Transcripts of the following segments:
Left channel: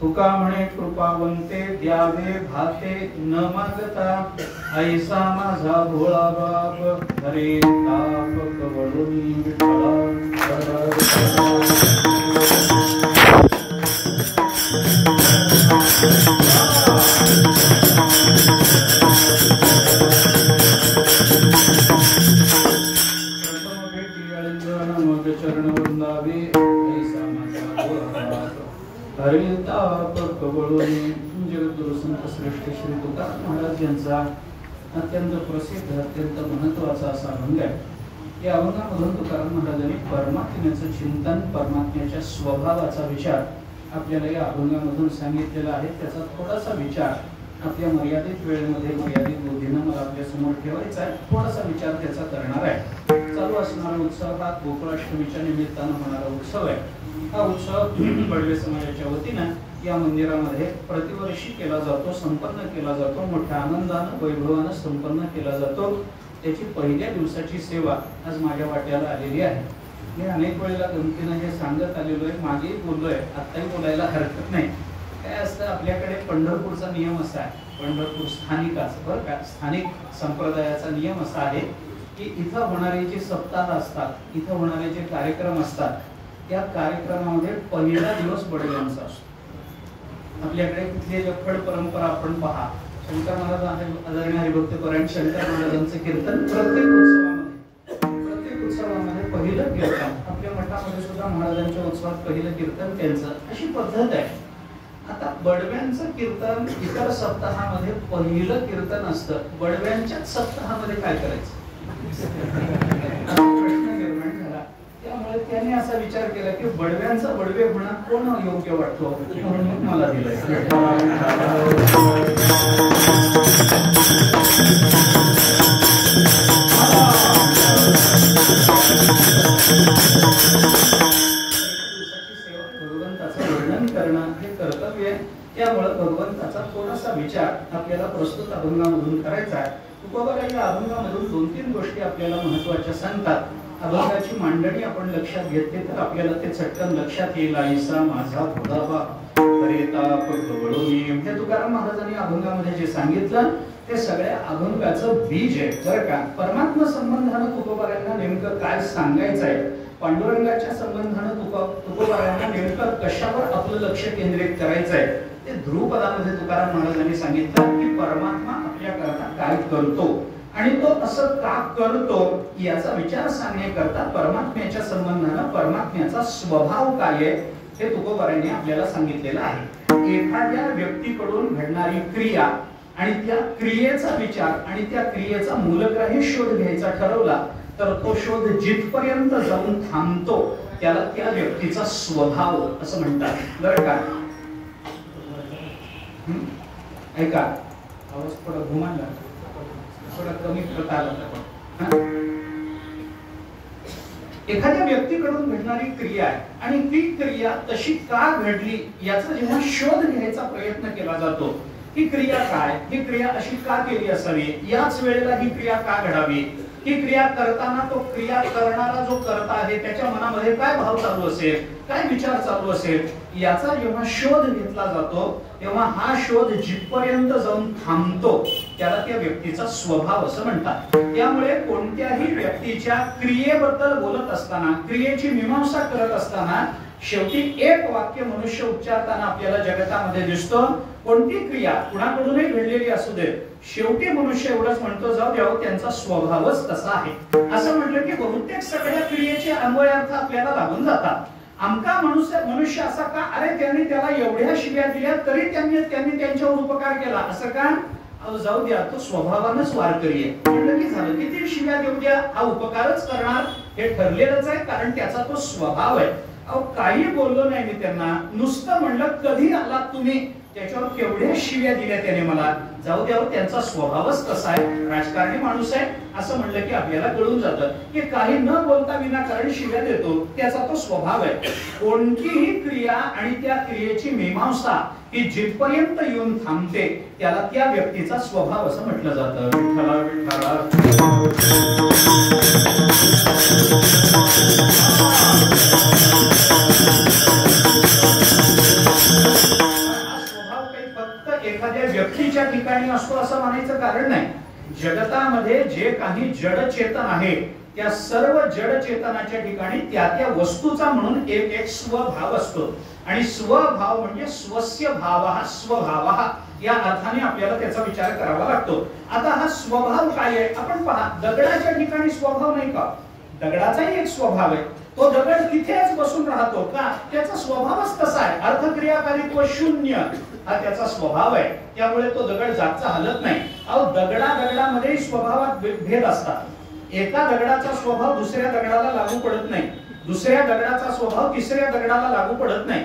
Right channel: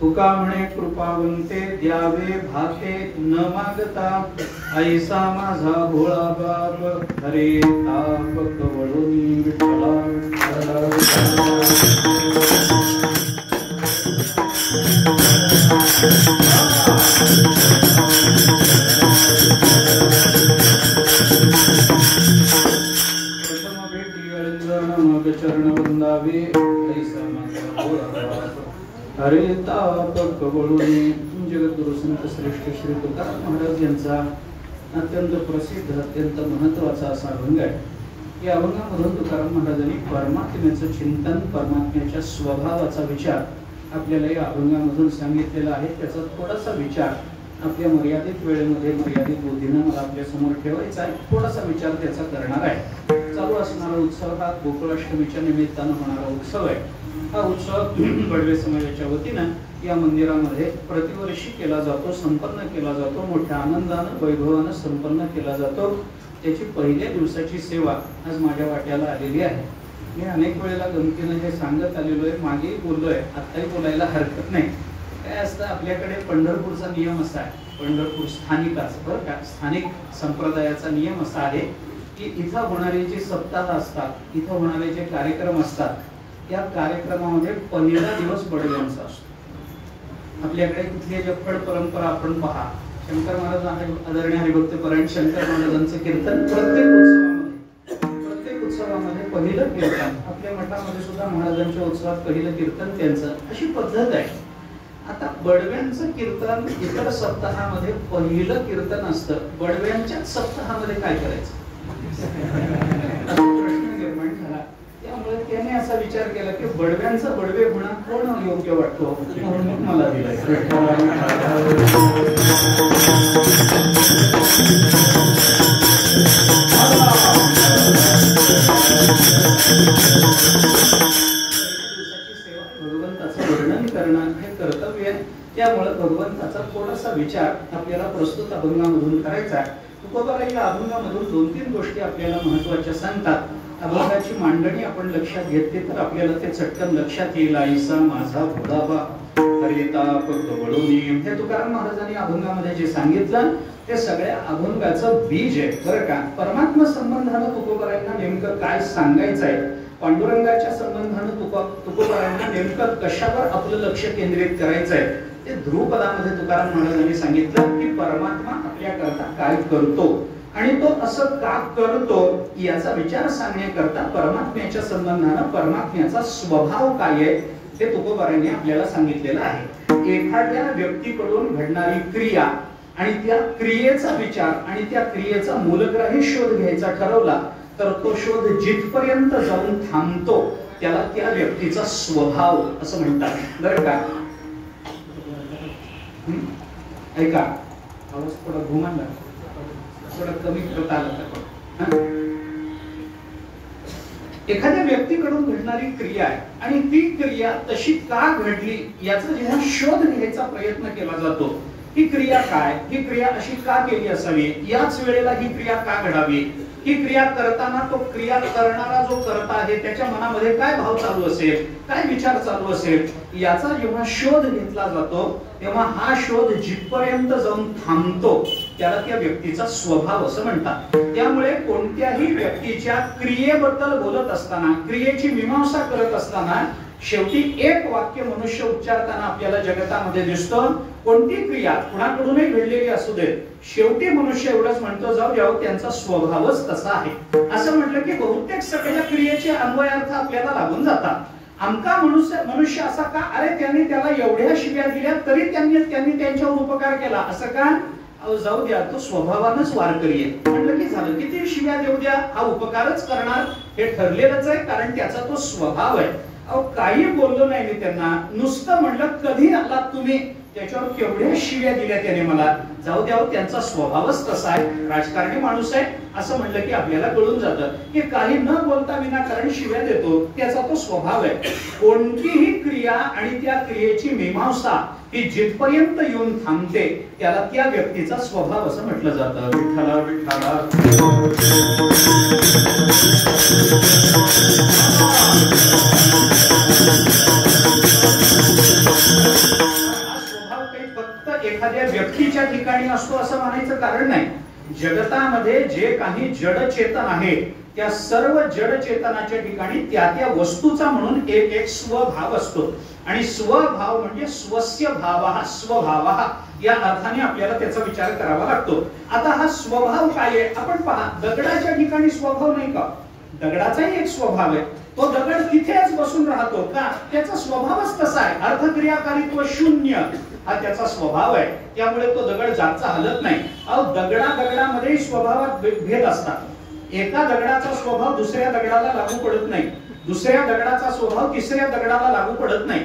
तुका म्हणे कृपावंते द्यावे भाते न मागता, ऐसा माझा भोळा बाप हरे ताप कवळोनी विठ्ठला. मग चरण वंदावे ऐसा माझा भोळा बाप हरे ताप कवळोनी. जगद्गुरु संत श्रेष्ठ श्री तुकाराम महाराज यांचा अत्यंत प्रसिद्ध अत्यंत महत्वाचा असा अभंग आहे. या अभंगामधून तुकाराम महाराजांनी परमात्म्याचं चिंतन परमात्म्याच्या स्वभावाचा विचार आपल्याला या अभंगामधून सांगितलेला आहे. त्याचा थोडासा विचार आपल्या मर्यादित वेळेमध्ये मर्यादित बुद्धीनं मला आपल्या समोर ठेवायचा आहे. थोडासा विचार त्याचा करणार आहे. चालू असणारा उत्सव हा गोकुळाष्टमीच्या निमित्तानं होणारा उत्सव आहे. हा उत्सव बडवे समाजाच्या वतीनं या मंदिरामध्ये प्रतिवर्षी केला जातो, संपन्न केला जातो, मोठ्या आनंदानं वैभवानं संपन्न केला जातो. त्याची पहिल्या दिवसाची सेवा आज माझ्या वाट्याला आलेली आहे. मी अनेक वेळेला गमतीनं हे सांगत आलेलो आहे, मागेही बोललोय, आत्ताही बोलायला हरकत नाही. काय असतं, आपल्याकडे पंढरपूरचा नियम असा आहे, पंढरपूर स्थानिकाचा बरं का, स्थानिक संप्रदायाचा नियम असा आहे की इथं होणारे जे सप्ताह असतात, इथं होणारे जे कार्यक्रम असतात, त्या कार्यक्रमामध्ये पहिला दिवस बडव्यांचा असतो. आपल्याकडे कुठली जफड परंपरा आपण पहा, शंकर महाराज आदरणीय हरिभक्तपरायण शंकर महाराजांचे कीर्तन प्रत्येक उत्सवामध्ये पहिलं कीर्तन. आपल्या मठामध्ये सुद्धा महाराजांच्या उत्सवात पहिलं कीर्तन त्यांचं, अशी पद्धत आहे. आता बडव्यांचं कीर्तन इतर सप्ताहामध्ये पहिलं कीर्तन असतं, बडव्यांच्याच सप्ताहामध्ये काय करायचं प्रश्न निर्माण झाला. त्यामुळे त्याने असा विचार केला की बडव्यांचा बडवे होणं कोण योग्य वाटतो, म्हणून मला दिलं. भगवंताचं वर्णन करणं हे कर्तव्य आहे. त्यामुळे भगवंताचा थोडासा विचार आपल्याला प्रस्तुत अभंगामधून करायचा आहे. तुकोबाराय या अभंगामधून 2-3 गोष्टी आपल्याला महत्त्वाच्या सांगतात. अभंगाची मांडणी आपण लक्षात घेतली तर आपल्याला ते चटकन लक्षात येईल. ऐसा माझा भोळा बाप हरे ताप कवळोनी. हे तुकाराम महाराजांनी अभंगामध्ये जे सांगितलं ते सगळ्या अभंगाचं बीज आहे बरं का. परमात्मा संबंधानं तुकोबारायांना नेमकं काय सांगायचं आहे, पांडुरंगाच्या संबंधानं तुकोबारायांना नेमकं कशावर आपलं लक्ष केंद्रित करायचं आहे, ते ध्रुवपदामध्ये तुकाराम महाराजांनी सांगितलं की परमात्मा आपल्याकरता काय करतो आणि तो असं का करतो याचा विचार सांगण्याकरता परमात्म्याच्या संबंधानं परमात्म्याचा स्वभाव काय आहे हे तुकोबारायांनी आपल्याला सांगितलेलं आहे. एखाद्या व्यक्तीकडून घडणारी क्रिया आणि त्या क्रियेचा विचार आणि त्या क्रियेचा मूलग्राही शोध घ्यायचा ठरवला तर तो शोध जिथपर्यंत जाऊन थांबतो त्याला त्या व्यक्तीचा स्वभाव असं म्हणतात बरं का. ऐका, आवाज थोडा घुमाला, थोडा कमी प्रकार. एखाद्या व्यक्तीकडून घडणारी क्रिया आहे आणि ती क्रिया तशी का घडली याचा जेव्हा शोध घ्यायचा प्रयत्न केला जातो, ही क्रिया काय, ही क्रिया अशी का केली असावी, याच वेळेला ही क्रिया का घडावी, ही क्रिया करताना तो क्रिया करणारा जो करता आहे त्याच्या मनामध्ये काय भाव चालू असेल, काय विचार चालू असेल, याचा जेव्हा शोध घेतला जातो तेव्हा हा शोध जिथपर्यंत जाऊन थांबतो त्याला त्या व्यक्तीचा स्वभाव असं म्हणतात. त्यामुळे कोणत्याही व्यक्तीच्या क्रियेबद्दल बोलत असताना, क्रियेची मीमांसा करत असताना शेवटी एक वाक्य मनुष्य उच्चारताना आपल्याला जगतामध्ये दिसतो. कोणती क्रिया कुणाकडूनही घडलेली असू दे, शेवटी मनुष्य एवढंच म्हणतो जाऊ द्यावं त्यांचा स्वभावच तसा आहे. असं म्हटलं की बहुतेक सगळ्या क्रियेचे अन्वयार्थ आपल्याला लागून जातात. आमका मनुष्य असा का, अरे त्यांनी त्याला एवढ्या शिव्या दिल्या तरी त्यांनी त्यांच्यावर उपकार केला असं का, जाऊ द्या तो स्वभावानंच वारकरी आहे. म्हटलं की झालं, किती शिव्या देऊ द्या हा उपकारच करणार हे ठरलेलंच आहे, कारण त्याचा तो स्वभाव आहे. अहो काही बोललो नाही मी त्यांना, नुसतं म्हणलं कधी आलात तुम्ही, त्याच्यावर केवढ्या शिव्या दिल्या त्याने मला, जाऊ द्यावं त्यांचा स्वभावच तसा आहे, राजकारणी माणूस आहे असं म्हणलं की आपल्याला कळून जातं की काही न बोलता विनाकारण शिव्या देतो त्याचा तो स्वभाव आहे. कोणतीही क्रिया आणि त्या क्रियेची मीमांसा ही जिथपर्यंत येऊन थांबते त्याला त्या व्यक्तीचा स्वभाव असं म्हटलं जातं. विठ्ठला विठ्ठला एखाद्या व्यक्तीच्या ठिकाणी असतो असं म्हणायचं कारण नाही. जगतामध्ये जे काही जड चेतन आहे त्या सर्व जड चेतनाच्या ठिकाणी त्या त्या वस्तूचा म्हणून एक एक स्वभाव असतो आणि स्वभाव म्हणजे स्वस्य भावः स्वभावः या अर्थाने आपल्याला त्याचा विचार करावा लागतो. आता हा स्वभाव काय आहे आपण पहा. दगडाच्या ठिकाणी स्वभाव नाही का? दगडाचाही एक स्वभाव आहे. तो दगड तिथेच बसून राहतो का? त्याचा स्वभावच तसा आहे. अर्थक्रियाकारीत्व शून्य हा त्याचा स्वभाव आहे. त्यामुळे तो दगड जागचा हलत नाही. अहो दगडामध्ये स्वभावात भेद असतात. एका दगडाचा स्वभाव दुसऱ्या दगडाला लागू पडत नाही. दुसऱ्या दगडाचा स्वभाव तिसऱ्या दगडाला लागू पडत नाही.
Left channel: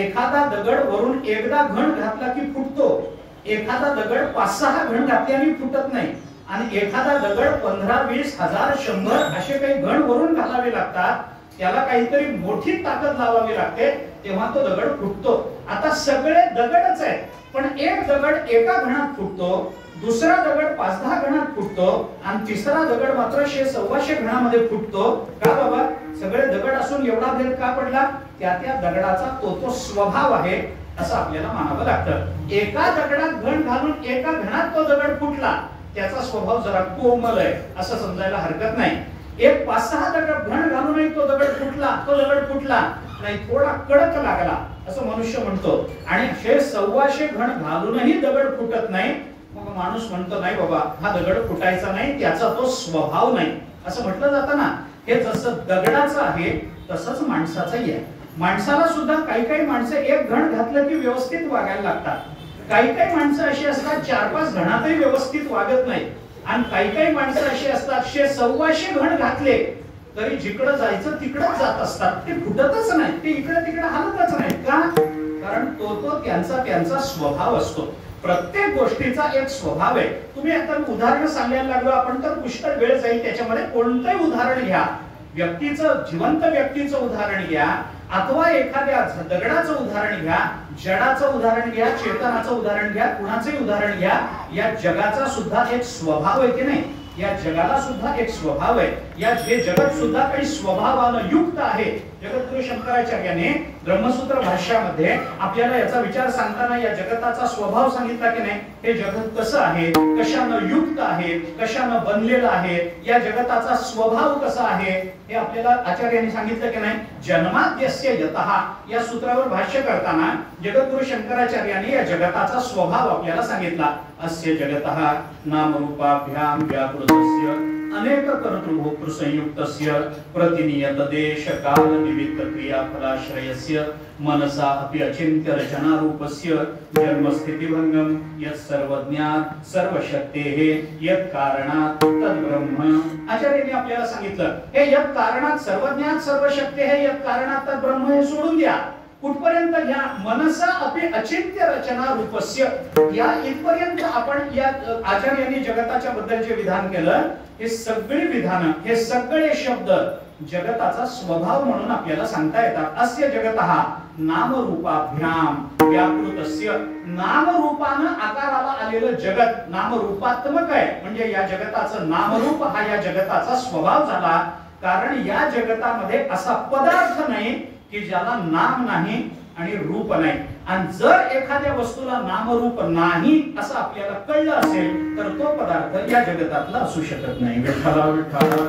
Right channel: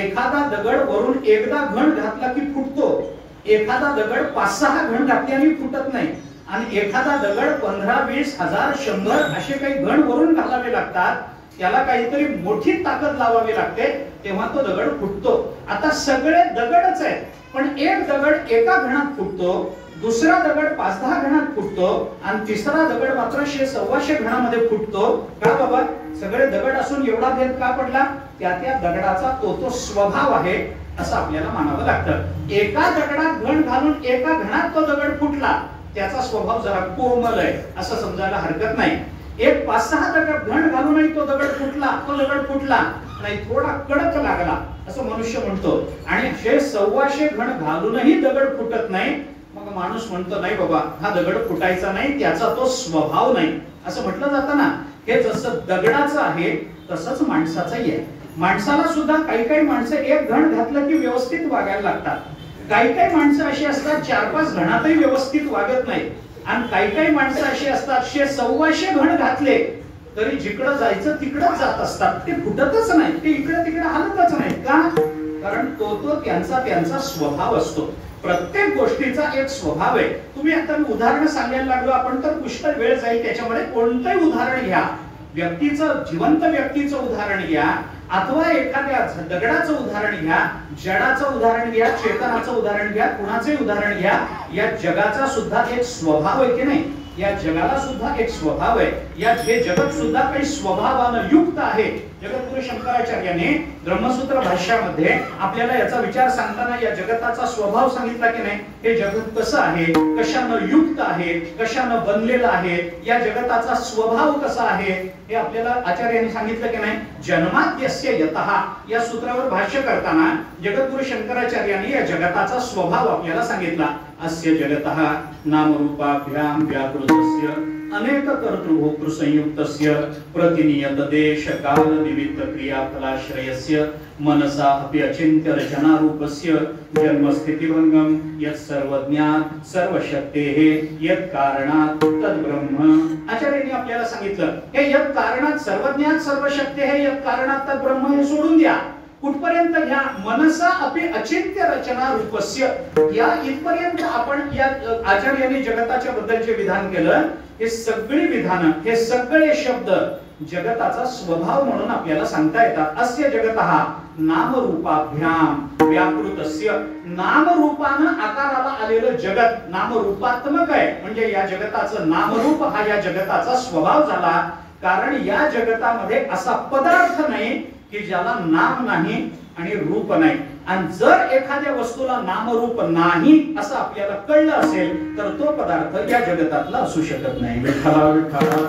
एखादा दगड वरून एकदा घण घातला की फुटतो. एखादा दगड 5-6 घण घातल्याने फुटत नाही. आणि एखादा दगड 15-20,000 100 असे काही घण वरून घालावे लागतात. त्याला काहीतरी मोठी ताकद लावावी लागते तेव्हा तो दगड फुटतो. आता सगळे दगडच आहेत पण एक दगड एका घणात फुटतो, दुसरा दगड 5-10 घणात फुटतो आणि तिसरा दगड मात्र 100-125 घणामध्ये फुटतो. का बाबा? सगळे दगड असून एवढा भेद का पडला? त्या त्या दगडाचा तो स्वभाव आहे असं आपल्याला मानावं लागतं. एका दगडात घण घालून एका घणात तो दगड फुटला त्याचा स्वभाव जरा कोमल आहे असं समजायला हरकत नाही. एक 5-6 दगड घण घालूनही तो दगड फुटला नाही, थोडा कडक लागला असं मनुष्य म्हणतो. आणि 100-125 घण घालूनही दगड फुटत नाही. मग माणूस म्हणतो नाही बाबा हा दगड फुटायचा नाही, त्याचा तो स्वभाव नाही असं म्हटलं जातं ना. हे जसं दगडाचं आहे तसंच माणसाचंही आहे. माणसाला सुद्धा काही माणसं एक घण घातलं की व्यवस्थित वागायला लागतात. काही माणसं अशी असतात 4-5 घणातही व्यवस्थित वागत नाही. आणि काही माणसं अशी असतात 100-125 घण घातले तरी जिकडं जायचं तिकडंच जात असतात. ते फुटतच नाही, ते इकडे तिकडे हलतच नाही. का? कारण तो त्यांचा स्वभाव असतो. प्रत्येक गोष्टीचा एक स्वभाव आहे. तुम्ही आता उदाहरण सांगायला लागलो आपण तर पुष्कळ वेळ जाईल त्याच्यामध्ये. कोणतंही उदाहरण घ्या, व्यक्तीचं जिवंत व्यक्तीचं उदाहरण घ्या अथवा एखाद्या दगडाचं उदाहरण घ्या, जडाचं उदाहरण घ्या, चेतनाचं उदाहरण घ्या, कुणाचंही उदाहरण घ्या. या जगाचा सुद्धा एक स्वभाव आहे की नाही? या जगाला सुद्धा एक स्वभाव आहे. हे जगत सुद्धा काही स्वभावानं युक्त आहे. जगद्गुरु शंकराचार्याने ब्रह्मसूत्र भाष्यामध्ये आपल्याला याचा विचार सांगताना या जगताचा स्वभाव सांगितला की नाही? हे जगत कसं आहे, कशानं युक्त आहे, कशानं बनलेलं आहे, या जगताचा स्वभाव कसा आहे हे आपल्याला आचार्यांनी सांगितलं की नाही? जन्माद्यस्य यतः या सूत्रावर भाष्य करताना जगद्गुरु शंकराचार्यांनी या जगताचा स्वभाव आपल्याला सांगितला. अस्य जगतः नामरूपाभ्याम व्याकृतस्य अनेक कर्तृभोक्तृ संयुक्तस्य प्रतिनियत देश काल निमित्त क्रियाफलाश्रयस्य मनसा अपि अचिन्त्य रचनारूपस्य जन्मस्थितिभंगम यत् सर्वज्ञात सर्वशक्तेः यत् कारणात् तद् ब्रह्म. आचार्यांनी आपल्याला सांगितलं हे यत् कारणात् सर्वज्ञात सर्वशक्तेः यत् कारणात् तद् ब्रह्म हे सोडून द्या. कुठपर्यंत घ्या? मनसा अपि अचिंत्य रचना रूपस्य. या इथपर्यंत आपण या आचार्यांनी जगताच्या बद्दल जे विधान केलं हे सगळी विधानं, हे सगळे शब्द जगताचा स्वभाव म्हणून आपल्याला सांगता येतात. अस्य जगतः नामरूपाभ्याम व्याकृतस्य. नामरूपानं आकाराला आलेलं जगत नामरूपात्मक आहे म्हणजे या जगताचं नामरूप हा या जगताचा स्वभाव झाला. कारण या जगतामध्ये असा पदार्थ नाही की ज्याला नाम नाही आणि रूप नाही. आणि जर एखाद्या वस्तूला नामरूप नाही असं आपल्याला कळलं असेल तर तो पदार्थ या जगतातला असू शकत नाही. विठ्ठला विठ्ठला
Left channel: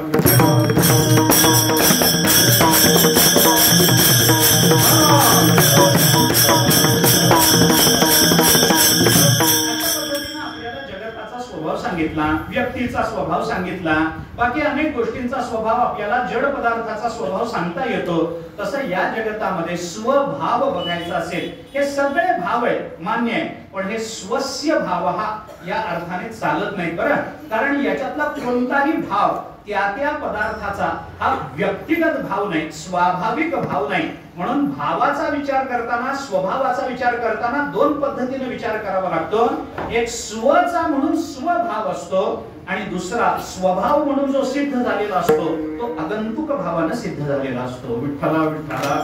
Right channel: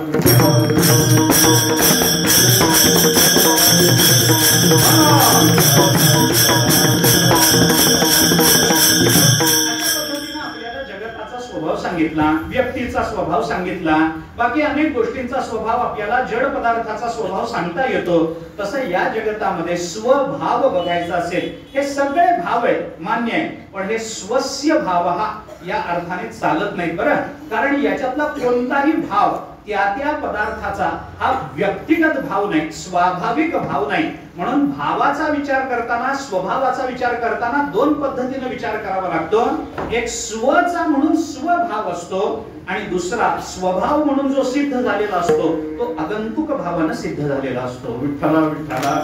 स्वभाव सांगितला, व्यक्तीचा स्वभाव सांगितला, बाकी अनेक गोष्टींचा स्वभाव आपल्याला जड पदार्थाचा स्वभाव सांगता येतो. तसं या जगतामध्ये स्वभाव बघायचा असेल हे सगळे भाव आहेत मान्य आहे पण हे स्वस्य भाव हा या अर्थाने चालत नाही बरं. कारण याच्यातला कोणताही भाव त्या पदार्थाचा हा व्यक्तिगत भाव नाही, स्वाभाविक भाव नाही. म्हणून भावाचा विचार करताना स्वभावाचा विचार करताना दोन पद्धतीने विचार करावा लागतो. एक स्वचा म्हणून स्वभाव असतो आणि दुसरा स्वभाव म्हणून जो सिद्ध झालेला असतो तो आगंतुक भावाने सिद्ध झालेला असतो. विठ्ठला विठ्ठला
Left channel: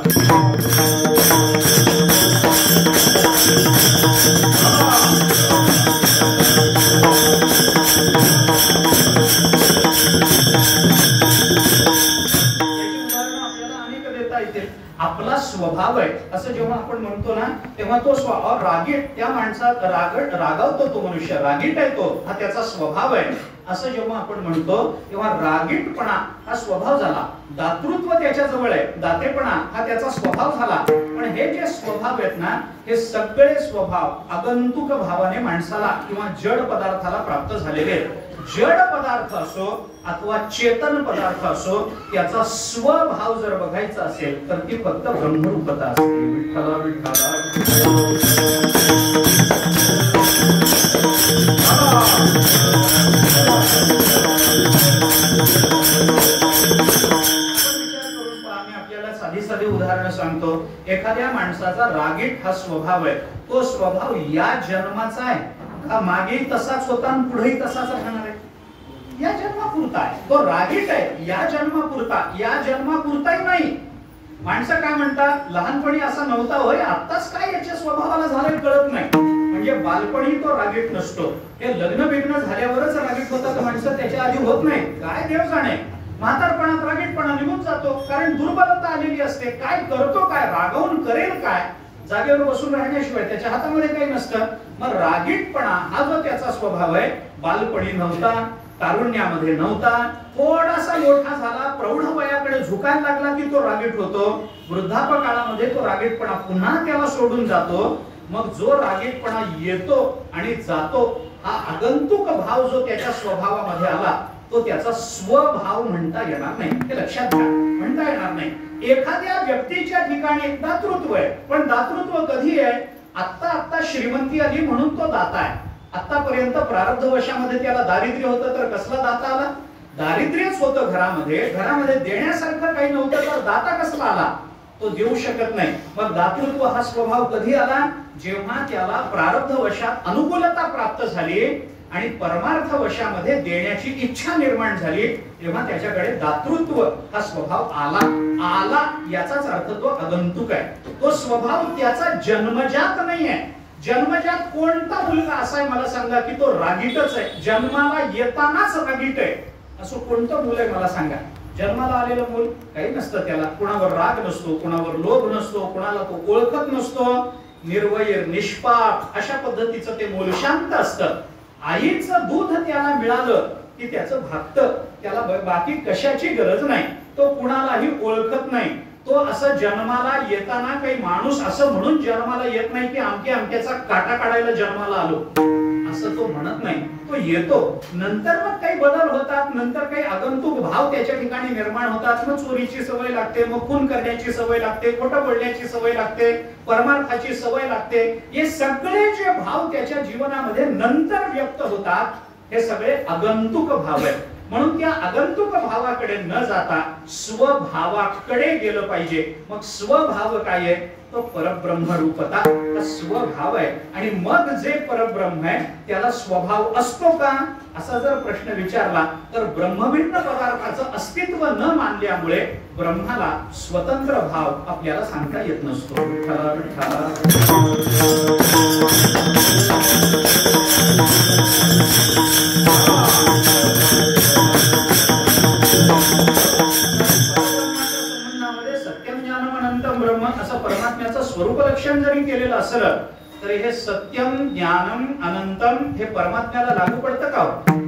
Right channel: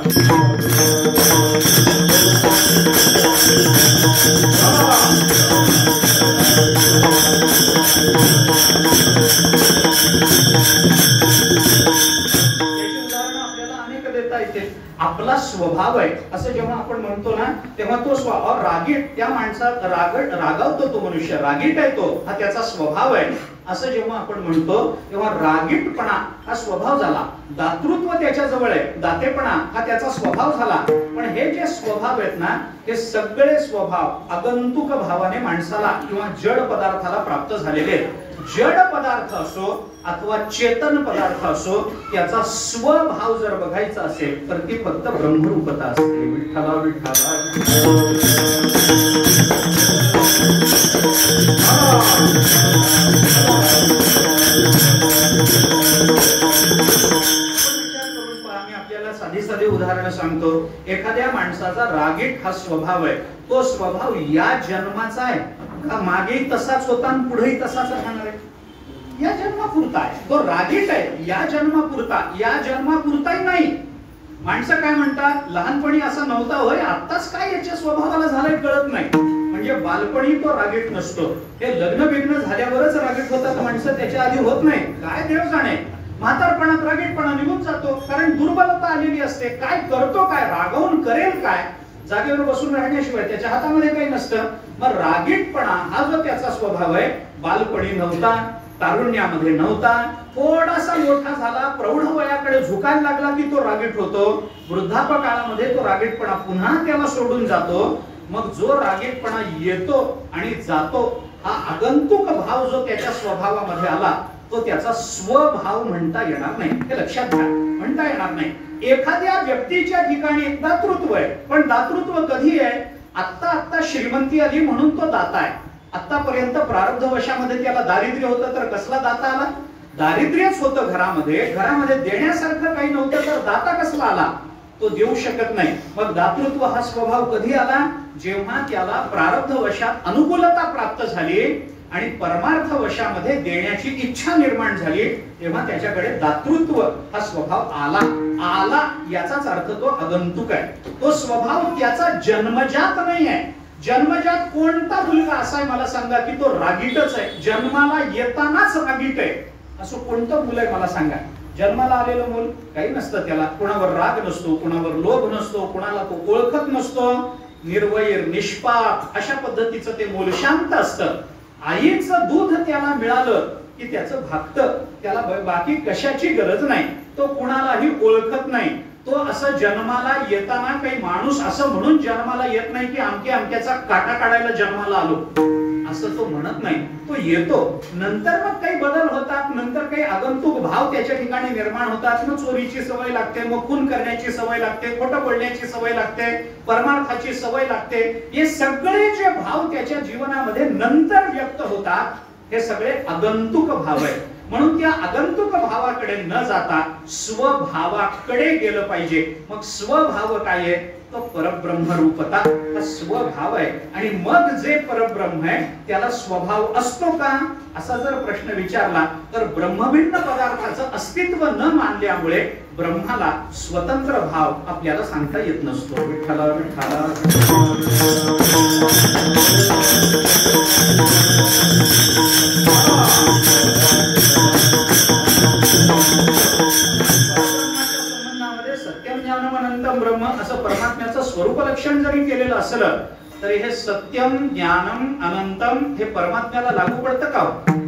आपला स्वभाव आहे असं जेव्हा आपण म्हणतो ना, तेव्हा तो स्वभाव रागीट, त्या माणसात रागावतो तो मनुष्य, रागीट आहे तो, हा त्याचा स्वभाव आहे असं जेव्हा आपण म्हणतो तेव्हा रागीटपणा हा स्वभाव झाला. दातृत्व त्याच्या जवळ आहे, दातेपणा हा त्याचा स्वभाव झाला. पण हे जे स्वभाव आहेत ना, हे सगळे स्वभाव आगंतुक भावाने माणसाला किंवा जड पदार्थाला प्राप्त झालेले आहेत. जड पदार्थ असो अथवा चेतन पदार्थ असो, त्याचा स्वभाव जर बघायचा असेल तर ती फक्त ब्रह्मरूपता असते. विठ्ठला विठ्ठला साधी साधी उदाहरण सांगतो. एखाद्या माणसाचा रागीट हा स्वभाव आहे, तो स्वभाव या जन्माचा आहे का मागे तसाच होता आणि पुढेही तसाच राहणार आहे? या जन्मापुरता आहे. तो रागीट आहे या जन्मापुरता, या जन्मापुरताही नाही. माणसं काय म्हणतात, लहानपणी असा नव्हता होय, आत्ताच काय याच्या स्वभावाला झालंय कळत नाही. म्हणजे बालपणी तो रागीट नसतो, हे लग्न बिग्न झाल्यावरच रागीट होतात माणसं, त्याच्या आधी होत नाही. काय देव जाणे, म्हातारपणात रागीटपणा निघून जातो, कारण दुर्बलता आलेली असते. काय करतो काय, रागावून करेल काय, जागेवर बसून राहण्याशिवाय त्याच्या हातामध्ये काही नसतं. मग रागीटपणा हा जो त्याचा स्वभाव आहे, बालपणी नव्हता, तारुण्यामध्ये नव्हता, थोडासा मोठा झाला, प्रौढ वयाकडे झुकायला लागला की तो रागीट होतो. वृद्धापकाळामध्ये तो रागीटपणा पुन्हा त्याला सोडून जातो. मग जो रागीटपणा येतो आणि जातो, हा आगंतुक भाव जो त्याच्या स्वभावामध्ये आला, तो त्याचा स्वभाव म्हणता येणार नाही. हे लक्षात घ्या, म्हणता येणार नाही. एखाद्या व्यक्तीच्या ठिकाणी दातृत्व आहे, पण दातृत्व कधी आहे, आत्ता आत्ता श्रीमंती आली म्हणून तो दाता आहे. आतापर्यंत प्रारब्धवशामध्ये त्याला दारिद्र्य होतं, तर कसला दाता आला? दारिद्र्यच होतं घरामध्ये, घरामध्ये देण्यासारखं काही नव्हतं, तर दाता कसला आला? तो देऊ शकत नाही. मग दातृत्व हा स्वभाव कधी आला? जेव्हा त्याला प्रारब्धवशात अनुकूलता प्राप्त झाली आणि परमार्थ वशामध्ये देण्याची इच्छा निर्माण झाली, तेव्हा त्याच्याकडे दातृत्व हा स्वभाव आला. आला याचाच अर्थ तो आगंतुक आहे. तो स्वभाव त्याचा जन्मजात नाही आहे. जन्मजात कोणता मुलगा असा आहे मला सांगा की तो रागीटच आहे, जन्माला येतानाच रागीट आहे, असं कोणतं मुलं आहे मला सांगा? जन्माला आलेलं मूल काही नसतं, त्याला कुणावर राग नसतो, कुणावर लोभ नसतो, कुणाला तो ओळखत नसतो, निर्वैर निष्पाप अशा पद्धतीचं ते मूल शांत असतं. आईचं दूध त्याला मिळालं की त्याचं भागतं, त्याला बाकी कशाची गरज नाही, तो कुणालाही ओळखत नाही. तो असं जन्माला येताना काही माणूस असं म्हणून जन्माला येत नाही की अमक्या अमक्याचा काटा काढायला जन्माला आलो, असं तो म्हणत नाही. तो येतो, नंतर मग काही बदल होतात, नंतर काही आगंतुक भाव त्याच्या ठिकाणी निर्माण होतात. मग चोरीची सवय लागते, मग खून करण्याची सवय लागते, खोटं बोलण्याची सवय लागते, परमार्थाची सवय लागते. हे सगळे जे भाव त्याच्या जीवनामध्ये नंतर व्यक्त होतात, हे सगळे आगंतुक भाव आहेत. म्हणून त्या आगंतुक भावाकडे न जाता स्वभावाकडे गेलं पाहिजे. मग स्वभाव काय आहे? तो परब्रह्म रूपता हा स्वभाव आहे. आणि मग जे परब्रह्म आहे त्याला स्वभाव असतो का असा जर प्रश्न विचारला तर ब्रह्मभिन्न पदार्थाचं अस्तित्व न मानल्यामुळे ब्रह्माला स्वतंत्र भाव आपल्याला सांगता येत नसतो. विठ्ठला विठ्ठला सत्यम ज्ञानम अनंतम ब्रह्म असं परमात्म्याचं स्वरूप लक्षण जरी केलेलं असलं तरी हे सत्यम ज्ञानम अनंतम हे परमात्म्याला लागू पडतं का?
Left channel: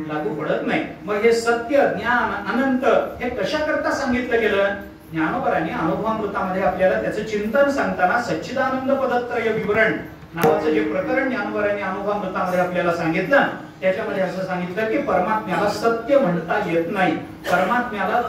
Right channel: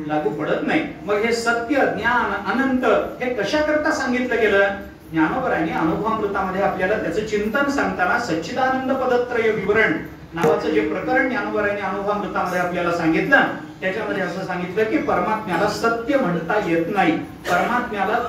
लागू पडत नाही. मग हे सत्य ज्ञान अनंत हे कशा करता सांगितलं गेलं? ज्ञानोबरांनी अनुभवामृतामध्ये आपल्याला त्याचं चिंतन सांगताना सच्चिदानंद पदत्रय विवरण नावाचं जे प्रकरण ज्ञानोबरांनी अनुभवामृतामध्ये आपल्याला सांगितलं, त्याच्यामध्ये असं सांगितलं की परमात्म्याला सत्य म्हणता येत नाही, परमात्म्याला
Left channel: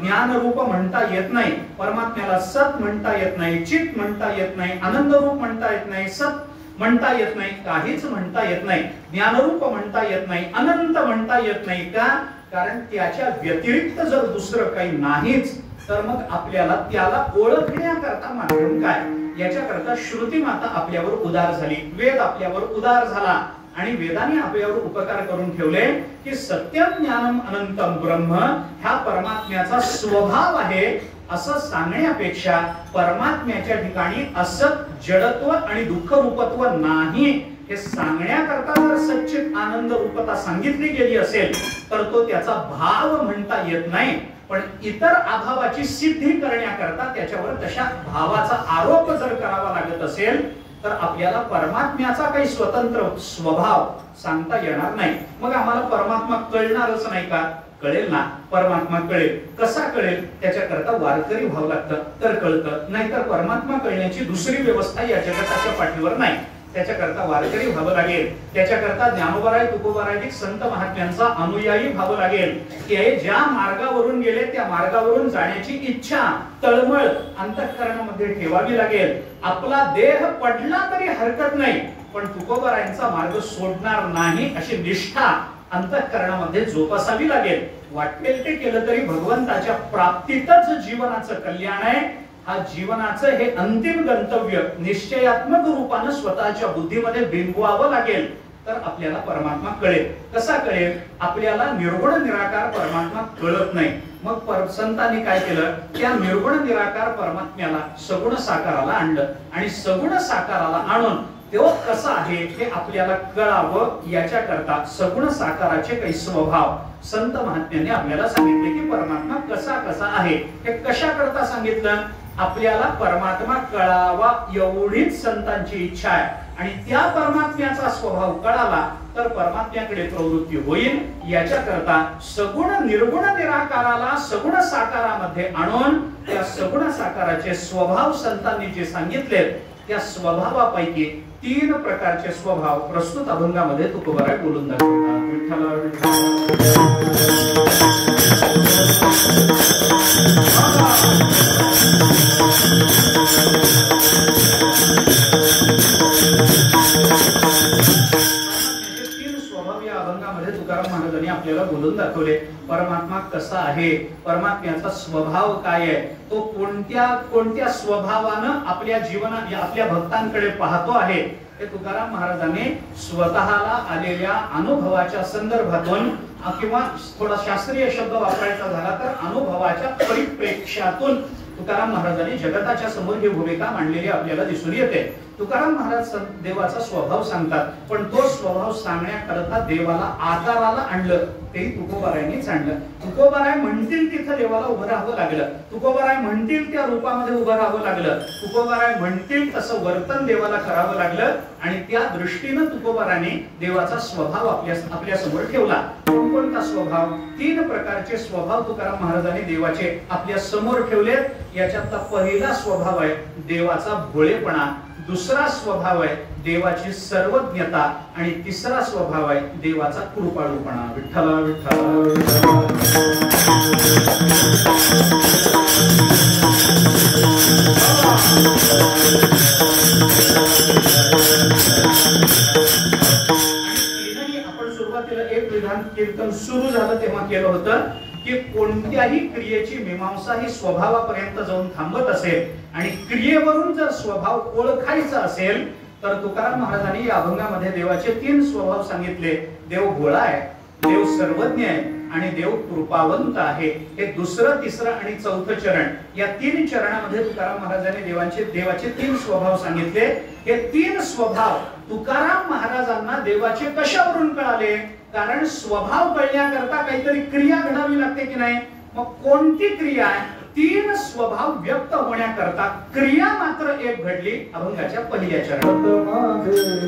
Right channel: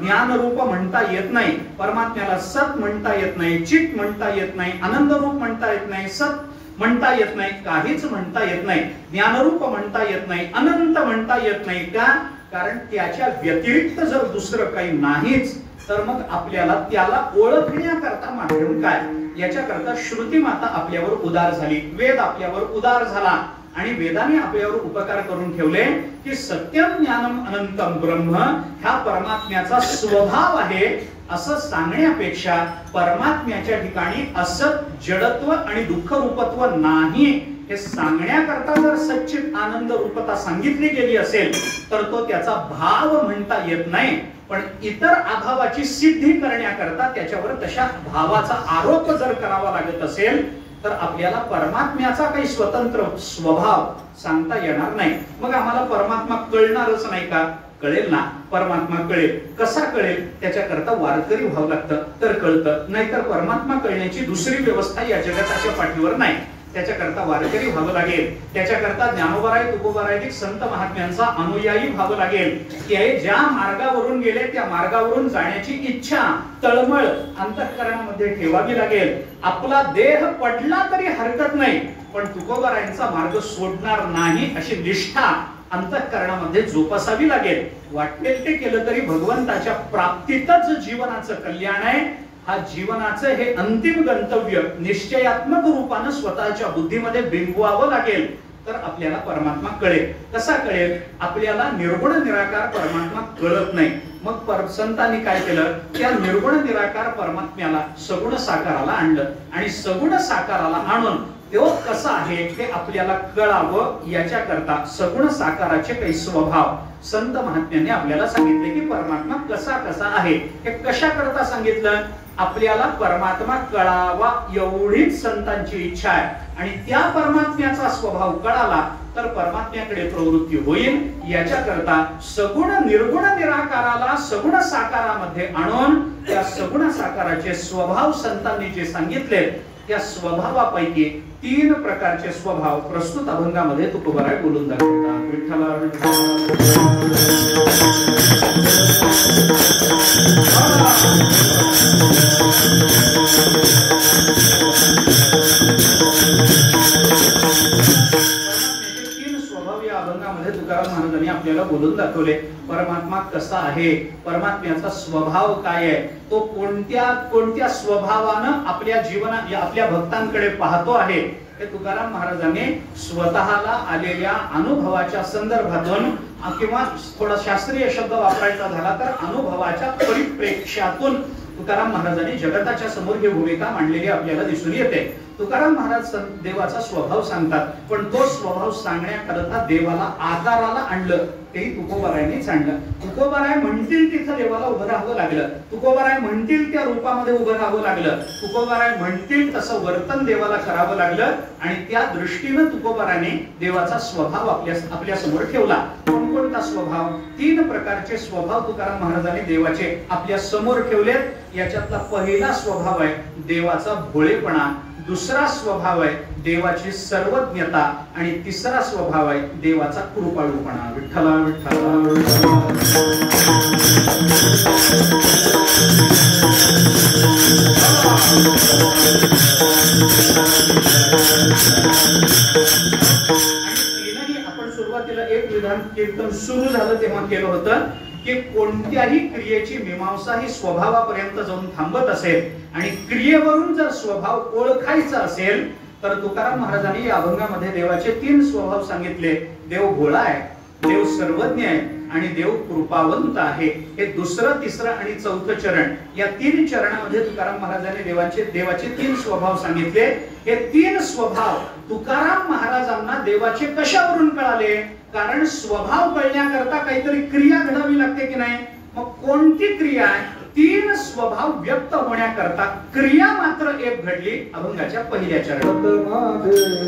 ज्ञान रूप म्हणता येत नाही, परमात्म्याला सत म्हणता येत नाही, चित म्हणता येत नाही, आनंद रूप म्हणता येत नाही, सत म्हणता येत नाही, काहीच म्हणता येत नाही, ज्ञानरूप म्हणता येत नाही, अनंत म्हणता येत नाही. का? कारण त्याच्या व्यतिरिक्त जर दुसरं काही नाहीच तर मग आपल्याला त्याला ओळखण्याकरता माध्यम काय? याच्याकरता श्रुती माता आपल्यावर उदार झाली, वेद आपल्यावर उदार झाला आणि वेदाने आपल्यावर उपकार करून ठेवले की सत्यम ज्ञानम अनंतम ब्रह्म ह्या परमात्म्याचा स्वभाव आहे असं सांगण्यापेक्षा परमात्म्याच्या ठिकाणी असत जडत्व आणि दुःख रूपत्व नाही हे सांगण्याकरता जर सच्चित आनंद रूपता सांगितली गेली असेल तर तो त्याचा भाव म्हणता येत नाही, पण इतर अभावाची सिद्धी करण्याकरता त्याच्यावर तशा भावाचा आरोप जर करावा लागत असेल तर आपल्याला परमात्म्याचा काही स्वतंत्र स्वभाव सांगता येणार नाही. मग आम्हाला परमात्मा कळणारच नाही का? कळेल ना, परमात्मा कळेल. कसा कळेल? त्याच्याकरता वारकरी व्हावं लागतं तर कळतं, नाहीतर परमात्मा कळण्याची दुसरी व्यवस्था या जगताच्या पाठीवर नाही. त्याच्याकरता वारकरी व्हावं लागेल, त्याच्याकरता ज्ञानोबराय तुकोबराय संत महात्म्यांचा अनुयायी व्हावं लागेल. की ज्या मार्गावरून गेले त्या मार्गावरून जाण्याची इच्छा तळमळ अंतःकरणामध्ये ठेवावी लागेल. आपला देह पडला तरी हरकत नाही, पण तुकोबरायांचा मार्ग सोडणार नाही अशी निष्ठा अंतःकरणामध्ये जोपासावी लागेल. वाटेल ते केलं तरी भगवंताच्या प्राप्तीतच जीवनाचं कल्याण आहे. हा जीवनाचं हे अंतिम गंतव्य निश्चयात्मक रूपाने स्वतःच्या बुद्धीमध्ये बिंबवावं लागेल तर आपल्याला परमात्मा कळेल. कसा कळेल? आपल्याला निर्गुण निराकार परमात्मा कळत नाही. मग संतांनी काय केलं? त्या निर्गुण निराकार परमात्म्याला सगुण साकाराला आणलं आणि सगुण साकाराला आणून तो कसा आहे हे आपल्याला कळावं याच्याकरता सगुण साकाराचे काही स्वभाव संत महात्म्यांनी आपल्याला सांगितले की परमात्मा कसा कसा आहे. हे कशा करता सांगितलं? आपल्याला परमात्मा कळावा एवढीच संतांची इच्छा आहे आणि त्या परमात्म्याचा स्वभाव कळाला तर परमात्म्याकडे प्रवृत्ती होईल. याच्याकरता सगुण निर्गुण निराकाराला सगुण साकारामध्ये आणून त्या सगुण साकाराचे स्वभाव संतांनी जे सांगितले त्या स्वभावापैकी 3 प्रकारचे स्वभाव प्रस्तुत अभंगामध्ये तुकोबाराय बोलून दाखवतात. विठ्ठला स्वभाव या अभंगामध्ये तुकाराम महाराजांनी आपल्याला बोलून दाखवले. परमात्मा कसा आहे, परमात्म्याचा स्वभाव काय आहे, तो कोणत्या स्वभावानं आपल्या जीवनात आपल्या भक्तांकडे पाहतो आहे हे तुकाराम महाराजांनी स्वतःला आलेल्या अनुभवाच्या संदर्भातून किंवा थोडा शास्त्रीय शब्द वापरायचा झाला तर अनुभवाच्या परिप्रेक्ष्यातून तुकाराम महाराजांनी जगताच्या समोर ही भूमिका मांडलेली आपल्याला दिसून येते. तुकाराम महाराज देवाचा स्वभाव सांगतात, पण तो स्वभाव सांगण्याकरता देवाला आकाराला आणलं ते तुकोबारायांनीच आणलं. तुकोबाराय म्हणतील तिथं देवाला उभं राहावं लागलं, तुकोबाराय म्हणतील त्या रूपामध्ये उभं राहावं लागलं, तुकोबाराय म्हणतील तसं वर्तन देवाला करावं लागलं आणि त्या दृष्टीनं तुकोबाराने देवाचा स्वभाव आपल्या समोर ठेवला. कोणता स्वभाव? 3 प्रकारचे स्वभाव तुकाराम महाराजांनी देवाचे आपल्या समोर ठेवलेत. याच्यातला पहिला स्वभाव आहे देवाचा भोळेपणा, दुसरा स्वभाव आहे देवाची सर्वज्ञता आणि तिसरा स्वभाव आहे देवाचा कृपाळूपणा. विठ्ठला विठ्ठला आपण सुरुवातीला एक विधान कीर्तन सुरू झालं तेव्हा केलं होतं की कोणत्याही क्रियेची मीमांसा ही स्वभावापर्यंत जाऊन थांबत असेल आणि क्रियेवरून जर स्वभाव ओळखायचा असेल तर तुकाराम महाराजांनी या अभंगामध्ये देवाचे 3 स्वभाव सांगितले. देव भोळा आहे, देव सर्वज्ञ आहे आणि देव कृपावंत आहे. हे दुसरं, तिसरं आणि चौथं चरण, या 3 चरणामध्ये तुकाराम महाराजांनी देवाचे 3 स्वभाव सांगितले. हे 3 स्वभाव तुकाराम महाराजांना देवाचे कशावरून कळाले? कारण स्वभाव कळण्याकरता काहीतरी क्रिया घडावी लागते की नाही. मग कोणती क्रिया आहे? 3 स्वभाव व्यक्त होण्याकरता क्रिया मात्र एक घडली अभंगाच्या पहिल्या चरणात.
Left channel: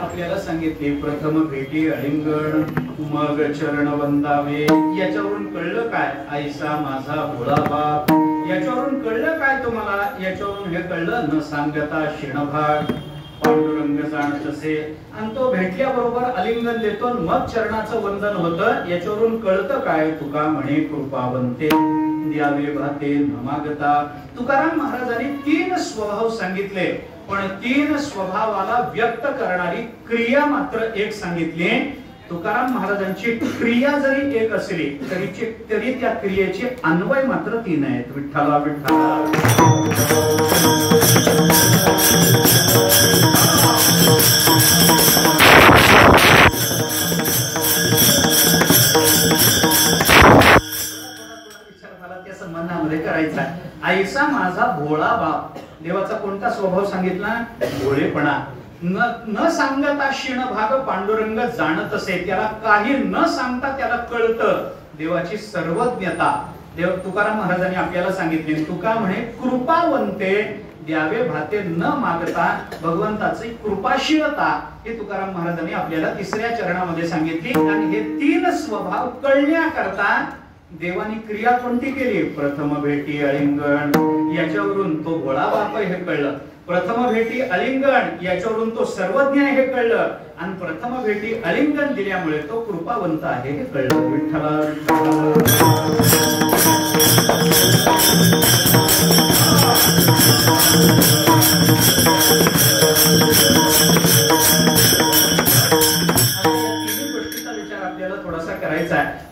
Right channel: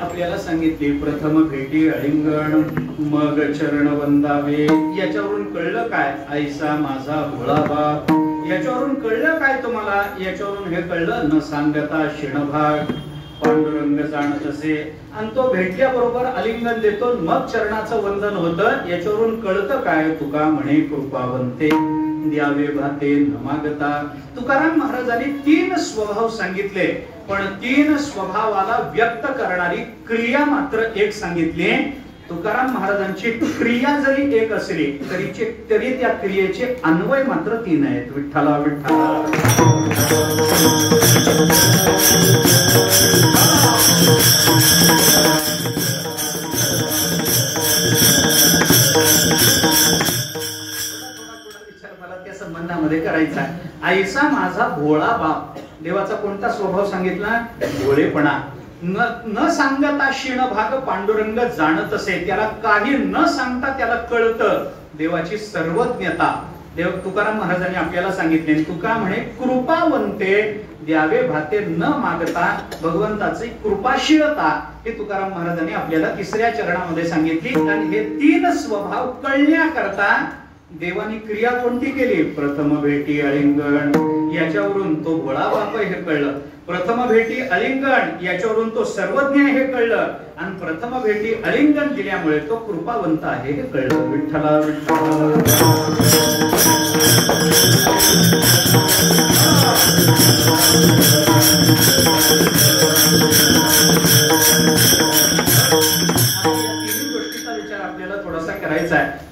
आपल्याला सांगितली, प्रथम भेटी अलिंगण मग चरण वंदावे. याच्यावरून कळलं काय? ऐसा माझा भोळा बाप. याच्यावरून कळलं काय तुम्हाला? याच्यावरून हे कळलं, न सांगता शिणभाग पांडुरंग जाणत असे. आणि तो भेटल्याबरोबर अलिंगन देतो, मग चरणाचं वंदन होतं. याच्यावरून कळतं काय? तुका म्हणे कृपावंते द्यावे भाते न मागता. तुकाराम महाराजांनी 3 स्वभाव सांगितले, पण 3 स्वभावाला व्यक्त करणारी क्रिया मात्र एक सांगितली. तुकाराम महाराजांची क्रिया जरी एक असली तरी त्या क्रियेचे अन्वय मात्र 3 आहेत. विठ्ठला विठ्ठला. त्या संबंधामध्ये करायचा. ऐसा माझा भोळा बाप. देवाचा कोणता स्वभाव सांगितला? भोळेपणा. न सांगता शिणभाग पांडुरंग जाणत असे. त्याला काही न सांगता त्याला कळतं देवाची सर्वज्ञता. देव तुकाराम महाराजांनी आपल्याला सांगितले, तुका म्हणे कृपावंते द्यावे भाते न मागता. भगवंताची कृपाशीलता हे तुकाराम महाराजांनी आपल्याला 3ऱ्या चरणामध्ये सांगितली. आणि हे 3 स्वभाव कळण्याकरता देवानी क्रिया कोणती केली? प्रथम भेटी अलिंगण. याच्यावरून तो भोळा बाप हे कळलं. प्रथम भेटी अलिंगण याच्यावरून तो सर्वज्ञ हे कळलं. आणि प्रथम भेटी अलिंगण दिल्यामुळे तो कृपावंत आहे हे कळलं. विठ्ठला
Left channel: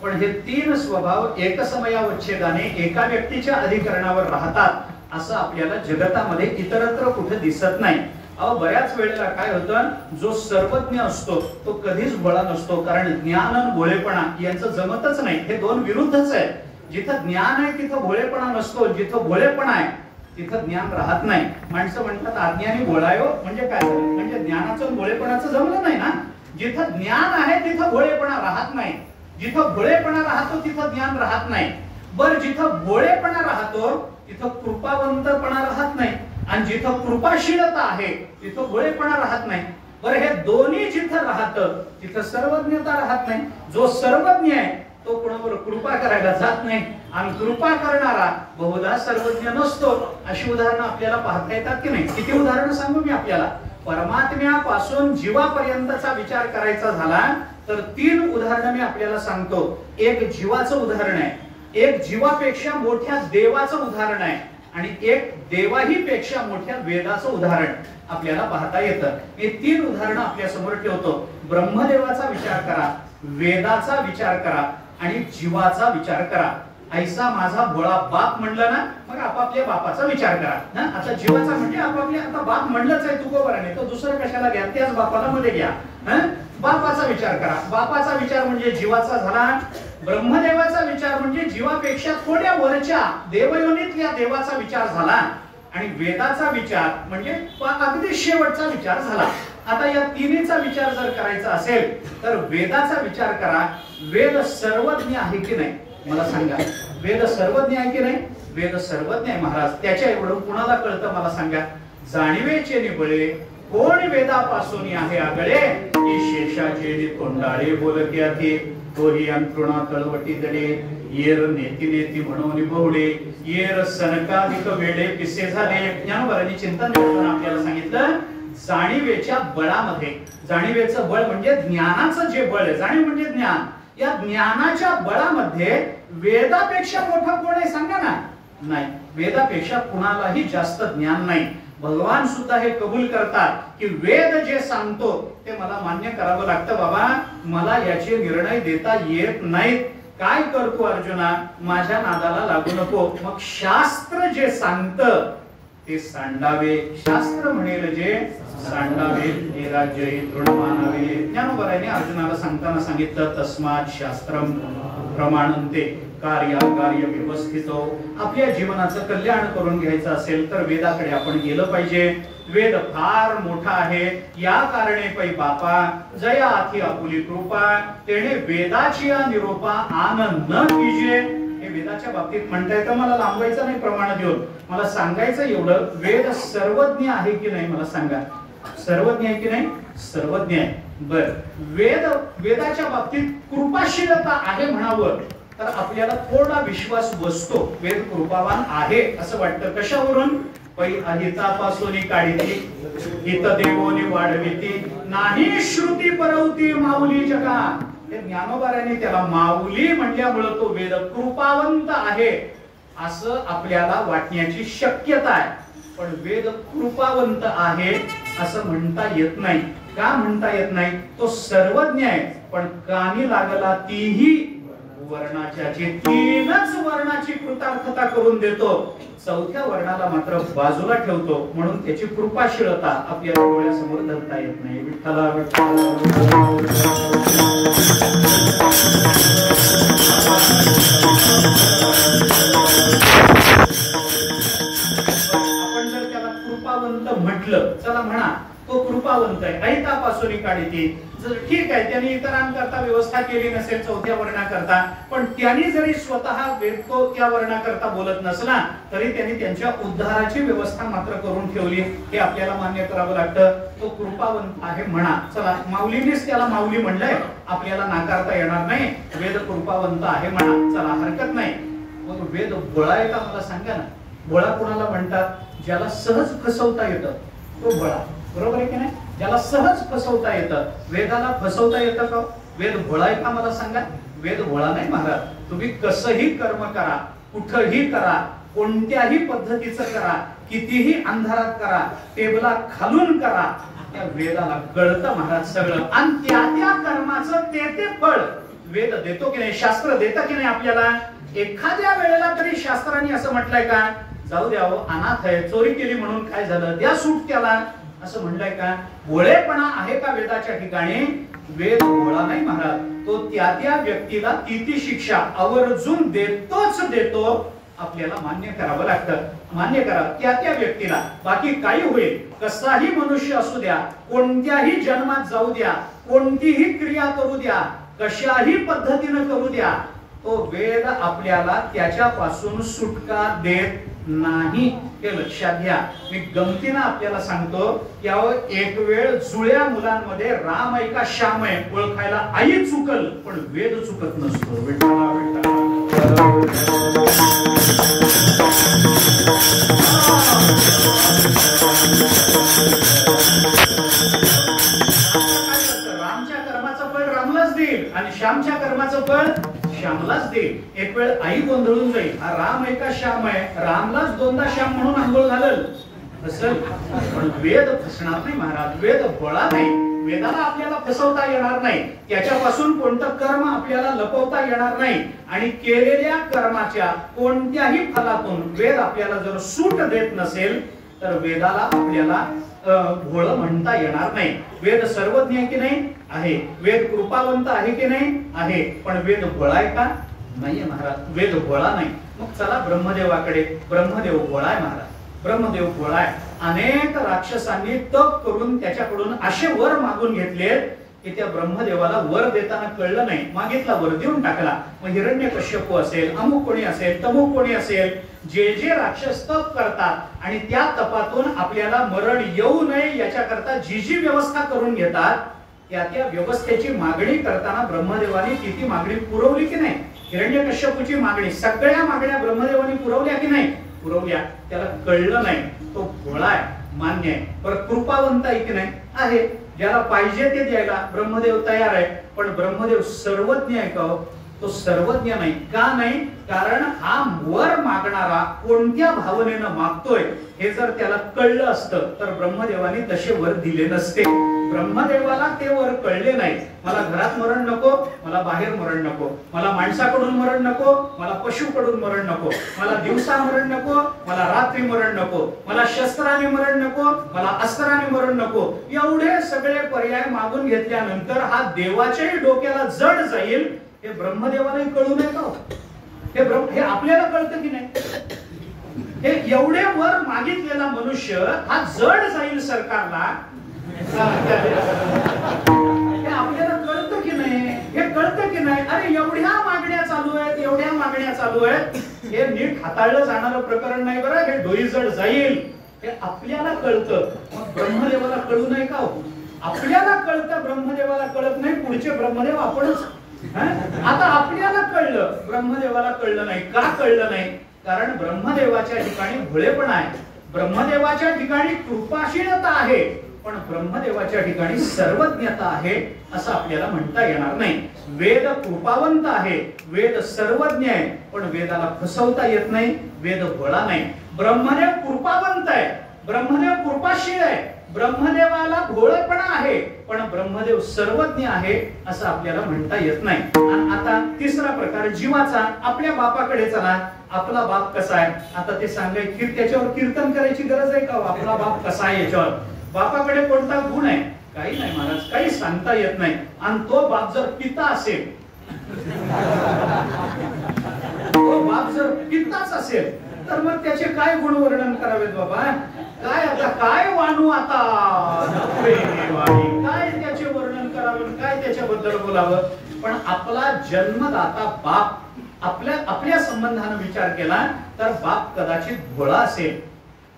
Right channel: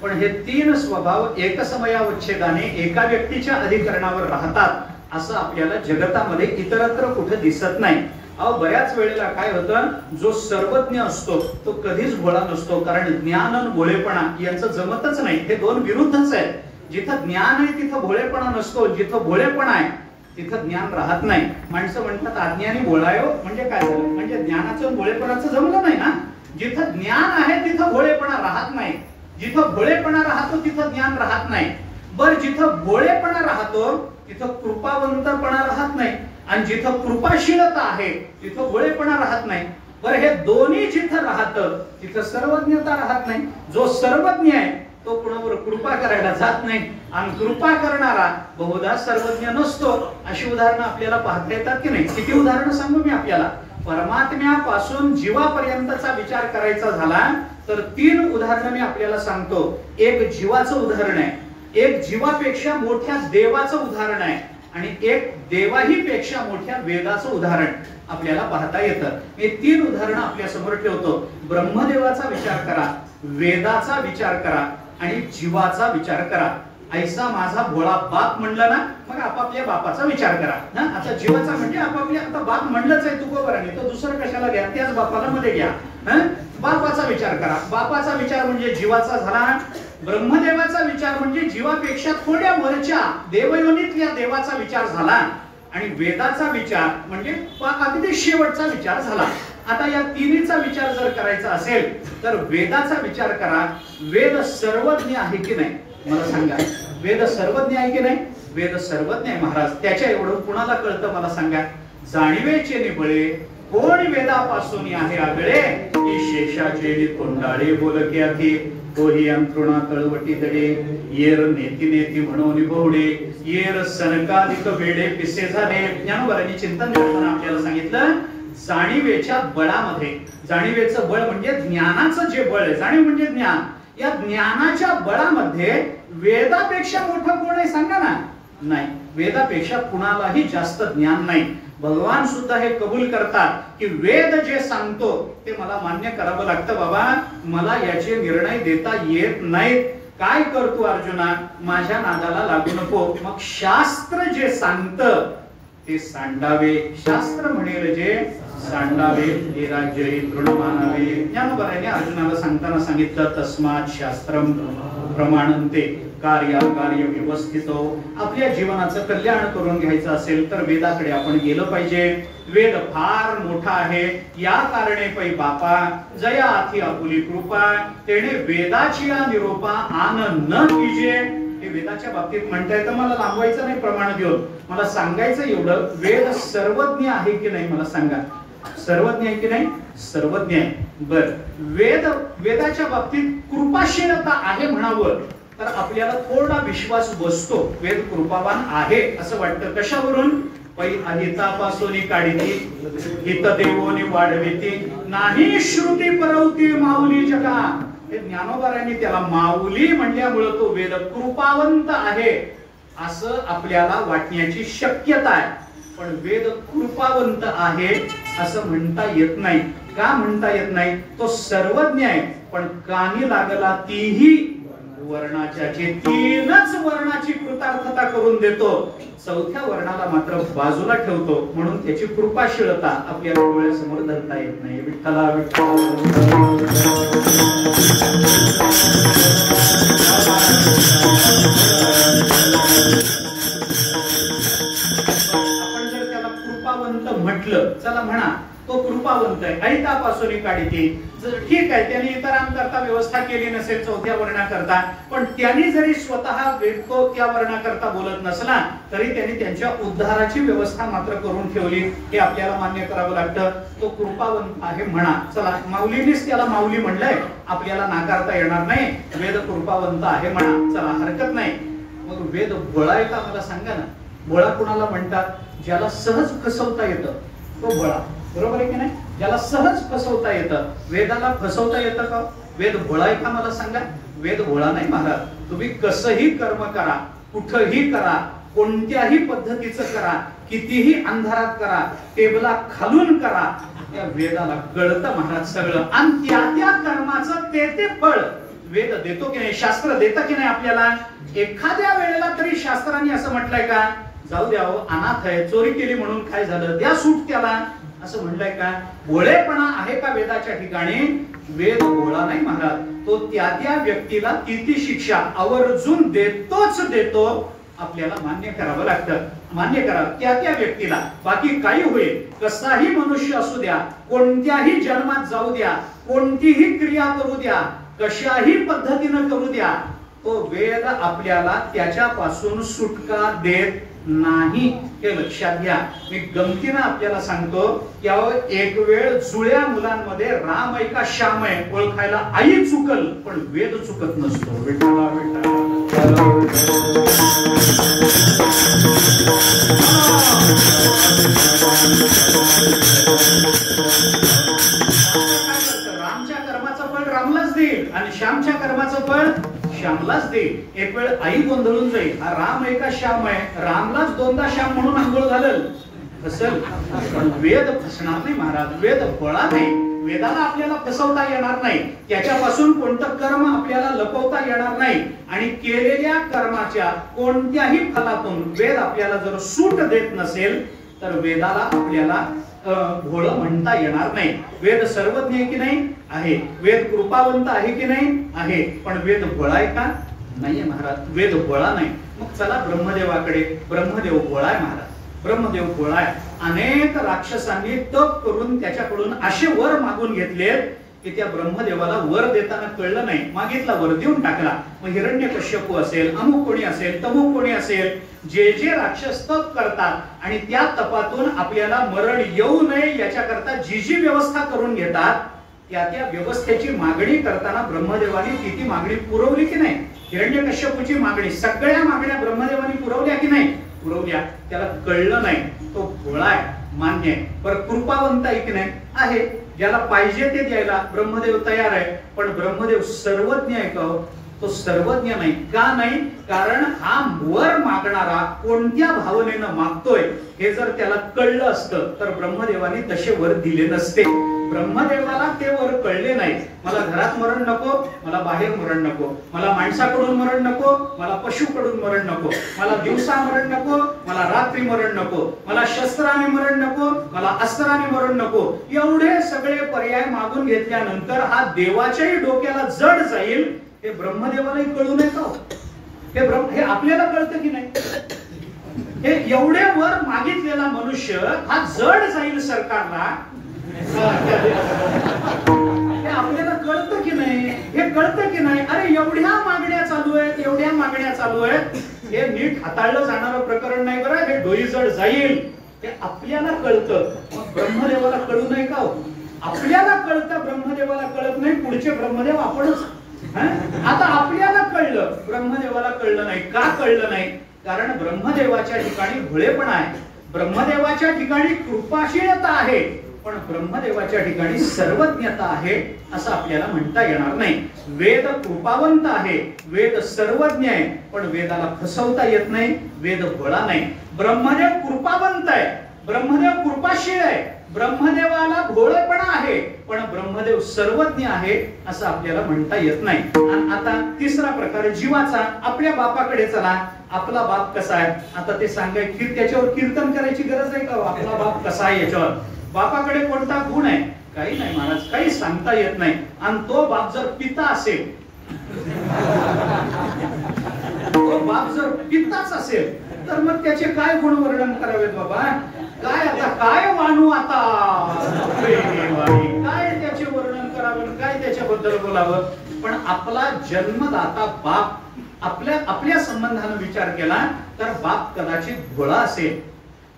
पण हे 3 स्वभाव एकसमयावच्छेदाने एका व्यक्तीच्या अधिकरणावर राहतात असं आपल्याला जगतामध्ये इतरत्र कुठे दिसत नाही. बऱ्याच वेळेला काय होतं, जो सर्वज्ञ असतो तो कधीच भोळा नसतो. कारण ज्ञान आणि भोळेपणा यांचं जमतच नाही. हे 2 विरुद्धच आहेत. जिथं ज्ञान आहे तिथं भोळेपणा नसतो. जिथं भोळेपणा आहे तिथं ज्ञान राहत नाही. माणसं म्हणतात अज्ञानी भोळायो. म्हणजे काय झालं? म्हणजे ज्ञानाचं भोळेपणाचं जमलं नाही ना. जिथं ज्ञान आहे तिथं भोळेपणा राहत नाही. जिथं भोळेपणा राहतो तिथं ज्ञान राहत नाही. बर जिथं भोळेपणा राहतो तिथं कृपावंतपणा राहत नाही. आणि जिथं कृपाशीलता आहे तिथं भोळेपणा राहत नाही. बर हे दोन्ही जिथं राहतं तिथं सर्वज्ञता राहत नाही. जो सर्वज्ञ आहे तो कोणावर कृपा करायला जात नाही. आणि कृपा करणारा बहुधा सर्वज्ञ नसतो. अशी उदाहरणं आपल्याला पाहता येतात की नाही? किती उदाहरणं सांगू मी आपल्याला. परमात्म्यापासून जीवापर्यंतचा विचार करायचा झाला तर 3 उदाहरणं मी आपल्याला सांगतो. एक जीवाचं उदाहरण आहे, एक जीवापेक्षा मोठ्या देवाचं उदाहरण आहे, आणि एक देवाही पेक्षा मोठ्या वेदाचं उदाहरण आपल्याला पाहता येतं. हे 3 उदाहरणं आपल्या समोर ठेवतो. ब्रह्मदेवाचा विचार करा, वेदाचा विचार करा आणि जीवाचा विचार करा. ऐसा माझा भोळा बाप म्हणलं ना, मग आपापल्या बापाचा विचार करा. आता जीवाचा म्हणजे आपापल्या, आता बाप म्हणलंच आहे तुकोबाराने, तो दुसरं कशाला घ्या, त्याच बापाला मध्ये घ्या. बापाचा विचार करा. बापाचा विचार म्हणजे जीवाचा झाला. ब्रह्मदेवाचा विचार म्हणजे जीवापेक्षा थोड्या वरच्या देवयोनीतल्या देवाचा विचार झाला. आणि वेदाचा विचार म्हणजे अगदी शेवटचा विचार झाला. आता या 3चा विचार जर करायचा असेल तर वेदाचा विचार करा. वेद सर्वज्ञ आहे की नाही मला सांगा. वेद सर्वज्ञ आहे की नाही? वेद सर्वज्ञ आहे महाराज. त्याच्या एवढं कुणाला कळतं मला सांगा? जाणीवेचे निबळे कोण वेदापासून आहे आगळे, की शेषाचे तोंडाळे बोलके आधी. तोही अंतरुणा तळवटी दडे येर नेती नेती म्हणून बहुडे येर सनकाधिक वेडे पिसे झाले. ज्ञानोबांनी चिंतन करताना आपल्याला सांगितलं जाणीवेच्या बळामध्ये, जाणीवेचं बळ म्हणजे ज्ञानाचं जे बळ आहे, जाणीव म्हणजे ज्ञान, या ज्ञानाच्या बळामध्ये वेदापेक्षा मोठं कोण आहे सांगा ना? नाही, वेदापेक्षा कुणालाही जास्त ज्ञान नाही. भगवान सुद्धा हे कबूल करतात की वेद जे सांगतो ते मला मान्य करावं लागतं. बाबा मला याचे निर्णय देता येत नाहीत. काय करतो अर्जुना? माझ्या नादाला लागू नको. मग शास्त्र जे सांगतं ते सांडावे. शास्त्र म्हणेल जे सांडावे ते राज्य तृणमानावे. ज्ञानोबांनी अर्जुनाला सांगताना सांगितलं तस्मात् शास्त्रम प्रमाणन्ते कार्य व्यवस्थितो. आपल्या जीवनाचं कल्याण करून घ्यायचं असेल तर वेदाकडे आपण गेलं पाहिजे. वेद फार मोठा आहे. या कारणे पै बापा जया आथी आपुली कृपा तेणे वेदाची निरोपा आन न कीजे. हे वेदाच्या बाबतीत म्हणताय तर मला लांबवायचं नाही प्रमाण देऊन. मला सांगायचं एवढं, वेद सर्वज्ञ आहे की नाही मला सांगा? सर्वज्ञ आहे की नाही? सर्वज्ञ आहे. बर, वेदाच्या बाबतीत कृपाशीलता आहे म्हणावं तर आपल्याला थोडा विश्वास बसतो. वेद कृपावान आहे असं वाटतं. कशावरून? पै अहितापासून काढिती हित देवोनी वाढविती नाही श्रुती परवती माऊली जगा. हे ज्ञानोबांनी त्याला माऊली म्हणल्यामुळे तो वेद कृपावंत आहे असं आपल्याला वाटण्याची शक्यता आहे. पण वेद कृपावंत आहे असं म्हणता येत नाही. का म्हणता येत नाही? तो सर्वज्ञ आहे पण कानी लागला तीही वर्णाच्या, जे तीनच वर्णाची कृतार्थता करून देतो, चौथ्या वर्णाला मात्र बाजूला ठेवतो. म्हणून त्याची कृपाशीलता आपल्याला डोळ्यासमोर धरता येत नाही. विठ्ठला विठ्ठला. आपण जर त्याला कृपावंत म्हटलं, चला म्हणा तो कृपावंत आहे, अहितापासून काढिती. जर ठीक आहे त्याने इतरांकरता व्यवस्था केली नसेल चौथ्या वर्णाकरता, पण त्यांनी जरी स्वतः तो त्या वर्णाकरता बोलत नसला तरी त्यांनी त्यांच्या उद्धाराची व्यवस्था मात्र करून ठेवली. हे आपल्याला मान्य करावं लागतं. तो कृपावंत आहे म्हणा. चला, माऊलीनेच त्याला माऊली म्हणलंय, आपल्याला नाकारता येणार नाही. वेद कृपावंत आहे म्हणा, चला हरकत नाही. मग वेद बळा आहे का मला सांगा ना? बळा कोणाला म्हणतात? ज्याला सहज फसवता येतं तो बळा. बरोबर आहे की नाही? ज्याला सहज फसवता येतं. वेदाला फसवता येतं का? वेद बळा आहे का मला सांगा? वेद बळा नाही महाराज. तुम्ही कसंही कर्म करा, कुठंही करा, कोणत्याही पद्धतीचं करा, कितीही अंधारात करा, टेबला खालून करा, त्या वेदाला कळतं महाराज सगळं. आणि त्या त्या कर्माचं ते फळ वेद देतो की नाही? शास्त्र देतं की नाही आपल्याला? एखाद्या वेळेला तरी शास्त्राने असं म्हटलंय का जाऊ द्या अनाथ आहे, चोरी केली म्हणून काय झालं, द्या सूट त्याला, असं म्हणलंय का? भोळेपणा आहे का वेदाच्या ठिकाणी? वेद भोळा नाही महाराज. तो त्या त्या व्यक्तीला ती शिक्षा आवर्जून देतोच देतो. आपल्याला मान्य करावं लागतं. मान्य करा त्या त्या व्यक्तीला. बाकी काही होईल, कसाही मनुष्य असू द्या, कोणत्याही जन्मात जाऊ द्या, कोणतीही क्रिया करू द्या, कशाही पद्धतीनं करू द्या, तो वेद आपल्याला त्याच्यापासून सुटका देत नाही. हे लक्षात घ्या. मी गमतीनं आपल्याला सांगतो, यावर एक वेळ जुळ्या मुलांमध्ये राम आहे का श्याम आहे ओळखायला आई चुकल पण वेद चुकत नसतो. विठ्ठला विठ्ठला. रामच्या कर्माचं फळ रामलाच देईल आणि श्यामच्या कर्माचं फळ श्यामलाच देईल. एक वेळ आई गोंधळून जाईल, हा राम आहे का श्याम आहे, रामलाच दोनदा श्याम म्हणून आंघोळ घालल असेल. पण वेद फसणार नाही महाराज. वेद बळा नाही. वेदाला आपल्याला फसवता येणार नाही. त्याच्यापासून कोणतं कर्म आपल्याला लपवता येणार नाही. आणि केलेल्या कर्माच्या कोणत्याही फलातून वेद आपल्याला जर सूट देत नसेल तर वेदाला आपल्याला भोळ म्हणता येणार नाही. वेद सर्वज्ञ आहे की नाही? आहे. वेद कृपावंत आहे की नाही? आहे. पण वेद भोळा आहे का? नाहीये महाराज. वेद भोळा नाही. मग चला ब्रह्मदेवाकडे. ब्रह्मदेव भोळा आहे महाराज. ब्रह्मदेव भोळा आहे. अनेक राक्षसांनी तप करून त्याच्याकडून असे वर मागून घेतले की त्या ब्रह्मदेवाला वर देताना कळलं नाही, मागितला वर देऊन टाकला. मग हिरण्यकश्यप असेल, अमुक कोणी असेल, तमुक कोणी असेल, जे जे राक्षस तप करतात आणि त्या तपातून आपल्याला मरण येऊ नये याच्याकरता जी जी व्यवस्था करून घेतात त्या व्यवस्थेची मागणी करताना ब्रह्मदेवाने ती मागणी पुरवली की नाही? हिरण्यकश्यपूची मागणी, सगळ्या मागण्या ब्रह्मदेवाने पुरवल्या की नाही? पुरवल्या. त्याला कळलं नाही, तो भोळा आहे, मान्य आहे. पण कृपावंत आहे की नाही? आहे. ज्याला पाहिजे ते द्यायला ब्रह्मदेव तयार आहे. पण ब्रह्मदेव सर्वज्ञ आहे का? तो सर्वज्ञ नाही. का नाही? कारण हा वर मागणारा कोणत्या भावनेनं मागतोय हे जर त्याला कळलं असतं तर ब्रह्मदेवाने तसे वर दिले नसते. ब्रह्मदेवाला ते वर कळले नाही. मला घरात मरण नको, मला बाहेर मरण नको, मला माणसाकडून मरण नको, मला पशुकडून मरण नको, मला दिवसा मरण नको, मला रात्री मरण नको, मला शस्त्राने मरण नको, मला अस्त्राने मरण नको. एवढे सगळे पर्याय मागून घेतल्यानंतर हा देवाच्याही डोक्याला जड जाईल हे ब्रह्मदेवालाही कळू नये का? हे आपल्याला कळतं की नाही? हे एवढे वर मागितलेला मनुष्य हा जड जाईल सरकारला, हे आपल्याला कळतं की नाही? हे कळतं की नाही? अरे एवढ्या मागण्या चालू आहेत, एवढ्या मागण्या चालू आहेत, हे नीट हाताळलं जाणारं प्रकरण नाही बरं. हे डोई जड जाईल हे आपल्याला कळतं. मग ब्रह्मदेवाला कळू नये का? आपल्याला कळतं, ब्रह्मदेवाला कळत नाही. पुढचे ब्रह्मदेव आपणच. आता आपल्याला कळलं, ब्रह्मदेवाला कळलं नाही. का कळलं नाही? कारण ब्रह्मदेवाच्या ठिकाणी भोळेपणा आहे, ब्रह्मदेवाच्या ठिकाणी कृपाशीलता आहे, पण ब्रह्मदेवाच्या ठिकाणी सर्वज्ञता आहे असं आपल्याला म्हणता येणार नाही. वेद कृपावंत आहे, वेद सर्वज्ञ आहे, पण वेदाला फसवता येत नाही. वेद भोळा नाही. ब्रह्मदेव कृपावंत आहे, ब्रह्मदेव कृपाशील आहे, ब्रह्मदेवाला भोळेपणा आहे, पण ब्रह्मदेव सर्वज्ञ आहे असं आपल्याला म्हणता येत नाही. आणि आता तिसरा प्रकार जीवाचा. आपल्या बापाकडे चला, आपला बाप कसा आहे आता ते सांगायचं, त्याच्यावर कीर्तन करायची गरज आहे का? आपला बाप कसा आहे याच्यावर, बापाकडे कोणता गुण आहे? काही नाही महाराज, काही सांगता येत नाही. आणि तो बाप जर पिता असेल, तो बाप जर पिताच असेल तर मग त्याचे काय गुण वर्णन करावेत बाबा? काय आता काय मानू आता? काय त्याचे वर्णन करावं, काय त्याच्याबद्दल बोलावं? पण आपला जन्मदाता बाप, आपल्या संबंधाने विचार केला तर बाप कदाचित भोळा असेल,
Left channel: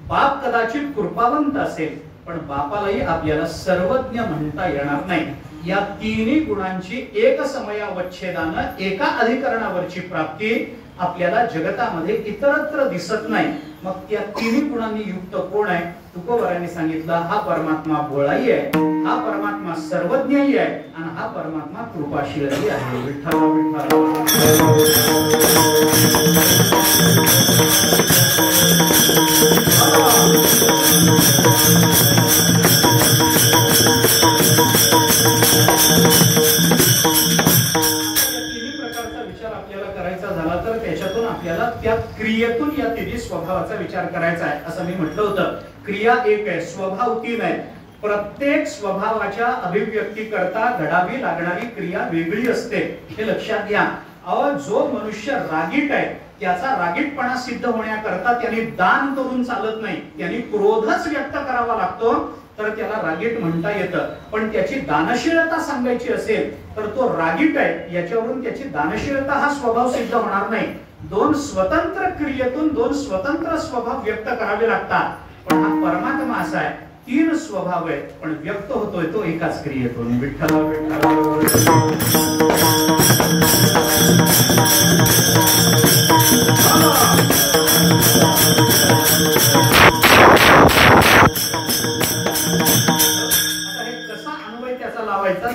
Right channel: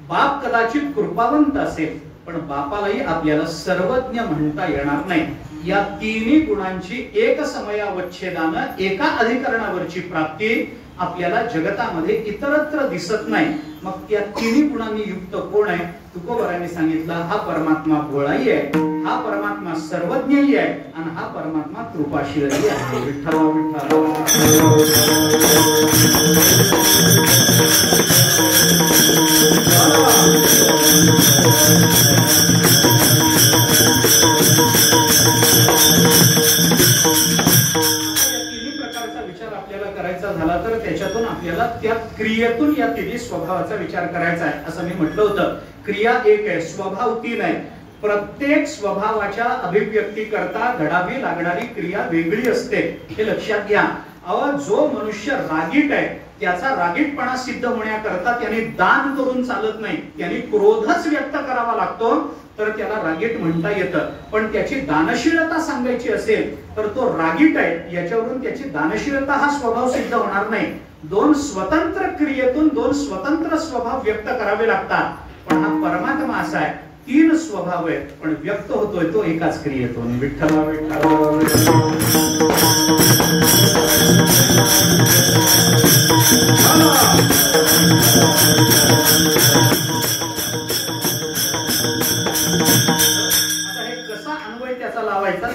बाप कदाचित कृपावंत असेल, पण बापालाही आपल्याला सर्वज्ञ म्हणता येणार नाही. या तिन्ही गुणांची एक समयावच्छेदानं एका अधिकरणावरची प्राप्ती आपल्याला जगतामध्ये इतरत्र दिसत नाही. मग त्या तिन्ही गुणांनी युक्त कोण आहे? तुकोबरांनी सांगितलं, हा परमात्मा भोळाही आहे, हा परमात्मा सर्वज्ञही आहे, आणि हा परमात्मा कृपाशीलही आहे. विठ्ठल त्या क्रियेतून या तिन्ही स्वभावाचा विचार करायचा आहे. असं मी म्हटलं होतं, क्रिया एक आहे, स्वभाव तीन आहे. प्रत्येक स्वभावाच्या अभिव्यक्ती करता घडावी लागणारी क्रिया वेगळी असते, हे लक्षात घ्या. जो मनुष्य रागीट आहे त्याचा रागीटपणा सिद्ध होण्याकरता त्याने दान करून चालत नाही, त्याने क्रोधच व्यक्त करावा लागतो तर त्याला रागीट म्हणता येतं. पण त्याची दानशीलता सांगायची असेल तर तो रागीट आहे याच्यावरून त्याची दानशीलता हा स्वभाव सिद्ध होणार नाही. दोन स्वतंत्र क्रियेतून दोन स्वतंत्र स्वभाव व्यक्त करावे लागतात. पण हा परमात्मा असा आहे, तीन स्वभाव आहेत पण व्यक्त होतोय तो एकाच क्रियेतून. विठ्ठल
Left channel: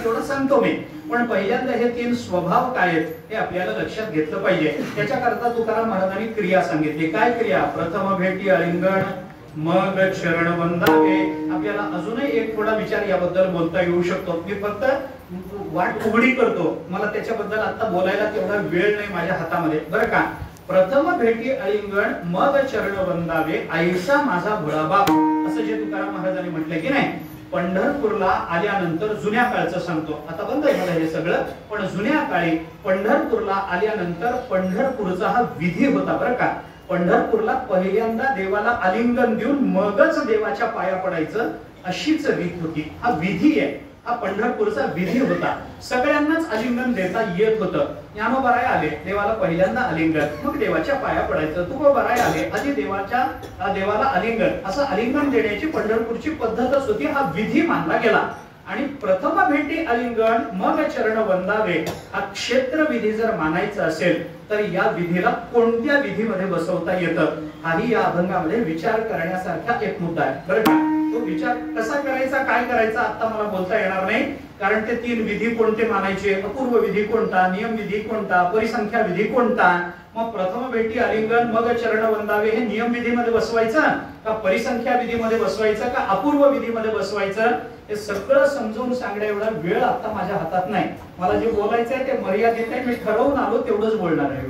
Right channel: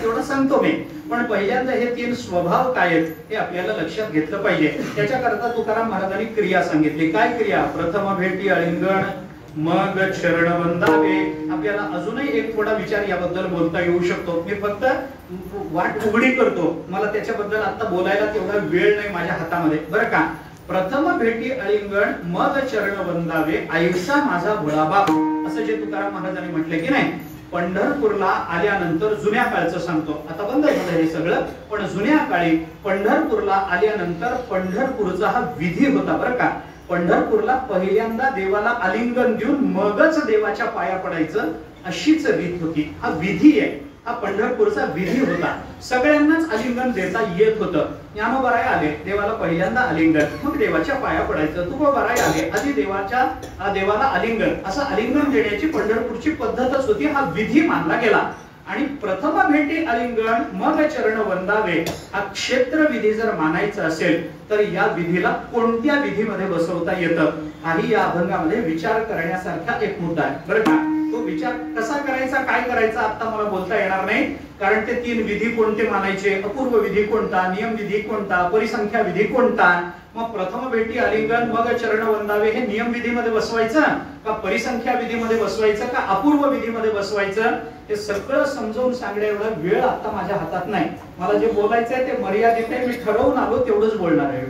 तेवढं सांगतो मी, पण पहिल्यांदा हे तीन स्वभाव काय आहेत हे आपल्याला लक्षात घेतलं पाहिजे. त्याच्याकरता तुकाराम महाराजांनी क्रिया सांगितली. काय क्रिया? प्रथम भेटी आलिंगन, मग चरण वंदावे. आपल्याला अजूनही एक थोडा विचार याबद्दल बोलता येऊ शकतो. मी फक्त वाट उघडी करतो, मला त्याच्याबद्दल आता बोलायला तेवढा वेळ नाही माझ्या हातामध्ये, बरं का. प्रथम भेटी अलिंगण, मग चरण वंदावे, ऐसा माझा भोळाबाप, असं जे तुकाराम महाराजांनी म्हटले की नाही. पंढरपूरला आल्यानंतर, जुन्या काळचं सांगतो, आता बंद झालं हे सगळं, पण जुन्या काळी पंढरपूरला आल्यानंतर पंढरपूरचा हा विधी होता बरं का. पंढरपूरला पहिल्यांदा देवाला आलिंगन देऊन मगच देवाच्या पाया पडायचं अशीच रीत होती. हा विधी आहे, हा पंढरपूरचा विधी होता. सगळ्यांनाच आलिंगन देता येत होतं. ज्ञानोबाराय आले, देवाला पहिल्यांदा आलिंगन, मग देवाच्या पाया पडायचं. तुकोबाराय आले, आधी देवाला आलिंगन, असं आलिंगन देण्याची पंढरपूरची पद्धतच होती. हा विधी मानला गेला. आणि प्रथम भेटी आलिंगन मग चरण वंदावे हा क्षेत्र विधी जर मानायचा असेल तर या विधीला कोणत्या विधीमध्ये बसवता येतं हाही या अभंगामध्ये विचार करण्यासारखा एक मुद्दा आहे बरं का. तो विचार कसा करायचा काय करायचा आता मला बोलता येणार नाही, कारण ते 3 विधी कोणते मानायचे, अपूर्व विधी कोणता, नियम विधी कोणता, परिसंख्या विधी कोणता. मग प्रथम भेटी आलिंगन मग चरण वंदावे हे नियम विधीमध्ये बसवायचं का परिसंख्या विधीमध्ये बसवायचं का अपूर्व विधीमध्ये बसवायचं हे सगळं समजावून सांगण्या एवढा वेळ आता माझ्या हातात नाही. मला जे बोलायचं आहे ते मर्यादित आहे. मी ठरवून आलो तेवढंच बोलणार आहे.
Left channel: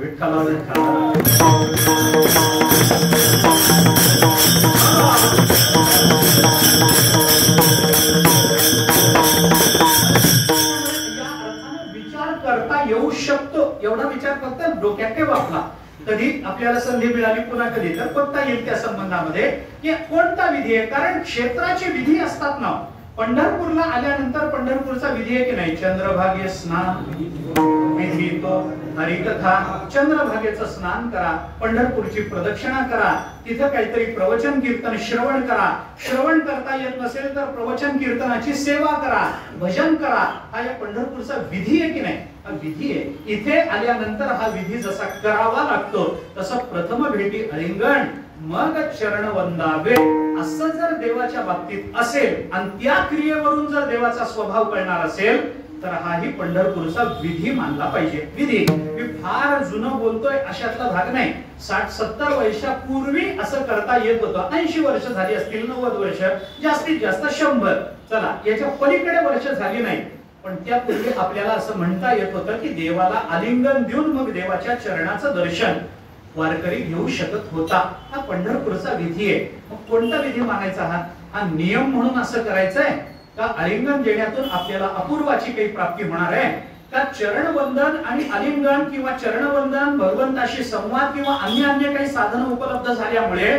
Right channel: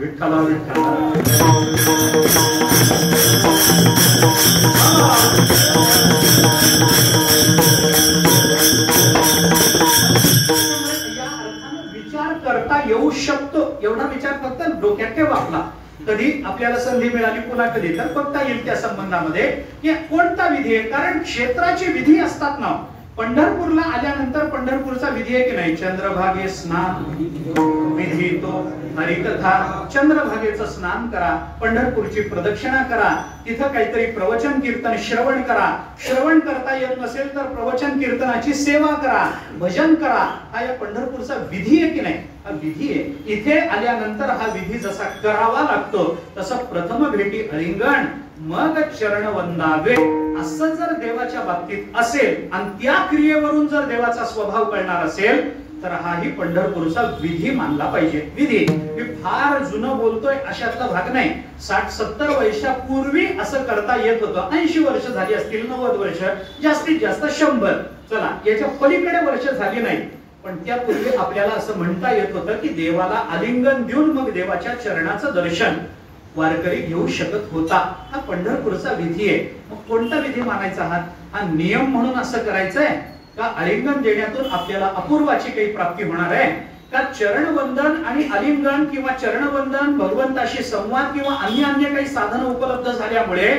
विचार करता येऊ शकतो एवढा विचार फक्त डोक्यात ठेवा आपला. कधी आपल्याला संधी मिळाली पुन्हा कधी तर बघता येईल त्या संबंधामध्ये की कोणता विधी आहे. कारण क्षेत्राची विधी असतात ना. पंढरपूरला आल्यानंतर पंढरपूरचा विधी आहे की नाही, चंद्रभागे स्नान विधी तो हरिकथा. चंद्रभागेचं स्नान करा, पंढरपूरची प्रदक्षिणा करा, तिथं काहीतरी प्रवचन कीर्तन श्रवण करा, श्रवण करता येत नसेल तर प्रवचन कीर्तनाची सेवा करा, भजन करा. हा या पंढरपूरचा विधी आहे की नाही, हा विधी आहे. इथे आल्यानंतर हा विधी जसा करावा लागतो तसं प्रथम भेटी आलिंगन मग चरण वंदावे असं जर देवाच्या बाबतीत असेल आणि त्या क्रियेवरून जर देवाचा स्वभाव कळणार असेल तर हाही पंढरपूरचा विधी मानला पाहिजे. विधी मी फार जुनं बोलतोय अशातला भाग नाही. 60-70 वर्षापूर्वी असं करता येत होतं. 80 वर्ष झाली असतील, 90 वर्ष, जास्तीत जास्त 100. चला याच्या पलीकडे वर्ष झाली नाही, पण त्यापूर्वी आपल्याला असं म्हणता येत होतं की देवाला आलिंगन देऊन मग देवाच्या चरणाचं दर्शन वारकरी घेऊ शकत होता. हा पंढरपूरचा विधी आहे. मग कोणता विधी मानायचा हा नियम म्हणून असं करायचंय का आलिंगन देण्यातून आपल्याला अपूर्वाची काही प्राप्ती होणार आहे का चरणवंदन आणि आलिंगन किंवा चरणवंदन भगवंताशी संवाद किंवा अन्य काही साधन उपलब्ध झाल्यामुळे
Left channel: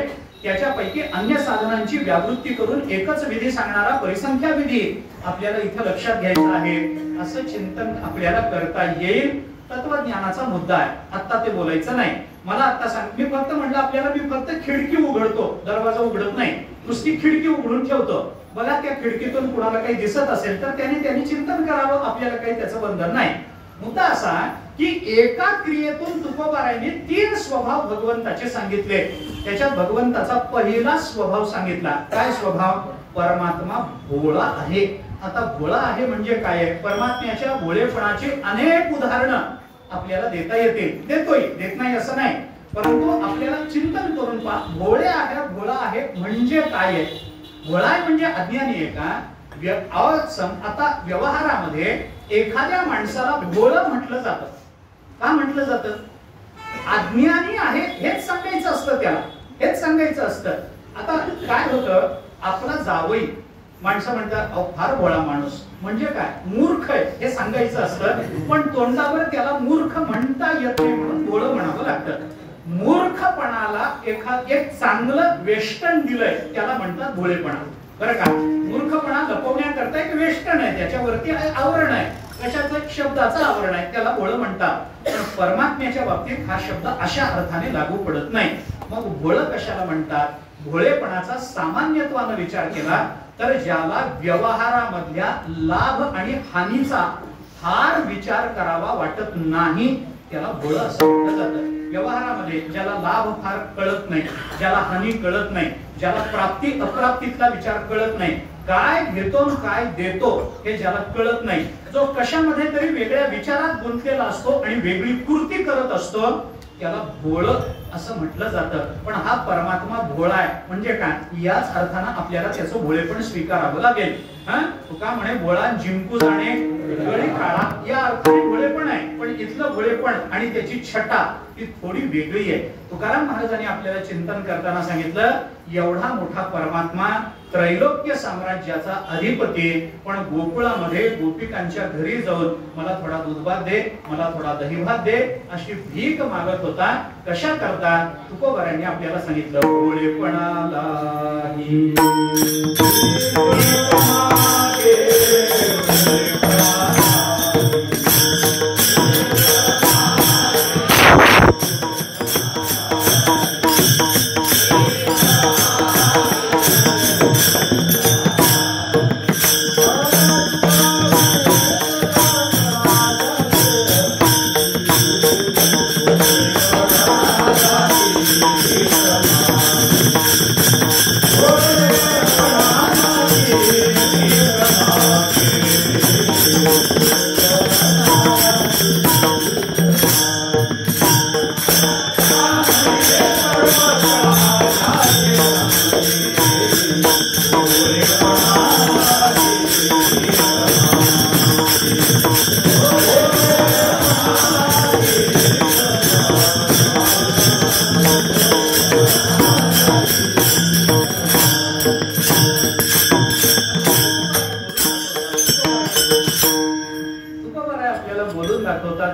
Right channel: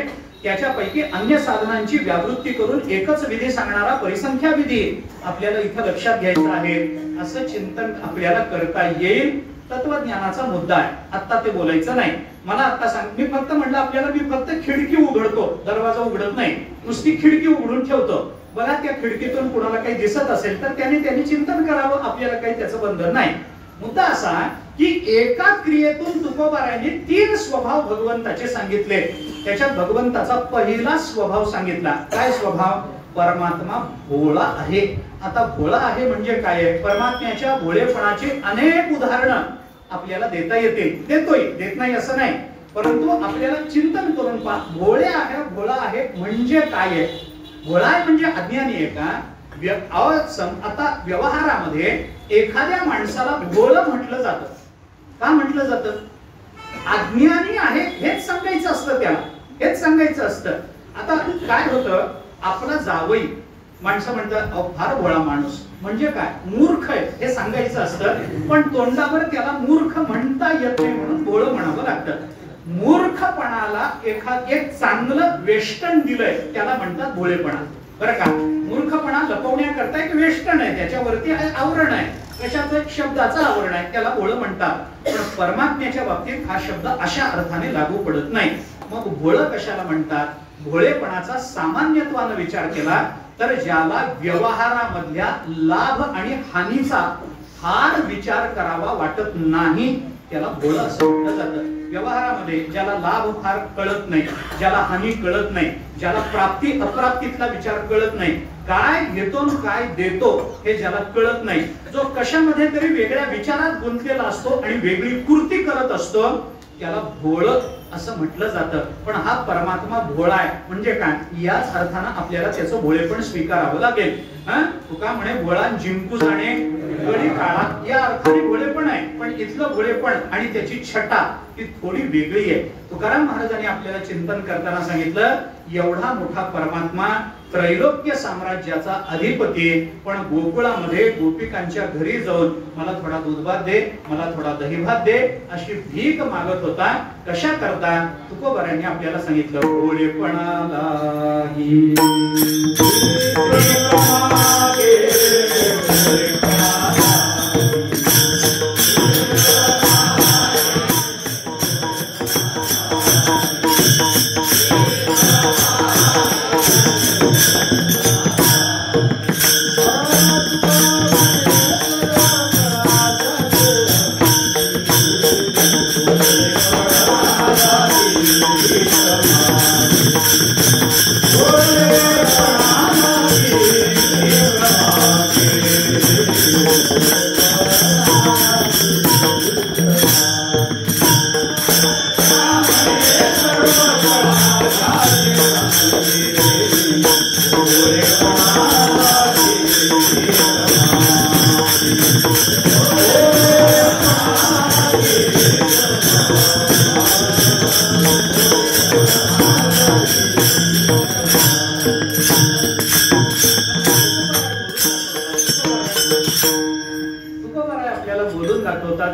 त्याच्यापैकी अन्य साधनांची व्यावृत्ती करून एकच विधी सांगणारा परिसंख्या विधी आपल्याला इथं लक्षात घ्यायचा आहे. असं चिंतन आपल्याला करता येईल. तत्वज्ञानाचा मुद्दा आहे, आता ते बोलायचं नाही. मला आता सांग, मी फक्त म्हणलं आपल्याला मी फक्त खिडकी उघडतो, दरवाजा उघडत नाही, नुसती खिडकी उघडून ठेवतो. बघा त्या खिडकीतून कुणाला काही दिसत असेल तर त्यांनी चिंतन करावं, आपल्याला काही त्याचं बंधन नाही. मुद्दा असा की एका क्रियेतून तुकोबारायांनी 3 स्वभाव भगवंताचे सांगितले. त्याच्यात भगवंताचा पहिला स्वभाव सांगितला. काय स्वभाव? परमात्मा भोळा आहे. आता भोळा आहे म्हणजे काय आहे? परमात्म्याच्या भोळेपणाची अनेक उदाहरणं आपल्याला देता येतील. देतोय, देत नाही असं नाही, परंतु आपल्याला चिंतन करून पहा. भोळे आहे, भोळा आहे म्हणजे काय आहे? भोळा आहे म्हणजे अज्ञानी आहे का? आता व्यवहारामध्ये एखाद्या माणसाला भोळं म्हटलं जातं. का म्हटलं जातं? अज्ञानी आहे हेच सांगायचं असतं, त्याला हेच सांगायचं असतं. आता काय होतं, आपला जावई माणसं म्हणतात अहो फार भोळा माणूस म्हणजे काय? मूर्ख आहे हे सांगायचं असतं, पण तोंडावर त्याला मूर्ख म्हणता येत नाही म्हणून भोळं म्हणावं लागतं. मूर्खपणाला एक चांगलं वेष्टन दिलंय त्याला म्हणतात भोळेपणा. बरं का? मूर्खपणा लपवण्याकरता एक वेष्टन आहे, त्याच्यावरती आवरण आहे, कशाचं? शब्दाचं आवरण आहे, त्याला भोळं म्हणतात. पण परमात्म्याच्या बाबतीत हा शब्द अशा अर्थाने लागू पडत नाही. मग भोळं कशाला म्हणतात? भोळेपणाचा सामान्यत्वाने विचार केला तर ज्याला व्यवहारामधल्या लाभ आणि हानीचा फार विचार करावा वाटत नाही त्याला भोळं असं म्हटलं जातं. व्यवहारामध्ये ज्याला लाभ फार कळत नाही, ज्याला हानी कळत नाही, ज्याला प्राप्ती अप्राप्तीतला विचार कळत नाही, काय घेतो काय देतो हे ज्याला कळत नाही, जो कशामध्ये तरी वेगळ्या विचारात गुंतलेला असतो आणि वेगळी कृती करत असतो त्याला भोळं असं म्हटलं जातं. पण हा परमात्मा भोळा आहे म्हणजे काय? याच अर्थानं आपल्याला त्याचं भोळेपण स्वीकारावं लागेल. तुका म्हणे भोळा जिंकू जाणे गळी काळा, या अर्थाने भोळेपण आहे. पण इथलं भोळेपण आणि त्याची छटा ही थोडी वेगळी आहे. तुकाराम महाराजांनी आपल्याला चिंतन करताना सांगितलं एवढा मोठा परमात्मा त्रैलोक्य साम्राज्याचा अधिपती, पण गोकुळामध्ये गोपिकांच्या घरी जाऊन मला थोडा दूधभात दे, मला थोडा दहीभात दे अशी भीक मागत होता. कशा करता? तुकोबारायांनी आपल्याला सांगितलं भोळेपणाला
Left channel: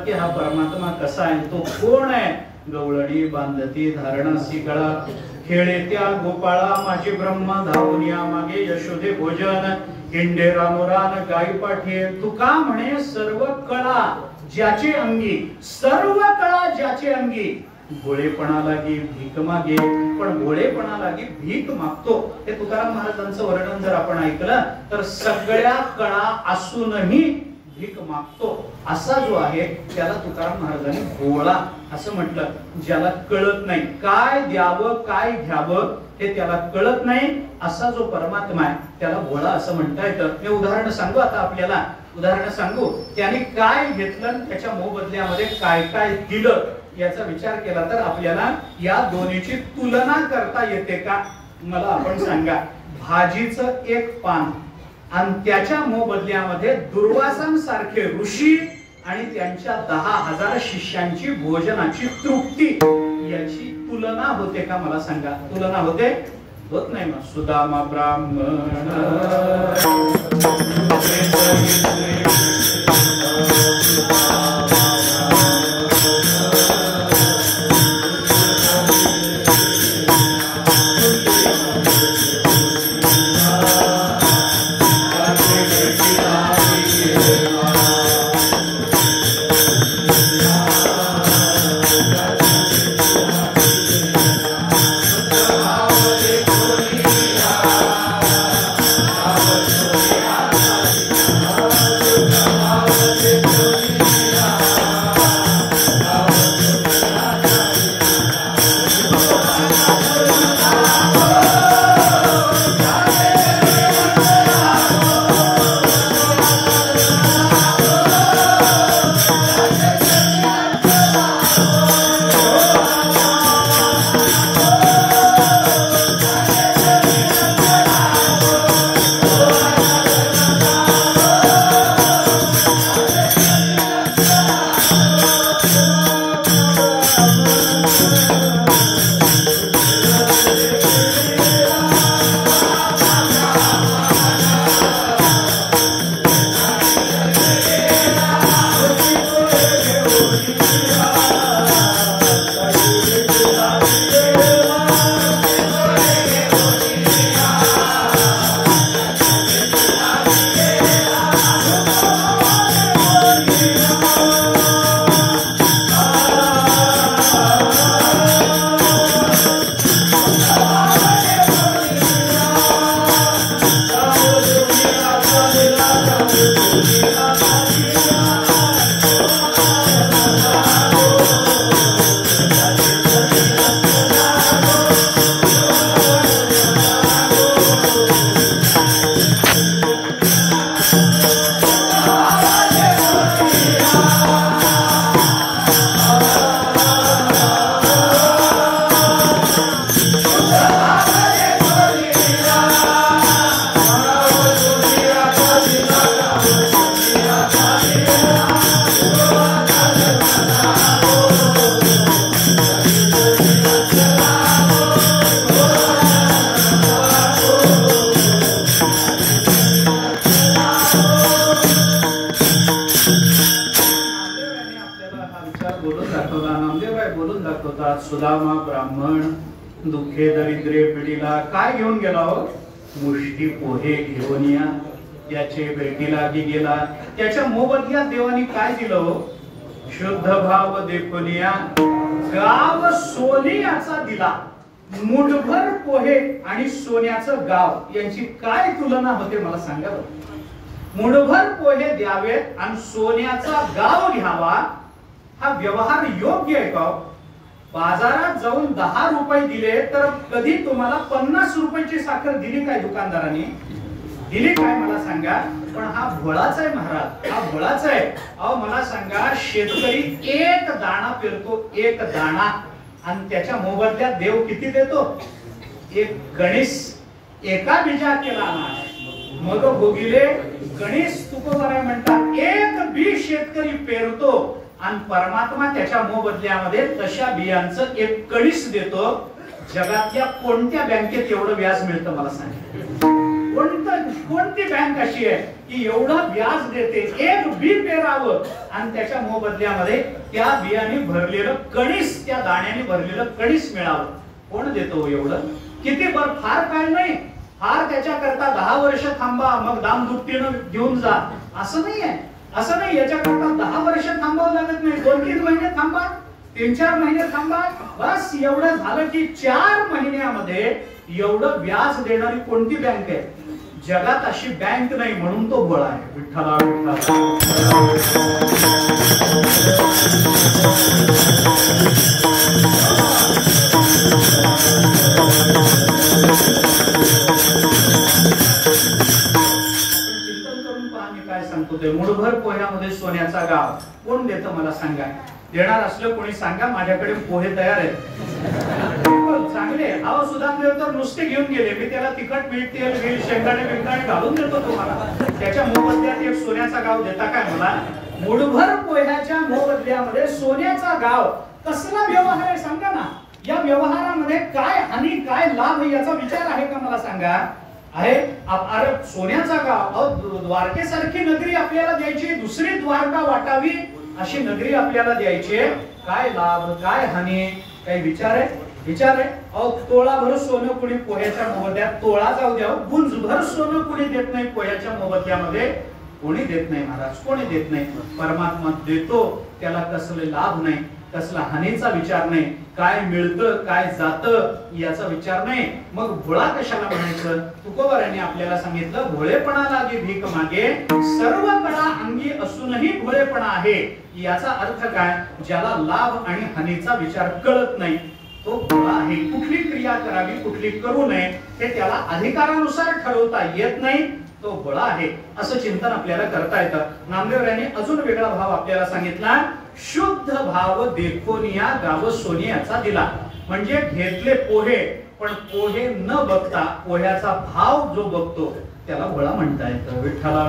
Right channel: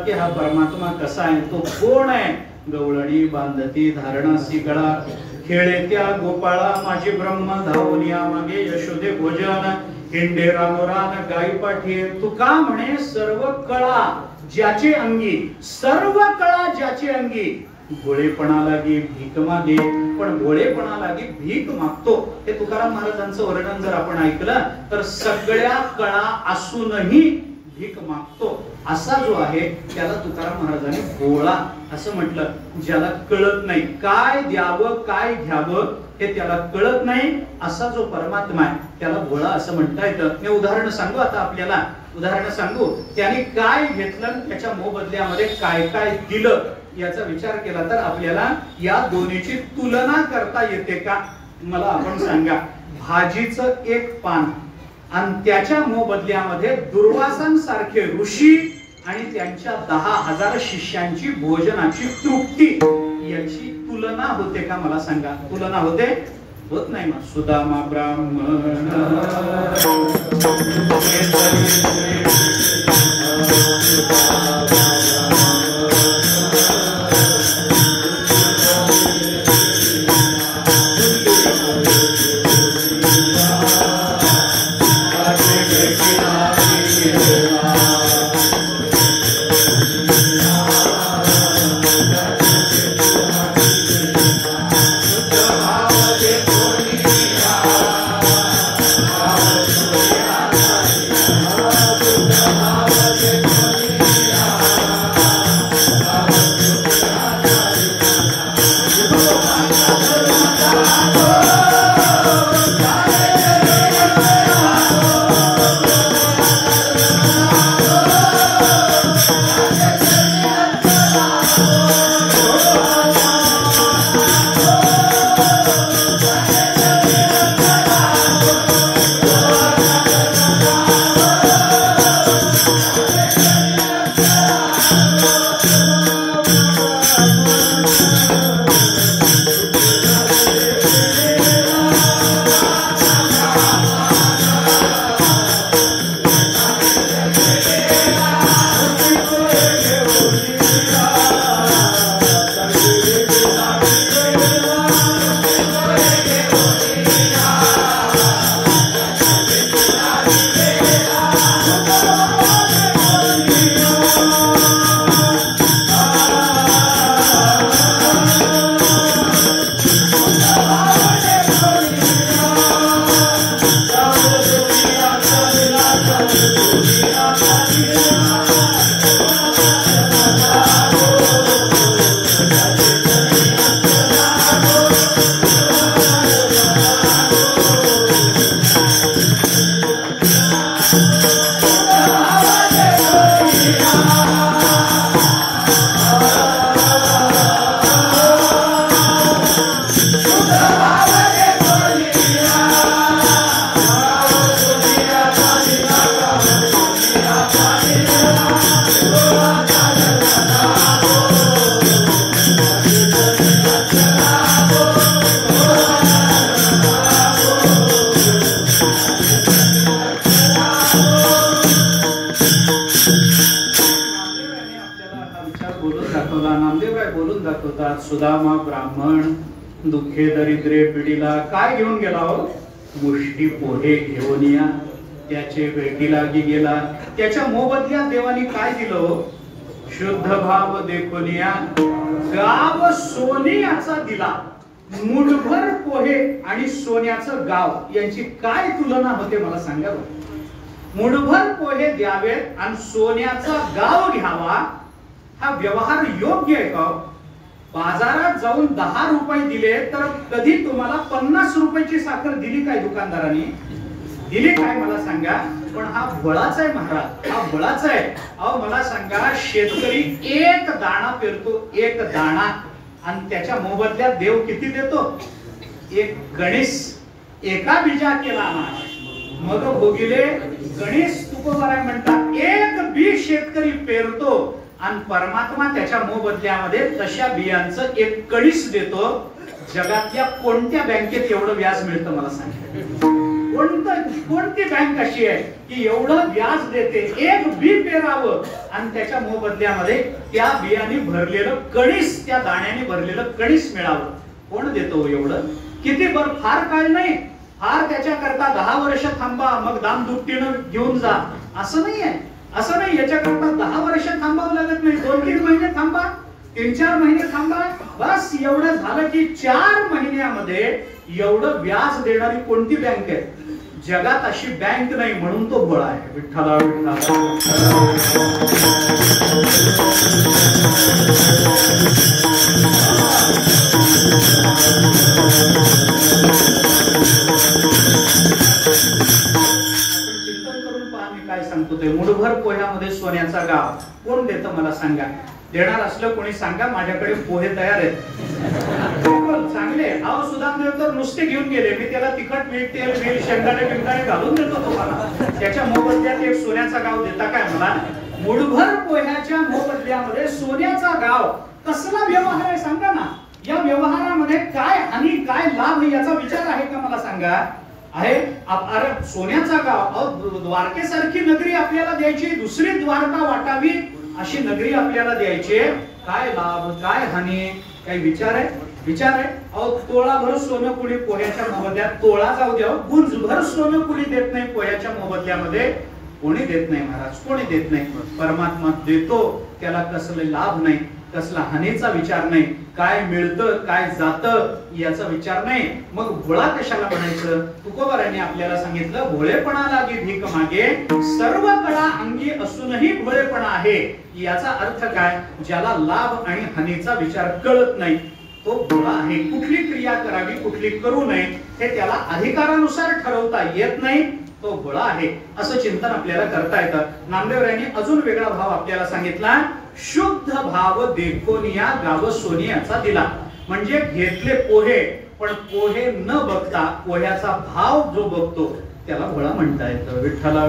की हा परमात्मा कसा आहे, तो कोण आहे. गवळणी बांधती धारणासी गळा, खेळे त्या गोपाळा माझे ब्रह्म धावनिया मागे यशोदे भोजन. हिंडे रामरान गाई पाठी तुका म्हणे सर्व कळा ज्याचे अंगी, सर्व कळा ज्याचे अंगी. भोळेपणा लागी भीक मागे, पण भोळेपणा लागी भीक मागतो. हे तुकाराम महाराजांचं वर्णन जर आपण ऐकलं तर सगळ्या कळा असूनही भीक मागतो असा जो आहे त्याला तुकाराम महाराजांनी भोळा असं म्हटलं. ज्याला कळत नाही काय द्यावं काय घ्यावं हे त्याला कळत नाही असा जो परमात्मा आहे त्याला भोळा असं म्हणता येतं. मी उदाहरण सांगू आता आपल्याला, उदाहरण सांगू. त्याने काय घेतलं त्याच्या मोबदल्यामध्ये काय काय दिलं याचा विचार केला तर आपल्याला या दोन्हीची तुलना करता येते का मला आपण सांगा. भाजीचं एक पान आणि त्याच्या मोबदल्यामध्ये दुर्वासांसारखे ऋषी आणि त्यांच्या 10,000 शिष्यांची भोजनाची तृप्ती याची तुलना होते का मला सांगा. तुलना होते? होत नाही. मग सुदामा ब्राह्मण सुदामा ब्राह्मण दुःखे दरिद्रे पिढीला काय घेऊन गेला हो? मुष्टी पोहे घेऊन या. त्याचे भेटीला गेला. त्याच्या मोबदल्यात देवानी काय दिलं हो? शुद्ध भाव देखून या. गाव सोन्याचा दिला. मुठभर पोहे आणि सोन्याचं गाव यांची काय तुलना होते मला सांगा. मुठभर पोहे द्यावेत आणि सोन्याचा गाव घ्यावा हा व्यवहार योग्य आहे का? बाजारात जाऊन 10 रुपये दिले तर कधी तुम्हाला 50 रुपयाची साखर दिली काय दुकानदारांनी? दिली काय मला सांगा. पण हा बळाचा आहे महाराज, हा बळाचा आहे. अहो मला सांगा, शेतकरी एक दाणा पेरतो, एक दाणा, आणि त्याच्या मोबदल्यात देव किती देतो? एक गणेश. एका बीजा केला मग भोगिले गणेश तुकोबाराय म्हणतात. एक बी शेतकरी पेरतो आणि परमात्मा त्याच्या मोबदल्यामध्ये तशा बियांचं एक कणीस देतो. जगातल्या कोणत्या बँकेत एवढं व्याज मिळतं मला सांगा? कोणती बँक अशी आहे की एवढं व्याज देते? एक बी पेरावं आणि त्याच्या मोबदल्यामध्ये त्या बियाने भरलेलं कणीस, त्या दाण्याने भरलेलं कणीस मिळावं. कोण देतो एवढं? किती बरं, फार काळ नाही, फार त्याच्याकरता 10 वर्ष थांबा मग दाम दुपटीनं घेऊन जा असं नाहीये. असं नाही, याच्याकरता 10 वर्ष थांबावं लागत नाही. 2-3 महिने थांबा, 3-4 महिने थांबा, बस एवढं झालं की 4 महिन्यामध्ये एवढं व्याज देणारी कोणती बँक आहे? जगात अशी बँक नाही, म्हणून तो बळ आहे. विठ्ठला मुठभर पोह्यामध्ये सोन्याचा गाव कोण देतं मला सांगा? देणार असलं कोणी सांगा, माझ्याकडे पोहे तयार आहेत. चांगले. अहो सुधामदेव तर नुसते घेऊन गेले, मी त्याला तिखट मीठ तेल घेईल शेंगाटे बिंगाटे घालून देतो तुम्हाला. त्याच्या मोबदल्यात एक सोन्याचा गाव देता काय मला? मुठभर पोह्याच्या मोबदल्यामध्ये सोन्याचा गाव. कसला व्यवहार आहे सांगा ना? या व्यवहारामध्ये काय हानी काय लाभ याचा विचार आहे का मला सांगा? आहे. अरे सोन्याचा गाव, द्वारकेसारखी नगरी आपल्याला द्यायची, दुसरी द्वारका वाटावी अशी नगरी आपल्याला द्यायची. काय लाभ काय हानी? काही विचार आहे? विचार आहे. अहो तोळाभर सोनं कुणी पोह्याच्या मोबदल्यात, तोळा जाऊ द्या, गुंजभर सोनं कुणी देत नाही पोह्याच्या मोबदल्यामध्ये. कोणी देत नाही महाराज, कोणी देत नाही. परमात्मा देतो, त्याला कसले लाभ नाही, कसला हानीचा विचार नाही. काय मिळतं काय जातं याचा विचार नाही. मग भोळा कशाला म्हणायचं? तुकोबारांनी आपल्याला सांगितलं, भोळेपणा लागे भीक मागे, सर्व कळा अंगी असूनही भोळेपणा आहे. याचा अर्थ काय? ज्याला लाभ आणि हानीचा विचार कळत नाही तो भोळा आहे. कुठली क्रिया करावी कुठली करू नये हे त्याला अधिकारानुसार ठरवता येत नाही, तो भोळा आहे. असं चिंतन आपल्याला करता येतं. नामदेव यांनी अजून वेगळा भाव आपल्याला सांगितला. शुद्ध भाव देखोनिया गाव सोनियाचा दिला. म्हणजे घेतले पोहे, पण पोहे न बघता पोह्याचा भाव जो बघतो त्याला भोळा म्हणता येतं. विठ्ठला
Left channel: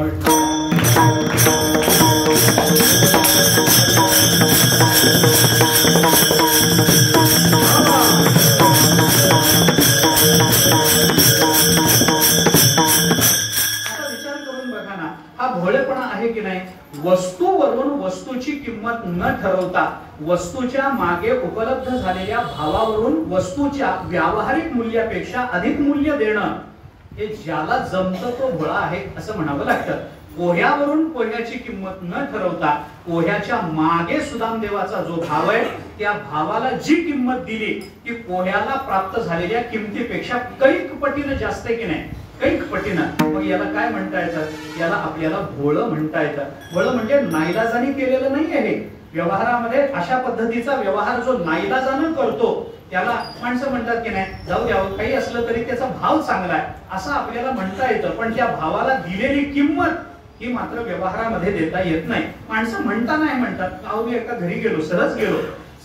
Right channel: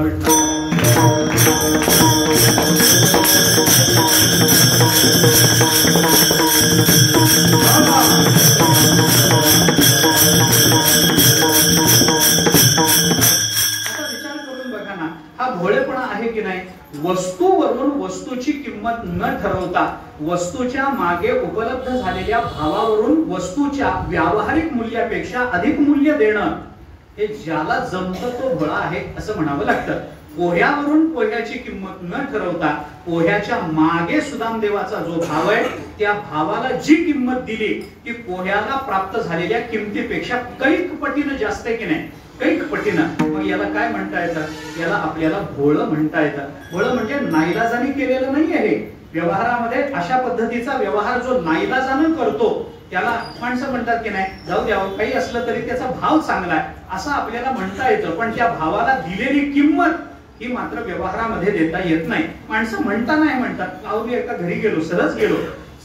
भोळेपणा आहे की नाही? वस्तूवरून वस्तूची किंमत न ठरवता वस्तूच्या मागे उपलब्ध झालेल्या भावावरून वस्तूच्या व्यावहारिक मूल्यापेक्षा अधिक मूल्य देणं हे ज्याला जमतं तो भोळा आहे असं म्हणावं लागतं. पोह्यावरून पोह्याची किंमत न ठरवता पोह्याच्या मागे सुदामदेवाचा जो भाव आहे त्या भावाला जी किंमत दिली ती पोह्याला प्राप्त झालेल्या किमतीपेक्षा कैक पटीने जास्त आहे की नाही? कैक पटीनं. मग याला काय म्हणता येतं? याला आपल्याला भोळं म्हणता येतं. भोळं म्हणजे नाईलाजाने केलेलं नाही आहे. व्यवहारामध्ये अशा पद्धतीचा व्यवहार जो नाईलाजाने करतो त्याला माणसं म्हणतात की नाही जाऊ द्यावं, काही असलं तरी त्याचा भाव चांगला आहे असं आपल्याला म्हणता येतं. पण त्या भावाला दिलेली किंमत ही मात्र व्यवहारामध्ये देता येत नाही. माणसं म्हणता नाही म्हणतात. अहो मी एका घरी गेलो,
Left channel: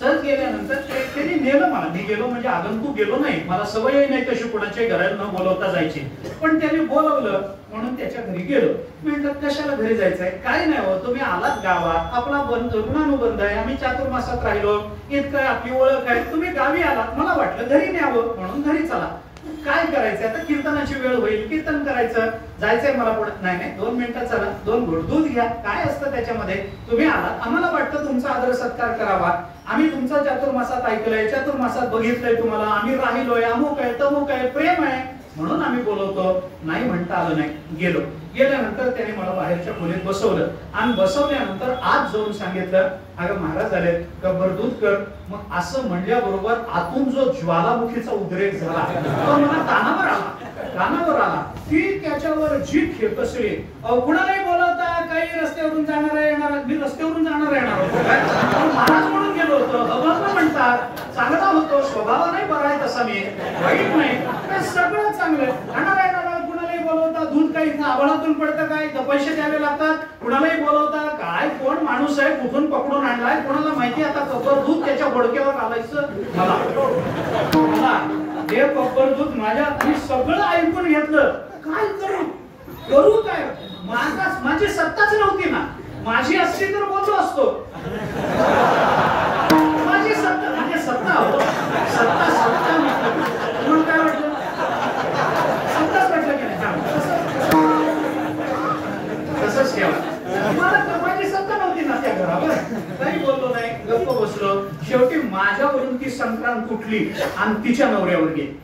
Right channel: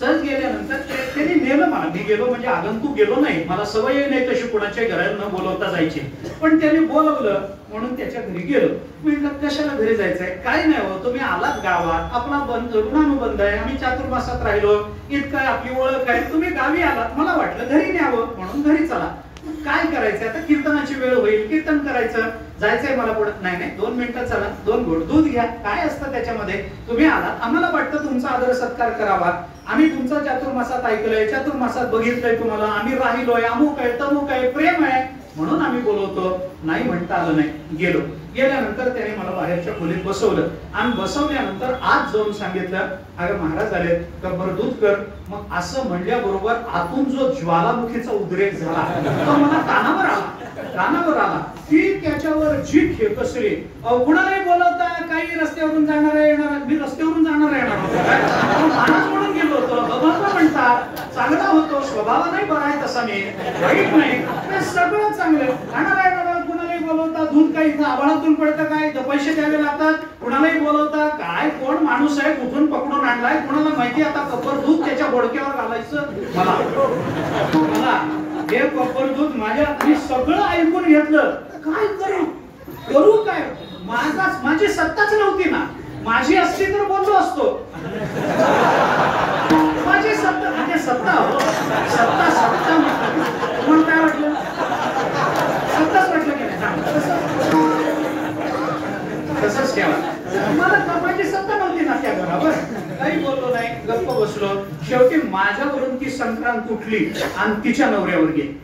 सहज गेल्यानंतर त्यांनी नेलं मला. मी गेलो म्हणजे आगंतुक गेलो नाही, मला सवय नाही तशी कोणाच्या घरात न बोलवता जायची. पण त्यांनी बोलवलं म्हणून त्याच्या घरी गेलो. मी म्हटलं कशाला घरी जायचंय? काय नाही हो, तुम्ही आलात गावात, आपला बंद ऋणानुबंध आहे, आम्ही चातुर्मासात राहिलो, इतकं आपली ओळख आहे, तुम्ही गावी आलात, मला वाटलं घरी न्यावं म्हणून घरी चला. काय करायचंय आता? कीर्तनाची वेळ होईल, कीर्तन करायचं, जायचंय मला पडत नाही. 2 मिनिटं चला, 2 घोट दूध घ्या. काय असतं त्याच्यामध्ये? तुम्ही आलात, आम्हाला वाटतं तुमचा आदर सत्कार करावा, आम्ही तुमचा चातुर्मासात ऐकलंय, चातुर्मासात बघितलंय तुम्हाला, आम्ही राहिलोय, अमुक आहे तमुक आहे, प्रेम आहे म्हणून आम्ही बोलवतो. नाही म्हणता आलं नाही. गेल्यानंतर त्याने मला बाहेरच्या खोलीत बसवलं आणि बसवल्यानंतर आज जाऊन सांगितलं अगं महाराज आले तर बरं दूध कर. मग असं म्हणल्याबरोबर आतून जो ज्वालामुखीचा उद्रेक झाला तो मला कानावर आला. ती त्याच्यावर जी खेकसली. कुणालाही बोलवता काही रस्त्यावरून जाणार येणार, मी रस्त्यावरून जाणार येणार होतो काय? महाराज म्हणून गेलो होतो. भगवान म्हणतात चांगला होतो, स्वभाव नाही बरा आहे तसा, मी वाईट नाही, सगळं चांगलं. येणार कुणालाही बोलवता दूध काय इथं आभाळातून पडतं काय? तर पैसे द्यावे लागतात, कुणालाही बोलवता काय, कोण माणूस आहे, कुठून पकडून आणलाय कोणाला माहिती. आता कपर दूध त्याच्या बोडक्यावर घालायचं मला हे कपर दूध माझ्या, मी सगळं ऐकून घेतलं. काय करू काय? माझी सत्ताच नव्हती ना. माझी असती तर बोललो असतो. माझी सत्ता म्हणजे सत्ता म्हणून काय वाटलं? सत्ताच वाटलं की नाही? तसंच ठेवा. मला माझी सत्ता नव्हती ना त्या घरावर. काही बोललो नाही, गप्प बसलो. शेवटी माझ्यावरून ती संक्रांत उठली आणि तिच्या नवऱ्यावर गेली.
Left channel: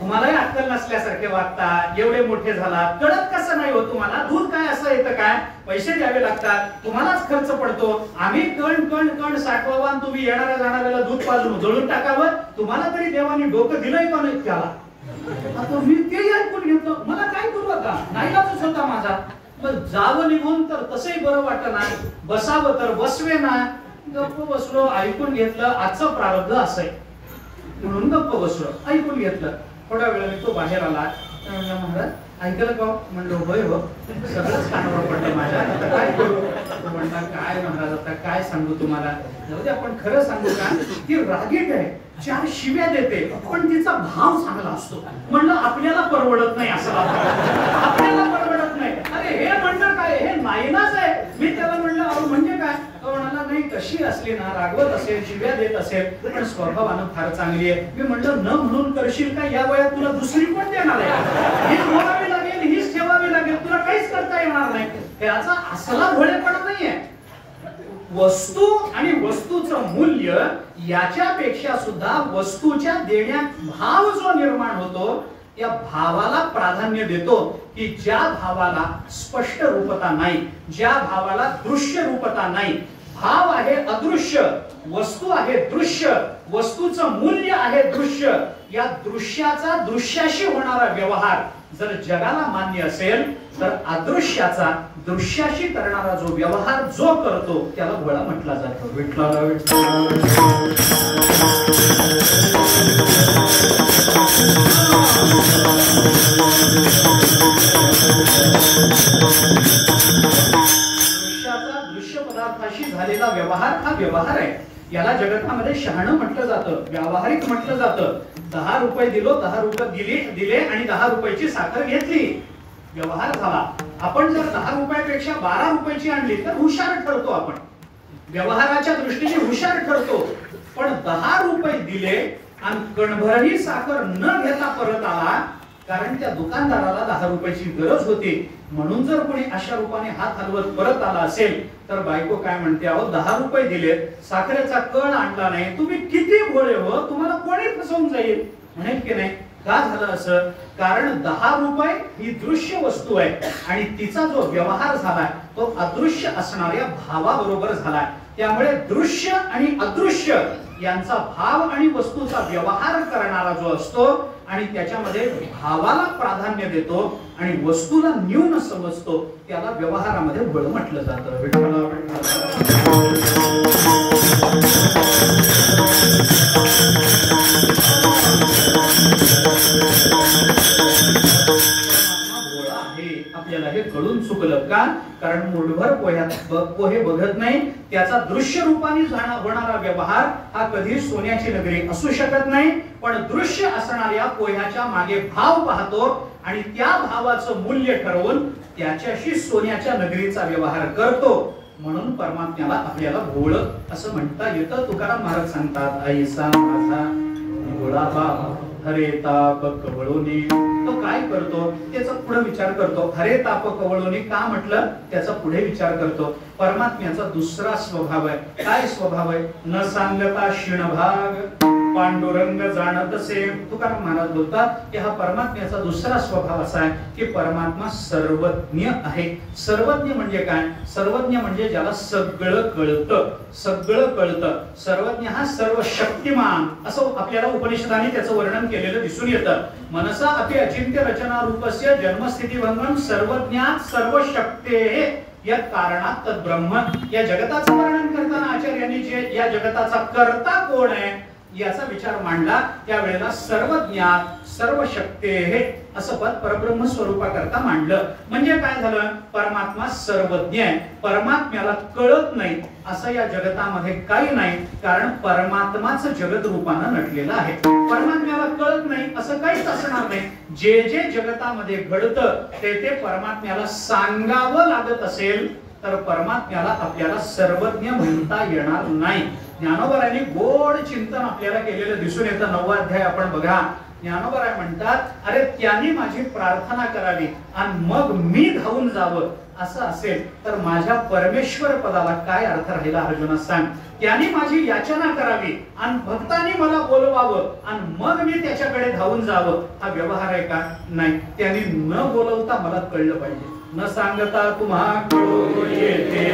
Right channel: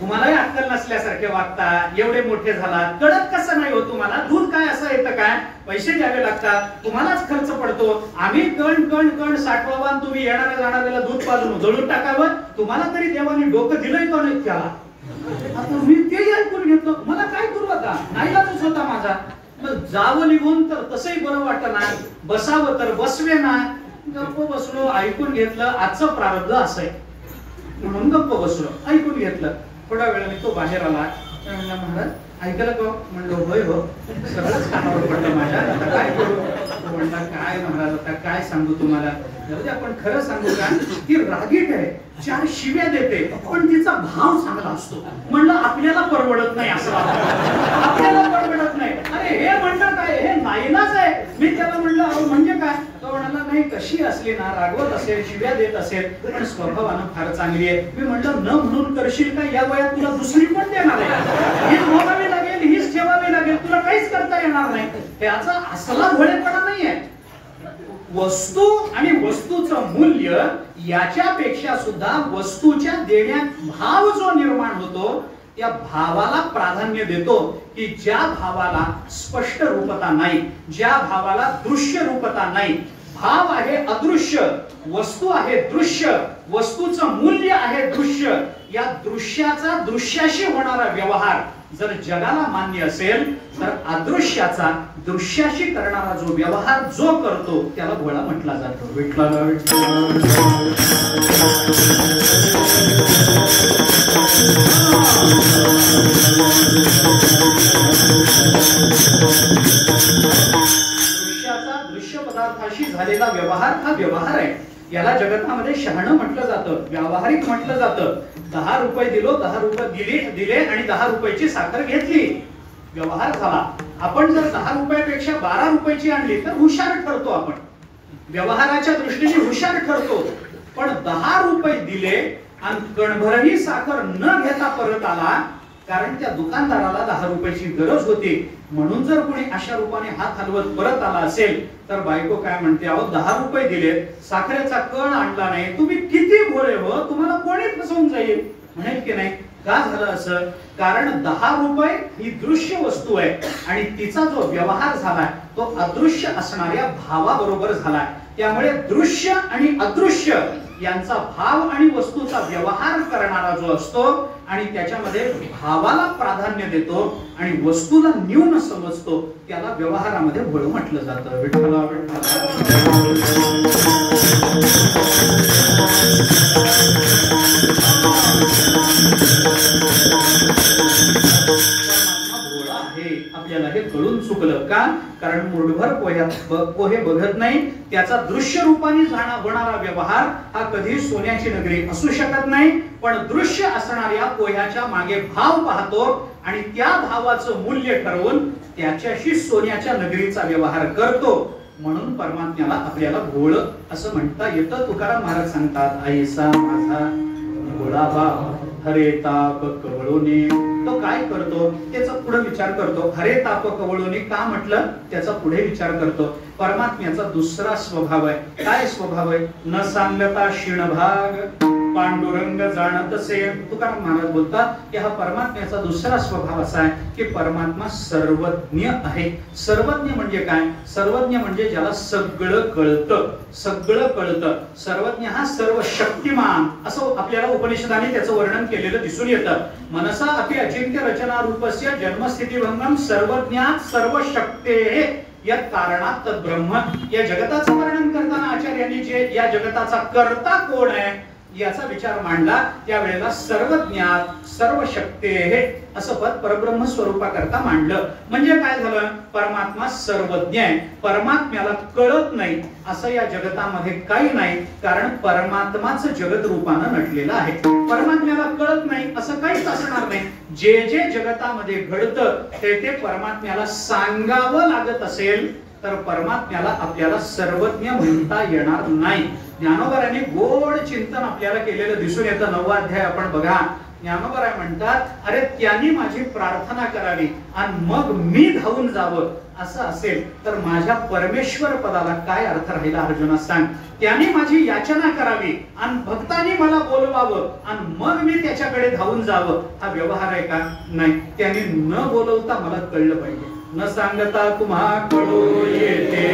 तुम्हालाही अक्कल नसल्यासारखे वागता, एवढे मोठे झाला, कळत कसं नाही हो तुम्हाला? दूध काय असं येतं काय? पैसे द्यावे लागतात, तुम्हालाच खर्च पडतो. आम्ही कण साठवावा, तुम्ही येणाऱ्या जाणाऱ्याला दूध पाजून जळून टाकावं. तुम्हाला तरी देवाने डोकं दिलंय का नाही त्याला? आता मी ते ऐकून घेतलं. मला काय करू आता? नाईलाजच होता माझा. जावं निघून तर तसंही बरं वाटत नाही, बसावं तर बसवे ना. गप्प बसलो, ऐकून घेतलं. आजचं प्रारब्ध असं आहे म्हणून गप्प बसलो, ऐकून घेतलं. थोड्या वेळाने तो बाहेर आला. म्हणला, महाराज ऐकलं का? म्हणलो होय हो, सगळंच कानावर पडलं माझ्या. आता काय करू? तो म्हणला, काय महाराज आता काय सांगू तुम्हाला? आपण खरं सांगू का? ती रागीट आहे, 4 शिव्या देते, पण तिचा भाव चांगला असतो. म्हणलं आपल्याला परवडत नाही असं आपल्याला परवडत नाही. अरे हे म्हणलं काय, हे नाईलाज आहे. मी त्याला म्हणलं अहो म्हणजे काय? तो म्हणाला नाही, कशी असली ना, रागवत असेल, शिव्या देत असेल, पण स्वभावानं फार चांगली आहे. मी म्हणलं न म्हणून करशील का? या वयात तुला दुसरी पण देणार आहे. हीच बोलावी लागेल, हीच ठेवावी लागेल, तुला काहीच करता येणार नाही. याचा असला भोळेपणा नाहीये. वस्तू आणि वस्तूचं मूल्य याच्यापेक्षा सुद्धा वस्तूच्या देण्यात भाव जो निर्माण होतो, त्या भावाला प्राधान्य देतो. की ज्या भावाला स्पष्ट रूपता नाही, ज्या भावाला दृश्य रूपता नाही. भाव आहे अदृश्य, वस्तू आहे दृश्य, वस्तूचं मूल्य आहे दृश्य. या दृश्याचा दृश्याशी होणारा व्यवहार जर जगाला मान्य असेल, तर अदृश्याचा दृश्याशी करणारा जो व्यवहार जो करतो त्याला भोळा म्हटला जातो. विठ्ठला दृश्याचा दृश्य पदार्थाशी झालेला व्यवहार हा व्यवहार आहे. याला जगतामध्ये शहाणं म्हटलं जातं, व्यावहारिक म्हटलं जातं. 10 रुपये दिलो, 10 रुपये दिले आणि 10 रुपयाची साखर घेतली, व्यवहार झाला. आपण जर 10 रुपयापेक्षा 12 रुपयाची आणली तर हुशार ठरतो. आपण व्यवहाराच्या दृष्टीने हुशार ठरतो. पण 10 रुपये दिले आणि कणभरही साखर न घेता परत आला, कारण त्या दुकानदाराला 10 रुपयाची गरज होती. म्हणून जर कोणी अशा रूपाने हात हलवत परत आला असेल, तर बायको काय म्हणते, अहो 10 रुपये दिले, साखरेचा कण आणला नाही, तुम्ही किती भोळे हो, तुम्हाला कोणी फसवून जाईल म्हणेल की नाही? का झालं असं? कारण 10 रुपये ही दृश्य वस्तू आहे आणि तिचा जो व्यवहार झालाय तो अदृश्य असणाऱ्या भावाबरोबर झालाय. त्यामुळे दृश्य आणि अदृश्य यांचा भाव आणि वस्तूचा व्यवहार करणारा जो असतो आणि त्याच्यामध्ये भावाला प्राधान्य देतो आणि वस्तूला न्यून समजतो, त्याला व्यवहारामध्ये भोळ म्हटलं जातं. विठ्ठला आपल्याला हे कळून चुकलं का? कारण मूठभर पोहे बघत नाही. त्याचा दृश्य रूपाने होणारा व्यवहार हा कधी सोन्याची नगरी असू शकत नाही. पण दृश्य असणाऱ्या पोह्याच्या मागे भाव पाहतो आणि त्या भावाचं मूल्य ठरवून त्याच्याशी सोन्याच्या नगरीचा व्यवहार करतो. म्हणून परमात्म्याला आपल्याला भोळ असं म्हणता येतं. तुकाराम महाराज सांगतात, ऐसा माझा भोळा बाबा हरे ताप कवळोनी. तो काय करतो त्याचा पुढे विचार करतो. हरे ताप कवळोनी का म्हटलं, त्याचा पुढे विचार करतो. परमात्म्याचा दुसरा स्वभाव आहे. काय स्वभाव आहे? न सांगता क्षीणभाग पांडुरंग जाणत असे. तुकाराम महाराज बोलतात की हा परमात्म्याचा दुसरा स्वभाव असा आहे की परमात्मा सर्वज्ञ आहे. सर्वज्ञ म्हणजे काय? सर्वज्ञ म्हणजे ज्याला सगळं कळतं, सगळं कळतं. सर्वज्ञ हा सर्व शक्तिमान असं आपल्याला उपनिषदाने त्याचं वर्णन केलेलं दिसून येतं. मनसा अपि अचिंत्य रचना रूपस्य जन्मस्थिती भंगम सर्वज्ञात सर्व शक्ते या कारणात तद्ब्रह्म. या जगताचं वर्णन करताना आचार्यांनी जे या जगताचा कर्ता कोण आहे याचा विचार मांडला त्यावेळेला सर्वज्ञात सर्व शक्तेः असं पद परब्रह्म स्वरूपाकरता मांडलं. म्हणजे काय झालं, परमात्मा सर्वज्ञ आहे, परमात्म्याला कळत नाही असं या जगतामध्ये काही नाही, कारण परमात्माच जगत रूपानं नटलेलं आहे. परमात्म्याला कळत नाही असं काहीच असणार नाही. जे जे जगतामध्ये घडतं ते परमात्म्याला सांगावं लागत असेल तर परमात्म्याला आपल्याला सर्वज्ञ म्हणता येणार नाही. ज्ञानोबारांनी गोड चिंतन आपल्याला केलेलं दिसून येतं. 9वा अध्याय आपण बघा. ज्ञानोबराय म्हणतात, अरे त्यांनी माझी प्रार्थना करावी आणि मग मी धावून जावं असं असेल तर माझ्या परमेश्वर पदाला काय अर्थ राहिला अर्जुना सांग. त्यांनी माझी याचना करावी आणि भक्तांनी मला बोलवावं आणि मग मी त्याच्याकडे धावून जावं, हा व्यवहार आहे का? नाही. त्यांनी न बोलवता मला कळलं पाहिजे. न सांगता तुम्हा कळू येते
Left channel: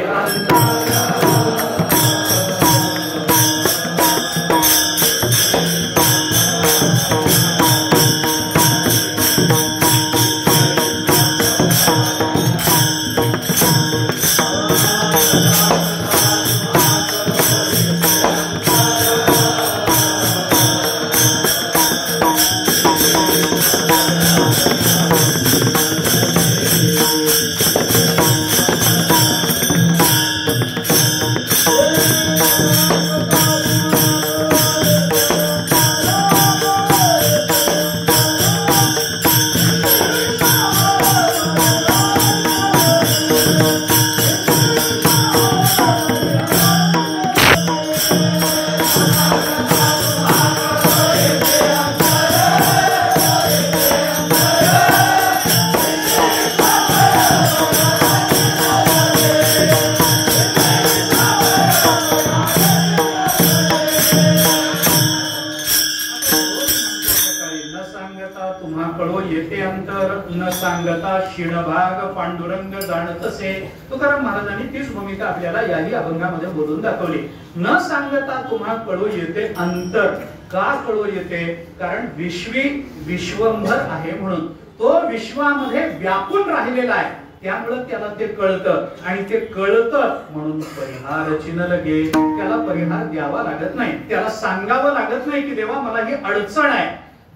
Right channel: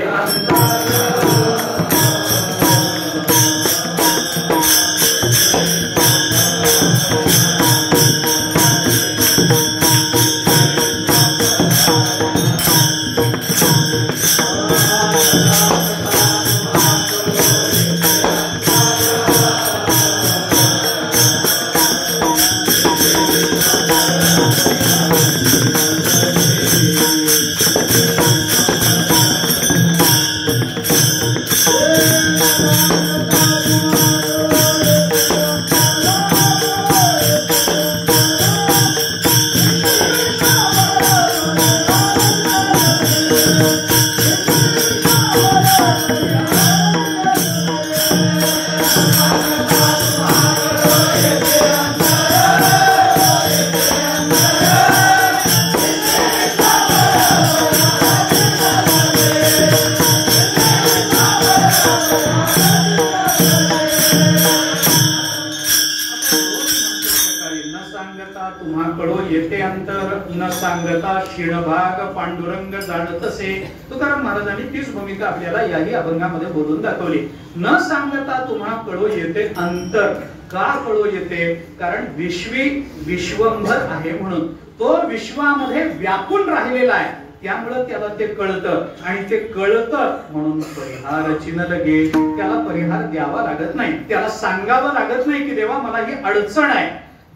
पांडुरंग जाणतसे. तुकाराम महाराजांनी तीच भूमिका आपल्याला याही अभंगामध्ये बोलून दाखवली. न सांगता तुम्हा कळू येते अंतर. का कळू येते? कारण विश्वी विश्वंभर आहे म्हणून तो विश्वामध्ये व्यापून राहिलेला आहे, त्यामुळे त्याला ते कळतं आणि ते कळतं म्हणून परिहार चिन्ह लगे. त्याला परिहार द्यावा लागत नाही, त्याला सांगावं लागत नाही की देवा मला ही अडचण आहे.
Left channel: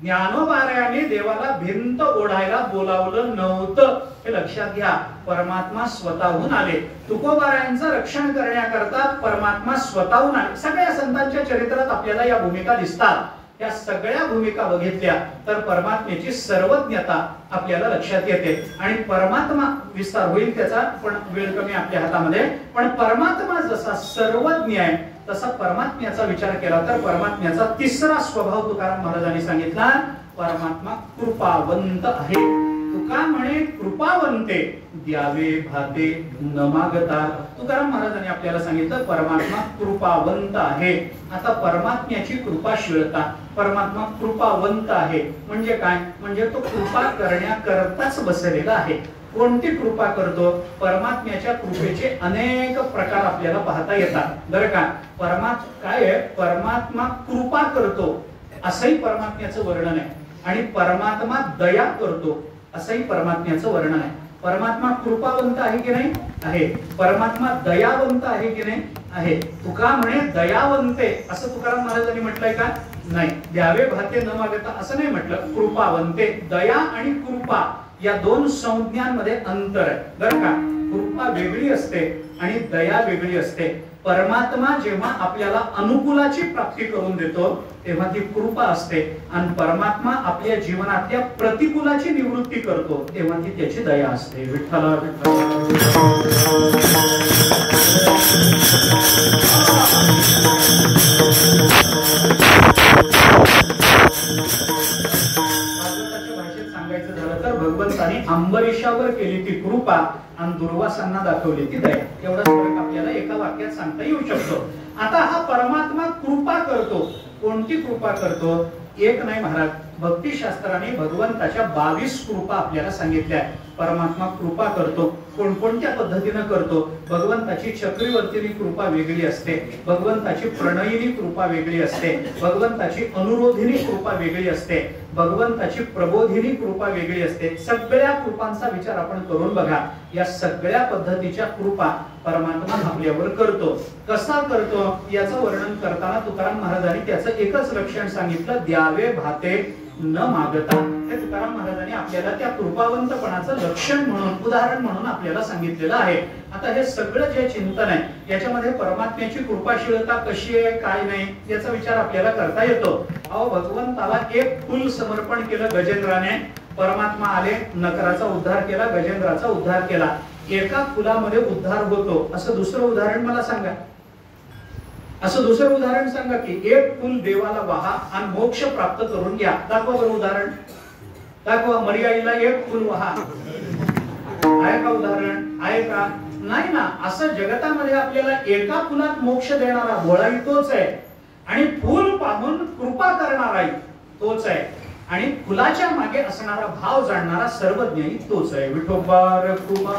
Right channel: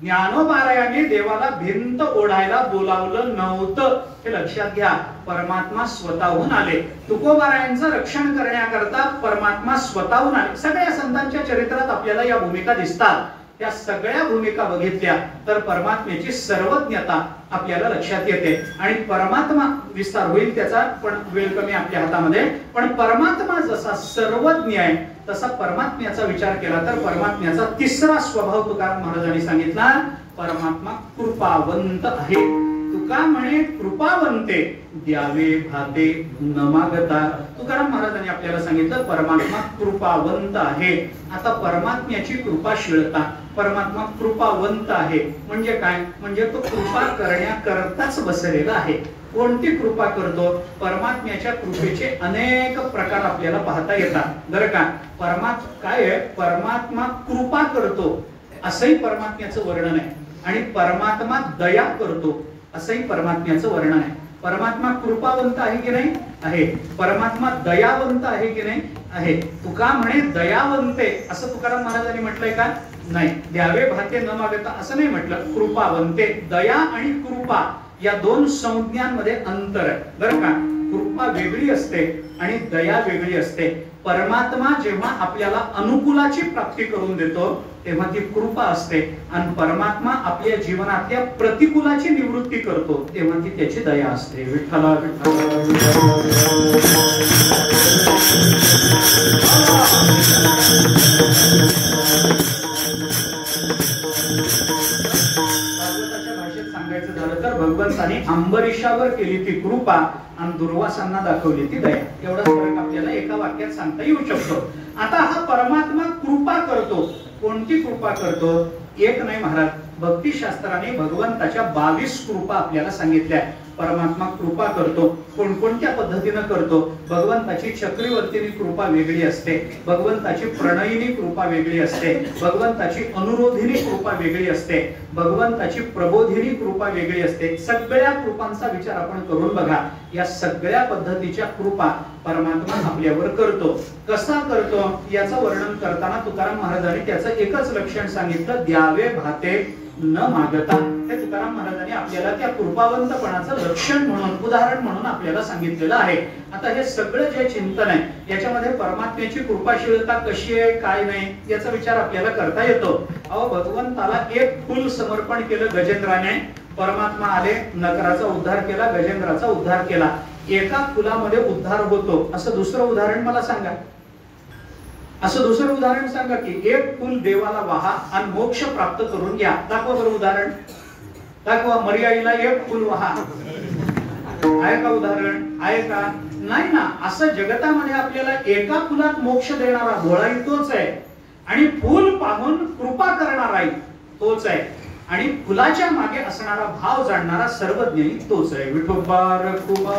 ज्ञानोबारायाने देवाला भिंत ओढायला बोलावलं नव्हतं, हे लक्षात घ्या. परमात्मा स्वतःहून आले. तुकोबारायांचं रक्षण करण्याकरता परमात्मा स्वतःहून आले. सगळ्या संतांच्या चरित्रात आपल्याला या भूमिका दिसतात. या सगळ्या भूमिका बघितल्या तर परमात्म्याची सर्वज्ञता आपल्याला लक्षात येते आणि परमात्मा विस्तार होईल त्याचा, पण वेळ कमी आपल्या हातामध्ये. पण परमात्मा जसा सर्वज्ञ आहे तसा परमात्म्याचा विचार केला तर परमात्म्याचा तिसरा स्वभाव तुकाराम महाराजांनी सांगितला, परमात्मा कृपावंत आहे. तुका म्हणे कृपावंते द्यावे भाते न मागता. तुकाराम महाराजांनी आपल्याला सांगितलं परमात्मा कृपावंत आहे. आता परमात्म्याची कृपाशीलता, परमात्मा कृपावंत आहे म्हणजे काय? म्हणजे तो कृपा करण्याकरताच बसलेला आहे. कोणती कृपा करतो? परमात्म्याच्या कृपेचे अनेक प्रकार आपल्याला पाहता येतात बरं का. काय आहे? परमात्मा कृपा करतो असंही परमात्म्याचं वर्णन आहे आणि परमात्मा दया करतो असंही परमात्म्याचं वर्णन आहे. परमात्मा कृपावंत आहे की नाही? आहे. परमात्मा दयावंत आहे की नाही? आहे. तुका म्हणे दयावंते असं तुकाराम महाराजांनी म्हटलंय का? नाही. द्यावे भाते न मागता असं नाही म्हटलं. कृपावंते. दया आणि कृपा या दोन संज्ञांमध्ये अंतर आहे बरं का. कृपा वेगळी असते आणि दया वेगळी असते. परमात्मा जेव्हा आपल्याला अनुकूलाची प्राप्ती करून देतो तेव्हा ती कृपा असते आणि परमात्मा आपल्या जीवनातल्या प्रतिकूलाची निवृत्ती करतो तेव्हा ती त्याची दया असते. विठ्ठला भाषेत सांगायचं झालं तर भगवंताने अंबरीशावर केली ती कृपा आणि दुर्वासांना दाखवली ती दया. एवढाच फरक आपल्याला एका वाक्यात सांगता येऊ शकतो. आता हा परमात्मा कृपा करतो. कोणती कृपा करतो? एक नाही महाराज, भक्तिशास्त्राने भगवंताच्या 22 कृपा आपल्याला सांगितल्या. परमात्मा कृपा करतो. कोणकोणत्या पद्धतीने करतो? भगवंताची चक्रीवर्तीनी कृपा वेगळी असते, भगवंताची प्रणयिनी कृपा वेगळी असते, भगवंताची अनुरोधिनी कृपा वेगळी असते, भगवंताची प्रबोधिनी कृपा वेगळी असते. सगळ्या कृपांचा विचार आपण करून बघा. या सगळ्या पद्धतीच्या कृपा परमात्मा आपल्यावर करतो. कसा करतो याचं वर्णन करताना तुकाराम महाराजांनी त्याचं एकच लक्षण सांगितलं, द्यावे भाते न मागता. हे तुकाराम महाराजांनी आपल्याला त्या कृपावंतपणाचं लक्षण म्हणून, उदाहरण म्हणून आपल्याला सांगितलेलं आहे. आता हे सगळं जे चिंतन आहे याच्यामध्ये परमात्म्याची कृपाशीलता कशी आहे काय नाही याचा विचार आपल्याला करता येतो. अहो, भगवंताला एक फूल समर्पण केलं गजेंद्राने, परमात्मा आले, नकराचा उद्धार केला, गजेंद्राचा उद्धार केला. एका फुलामध्ये उद्धार होतो असं दुसरं उदाहरण मला सांगा. असं दुसरं उदाहरण सांगा की एक फुल देवाला वाहा आणि मोक्ष प्राप्त करून घ्या. दाखवा बरं उदाहरण, दाखवा. मर्याईला एक फुल वाहा, आहे का उदाहरण? आहे का? नाही ना. असं जगतामध्ये आपल्याला एका फुलात मोक्ष देणारा भोळाही तोच आहे आणि फुल पाहून कृपा करणाराही तोच आहे आणि फुलाच्या मागे असणारा भाव जाणणारा सर्वज्ञही तोच आहे. विठोबा रघुबा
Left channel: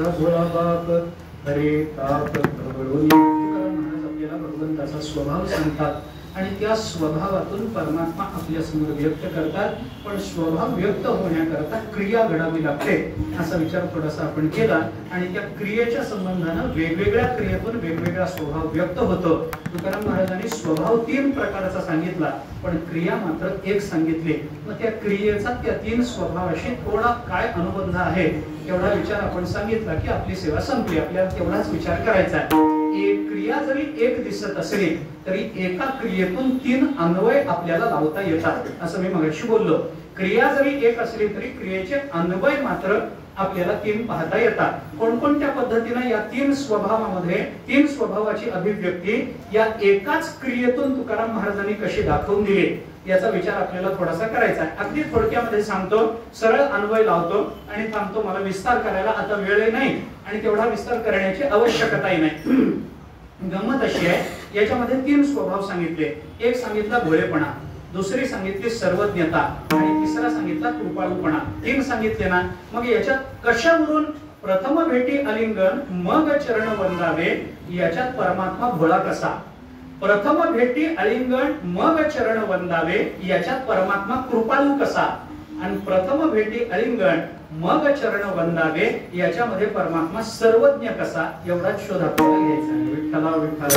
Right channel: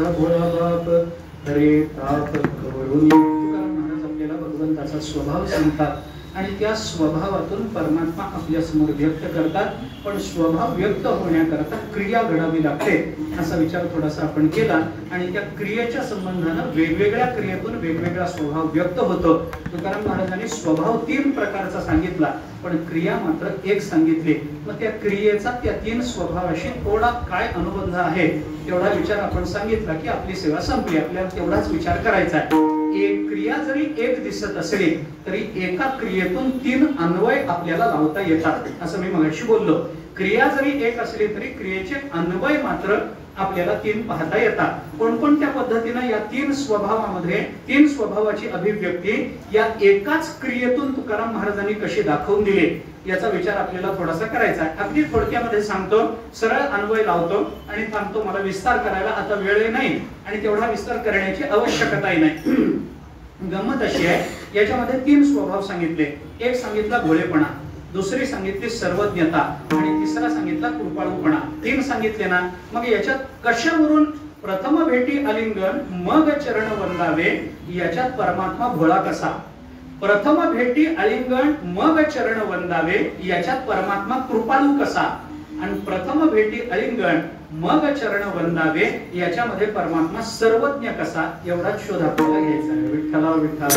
माझा भोळा बाप हरे ताप कवळून. तुकाराम महाराज आपल्याला भगवंताचा स्वभाव सांगतात आणि त्या स्वभावातून परमात्मा आपल्या समोर व्यक्त करतात. पण स्वभाव व्यक्त होण्याकरता क्रिया घडावी लागते असा विचार थोडासा आपण केला आणि त्या क्रियेच्या संबंधानं वेगवेगळ्या क्रियेतून वेगवेगळा स्वभाव व्यक्त होतो. तुकाराम महाराजांनी स्वभाव 3 प्रकारचा सांगितला पण क्रिया मात्र एक सांगितली. मग त्या क्रियेचा त्या 3 स्वभावाशी थोडा काय अनुबंध आहे तेवढा विचार आपण सांगितला की आपली सेवा संपली. आपल्याला तेवढाच विचार करायचा आहे. एक क्रिया जरी एक दिसत असली तरी एका क्रियेतून 3 अन्वय आपल्याला लावता येतात असं मी मगाशी बोललो. क्रिया जरी एक असली तरी क्रियेचे अन्वय मात्र आपल्याला 3 पाहता येतात. कोणकोणत्या पद्धतीने या 3 स्वभावामध्ये 3 स्वभावाची अभिव्यक्ती या एकाच क्रियेतून तुकाराम महाराजांनी कशी दाखवून दिली याचा विचार आपल्याला थोडासा करायचा आहे. अगदी थोडक्यामध्ये सांगतो, सरळ अन्वय लावतो आणि थांबतो. मला विस्तार करायला आता वेळ नाही आणि तेवढा विस्तार करण्याची आवश्यकताही नाही. गंमत अशी आहे, याच्यामध्ये 3 स्वभाव सांगितले. एक सांगितला भोळेपणा, दुसरी सांगितली सर्वज्ञता आणि तिसरा सांगितला कृपाळूपणा. 3 सांगितले ना. मग याच्यात कशावरून प्रथम भेटी आलिंगन मग चरण वंदावे याच्यात परमात्मा भोळा कसा, प्रथम भेटी आलिंगन मग चरण वंदावे याच्यात परमात्मा कृपाळू कसा आणि प्रथम भेटी आलिंगन मग चरण वंदावे याच्यामध्ये परमात्मा सर्वज्ञ कसा एवढा शोध आपल्याला घ्यायचा आहे. विठ्ठला विठ्ठला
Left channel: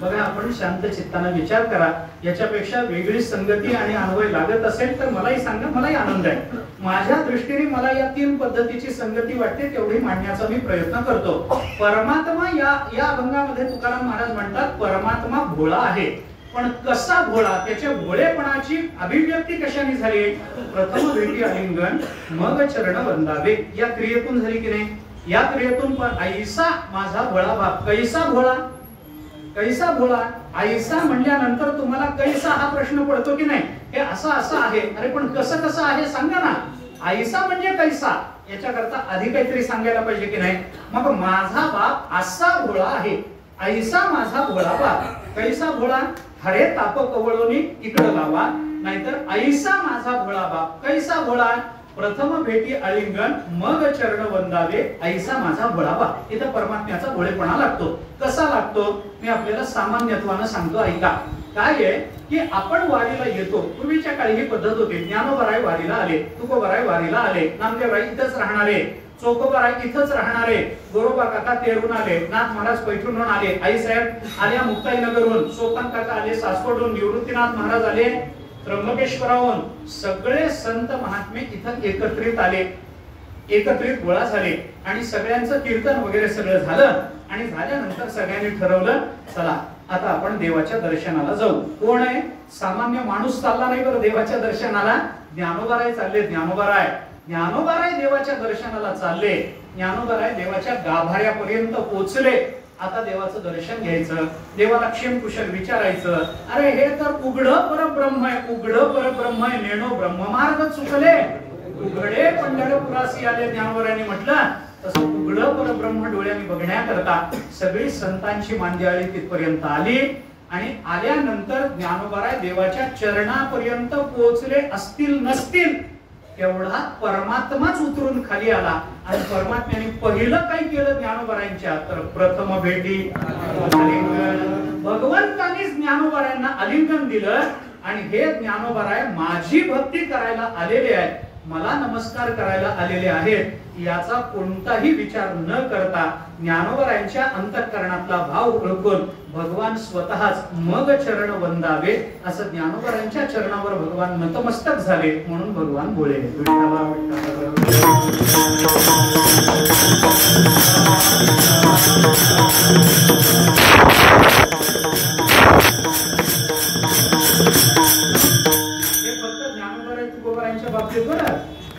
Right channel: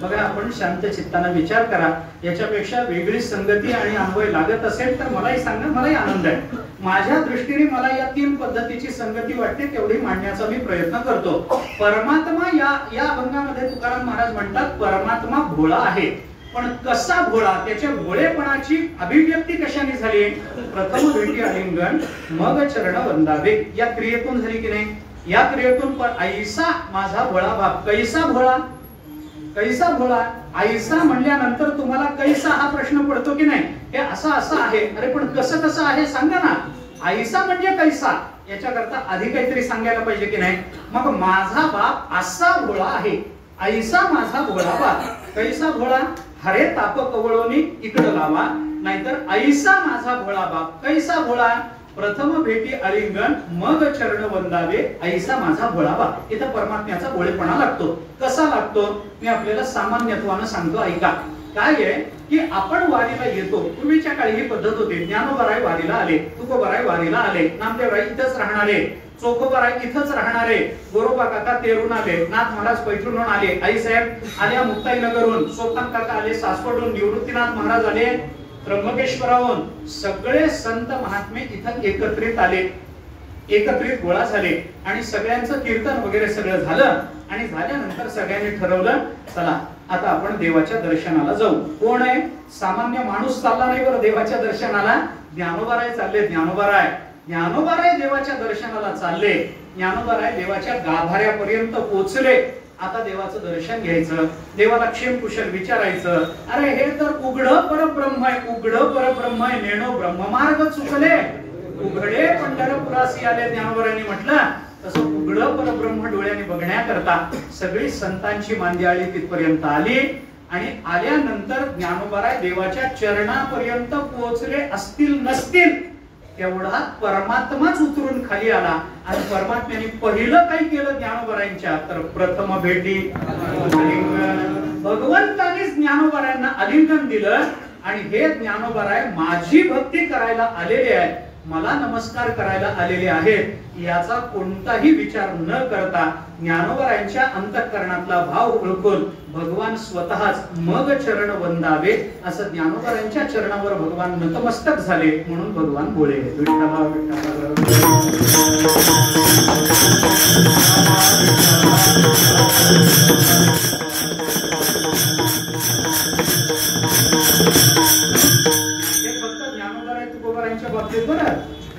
बघा. आपण शांत चित्ताने विचार करा. याच्यापेक्षा वेगळी संगती आणि अन्वय लागत असेल तर मलाही सांगा, मलाही आनंद आहे. माझ्या दृष्टीने मला या 3 पद्धतीची संगती वाटते तेवढी मांडण्याचा मी प्रयत्न करतो. परमात्मा या अभंगामध्ये तुकाराम महाराज म्हणतात परमात्मा भोळा आहे. पण कसा भोळा, त्याच्या भोळेपणाची अभिव्यक्ती कशाने झाली? प्रथम भेटी आलिंगन मग चरण वंदावे या क्रियेतून झाली की नाही. या क्रियेतून पण ऐसा माझा भोळा बाप. कैसा भोळा, कैसा भोळा. ऐसा म्हणल्यानंतर तुम्हाला कैसा हा प्रश्न पडतो की नाही. हे असं असं आहे. अरे पण कसं कसं आहे सांगा ना. ऐसा म्हणजे कैसा याच्याकरता आधी काहीतरी सांगायला पाहिजे की नाही. मग माझा बाप असा भोळा आहे. ऐसा माझा भोळा बाप. कैसा भोळा, हरे ताप कवळोनी इकडं लावा. नाहीतर ऐसा माझा भोळा बाप. कैसा भोळा, प्रथम भेटी आलिंगन मग चरण वंदावे ऐसा माझा भोळा बाप. इथं परमात्म्याचा भोळेपणा लागतो. कसा लागतो मी आपल्याला सामान्यत्वानं सांगतो, ऐका. काय आहे की आपण वारीला येतो. पूर्वीच्या काळी ही पद्धत होती. ज्ञानोबाराय वारीला आले, तुकोबाराय वारीला आले, नामदेवराय इथंच राहणारे, चोकोबाराय इथंच राहणारे, गोरोबा काका तेरून आले, नाथ महाराज पैठणहून आले, आई साहेब आल्या मुक्ताईनगरहून, सोपान काका आले सासवडहून, निवृत्तीनाथ महाराज आले त्र्यंबकेश्वराहून. सगळे संत महात्मे इथं एकत्रित आले, एकत्रित गोळा झाले आणि सगळ्यांचं कीर्तन वगैरे सगळं झालं. आणि झाल्यानंतर सगळ्यांनी ठरवलं चला आता आपण देवाच्या दर्शनाला जाऊ. कोण आहे? सामान्य माणूस चालला नाही बरं देवाच्या दर्शनाला. ज्ञानोबाराय चालले. ज्ञानोबाराय देवाच्या दर्शनाला चालले. ज्ञानोबाराय देवाच्या गाभाऱ्यापर्यंत पोहोचले. आता देवाचं दर्शन घ्यायचं, देवाला क्षेमकुशल विचारायचं. अरे हे तर उघड परब्रह्म आहे, उघड परब्रह्म आहे. नेणो ब्रह्ममार्ग चुकले, उघडे पंढरपुरासी आले. ज्ञानोबारायांनी म्हटलं तसं उघड परब्रह्म डोळ्यांनी बघण्याकरता सगळी संतांची मांदियाळी तिथपर्यंत आली. आणि आल्यानंतर ज्ञानोबाराय देवाच्या चरणापर्यंत पोहोचले असतील नसतील एवढा परमात्माच उतरून खाली आला. आणि परमात्म्याने पहिलं काय केलं ज्ञानोबारायांच्या, तर प्रथम भेटी आलिंगन. भगवंतानेच ज्ञानोबारायांना आलिंगन दिलं. आणि हे ज्ञानोबाराय माझी भक्ती करायला आलेले आहेत, मला नमस्कार करायला आलेले आहेत याचा कोणताही विचार न करता ज्ञानोबारायांच्या अंतःकरणातला भाव ओळखून भगवान स्वतःच मग चरण वंदावे असं ज्ञानोबारायांच्या चरणावर भगवान नतमस्तक झाले. म्हणून भगवान भोळे. विठ्ठला विठ्ठला.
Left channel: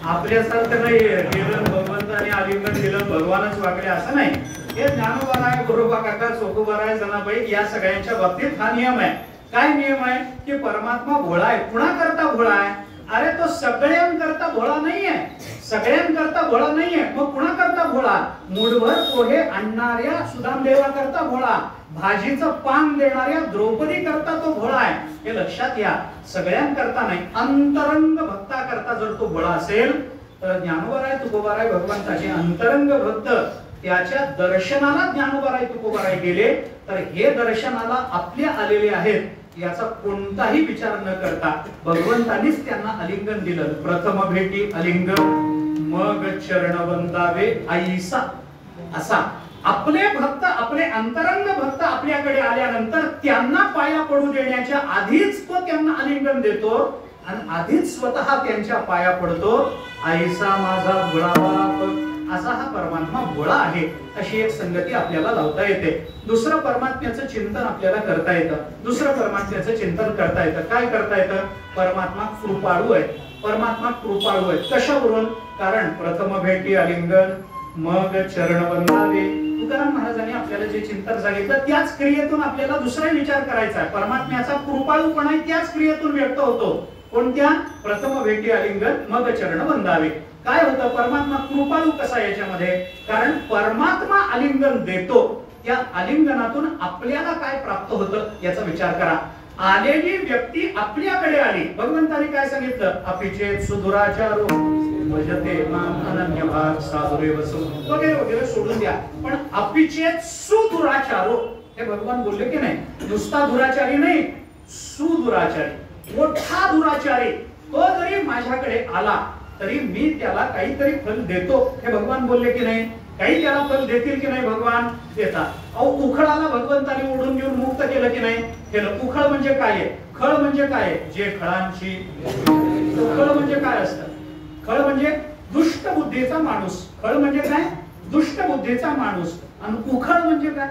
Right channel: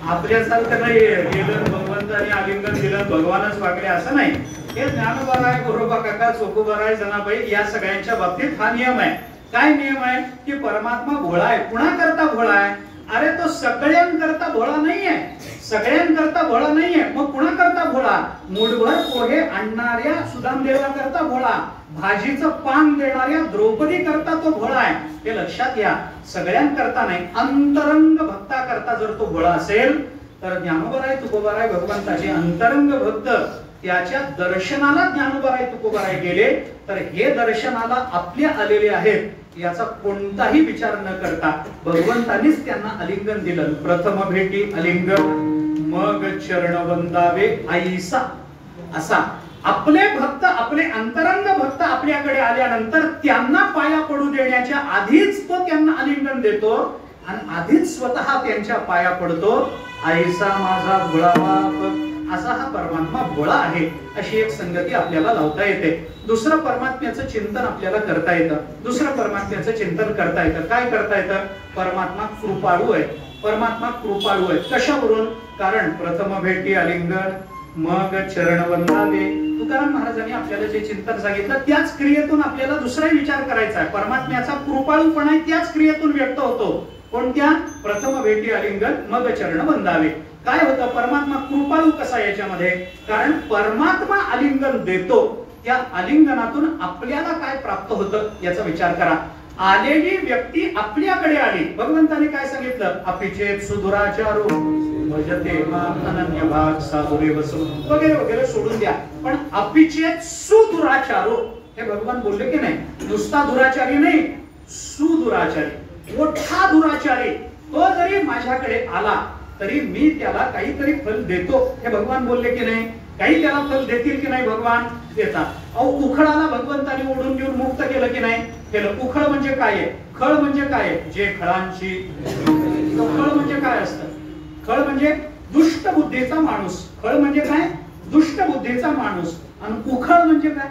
आपल्यासारखं नाही गेलं भगवंताने आलिंगन दिलं भगवानच वागले असं नाही. हे ज्ञानोबाराय, गोरोबा काका, चोकोबाराय, जनाबाई या सगळ्यांच्या बाबतीत हा नियम आहे. काय नियम आहे की परमात्मा भोळा आहे. कुणाकरता भोळा आहे? अरे तो सगळ्यांकरता भोळा नाहीये, सगळ्यांकरता भोळा नाहीये. मग कुणाकरता भोळा? मुठभर पोहे आणणाऱ्या सुदामदेवा करता भोळा, भाजीचं पान देणाऱ्या द्रौपदी करता तो भोळा आहे. हे लक्षात घ्या. सगळ्यांकरता नाही, अंतरंग भक्ता करता जर तो भोळा असेल तर ज्ञानोबाराय तुकोबाराय भगवंताचे अंतरंग भक्त त्याच्या दर्शनाला ज्ञानोबाराय तुकोबाराय गेले तर हे दर्शनाला आपले आलेले आहेत याचा कोणताही विचार न करता भगवंतानीच त्यांना आलिंगन दिलं. प्रथम भेटी आलिंगन, मग चरण वंदावे आईसा. असा आपले भक्त, आपले अंतरंग भक्त आपल्याकडे आल्यानंतर त्यांना पाया पडू देण्याच्या आधीच तो त्यांना आलिंगन देतो आणि आधीच स्वतः त्यांच्या पाया पडतो. आईसा माझा भोळा बाप, असा हा परमात्मा भोळा आहे. अशी एक संगती आपल्याला लावता येते. दुसरं परमात्म्याचं चिंतन आपल्याला करता येतं. दुसरं परमात्म्याचं चिंतन करता येतं. काय करता येतं? परमात्मा कृपाळू आहे. परमात्मा कृपाळू आहे. कशावरून? कारण प्रथम भेटी आलिंगन, मग चरण वंदावे. तुकाराम महाराजांनी आपल्याला जे चिंतन सांगितलं त्याच क्रियेतून आपल्याला दुसरा विचार करायचा आहे. परमात्म्याचा कृपाळूपणा त्याच क्रियेतून व्यक्त होतो. कोणत्या? प्रथम भेटी आलिंगन, मग चरण वंदावे. काय होतं? परमात्मा कृपाळू कसा याच्यामध्ये? कारण परमात्मा आलिंगन देतो, त्या आलिंगनातून आपल्याला काय प्राप्त होतं याचा विचार करा. आलेली व्यक्ती आपल्याकडे आली. भगवंताने काय सांगितलं? अपिचेत सुदुराचारो भजते माम अनन्यभाग साधुरेव वगैरे वगैरे सोडून द्या. पण अपिचेत सुदुराचारो हे भगवान बोलले की नाही? नुसता दुराचारी नाही, सुदुराचारी, मोठा दुराचारी. तो जरी माझ्याकडे आला तरी मी त्याला काहीतरी फल देतो हे भगवान बोलले की नाही? काही त्याला फल देतील की नाही? भगवान देतात. अहो उखळाला भगवंताने ओढून घेऊन मुक्त केलं की नाही? केलं. उखळ म्हणजे काय आहे? खळ म्हणजे काय आहे? जे फळांची. खळ म्हणजे काय असतं? खळ म्हणजे दुष्ट बुद्धीचा माणूस. खळ म्हणजे काय? दुष्ट बुद्धीचा माणूस. आणि उखळ म्हणजे काय?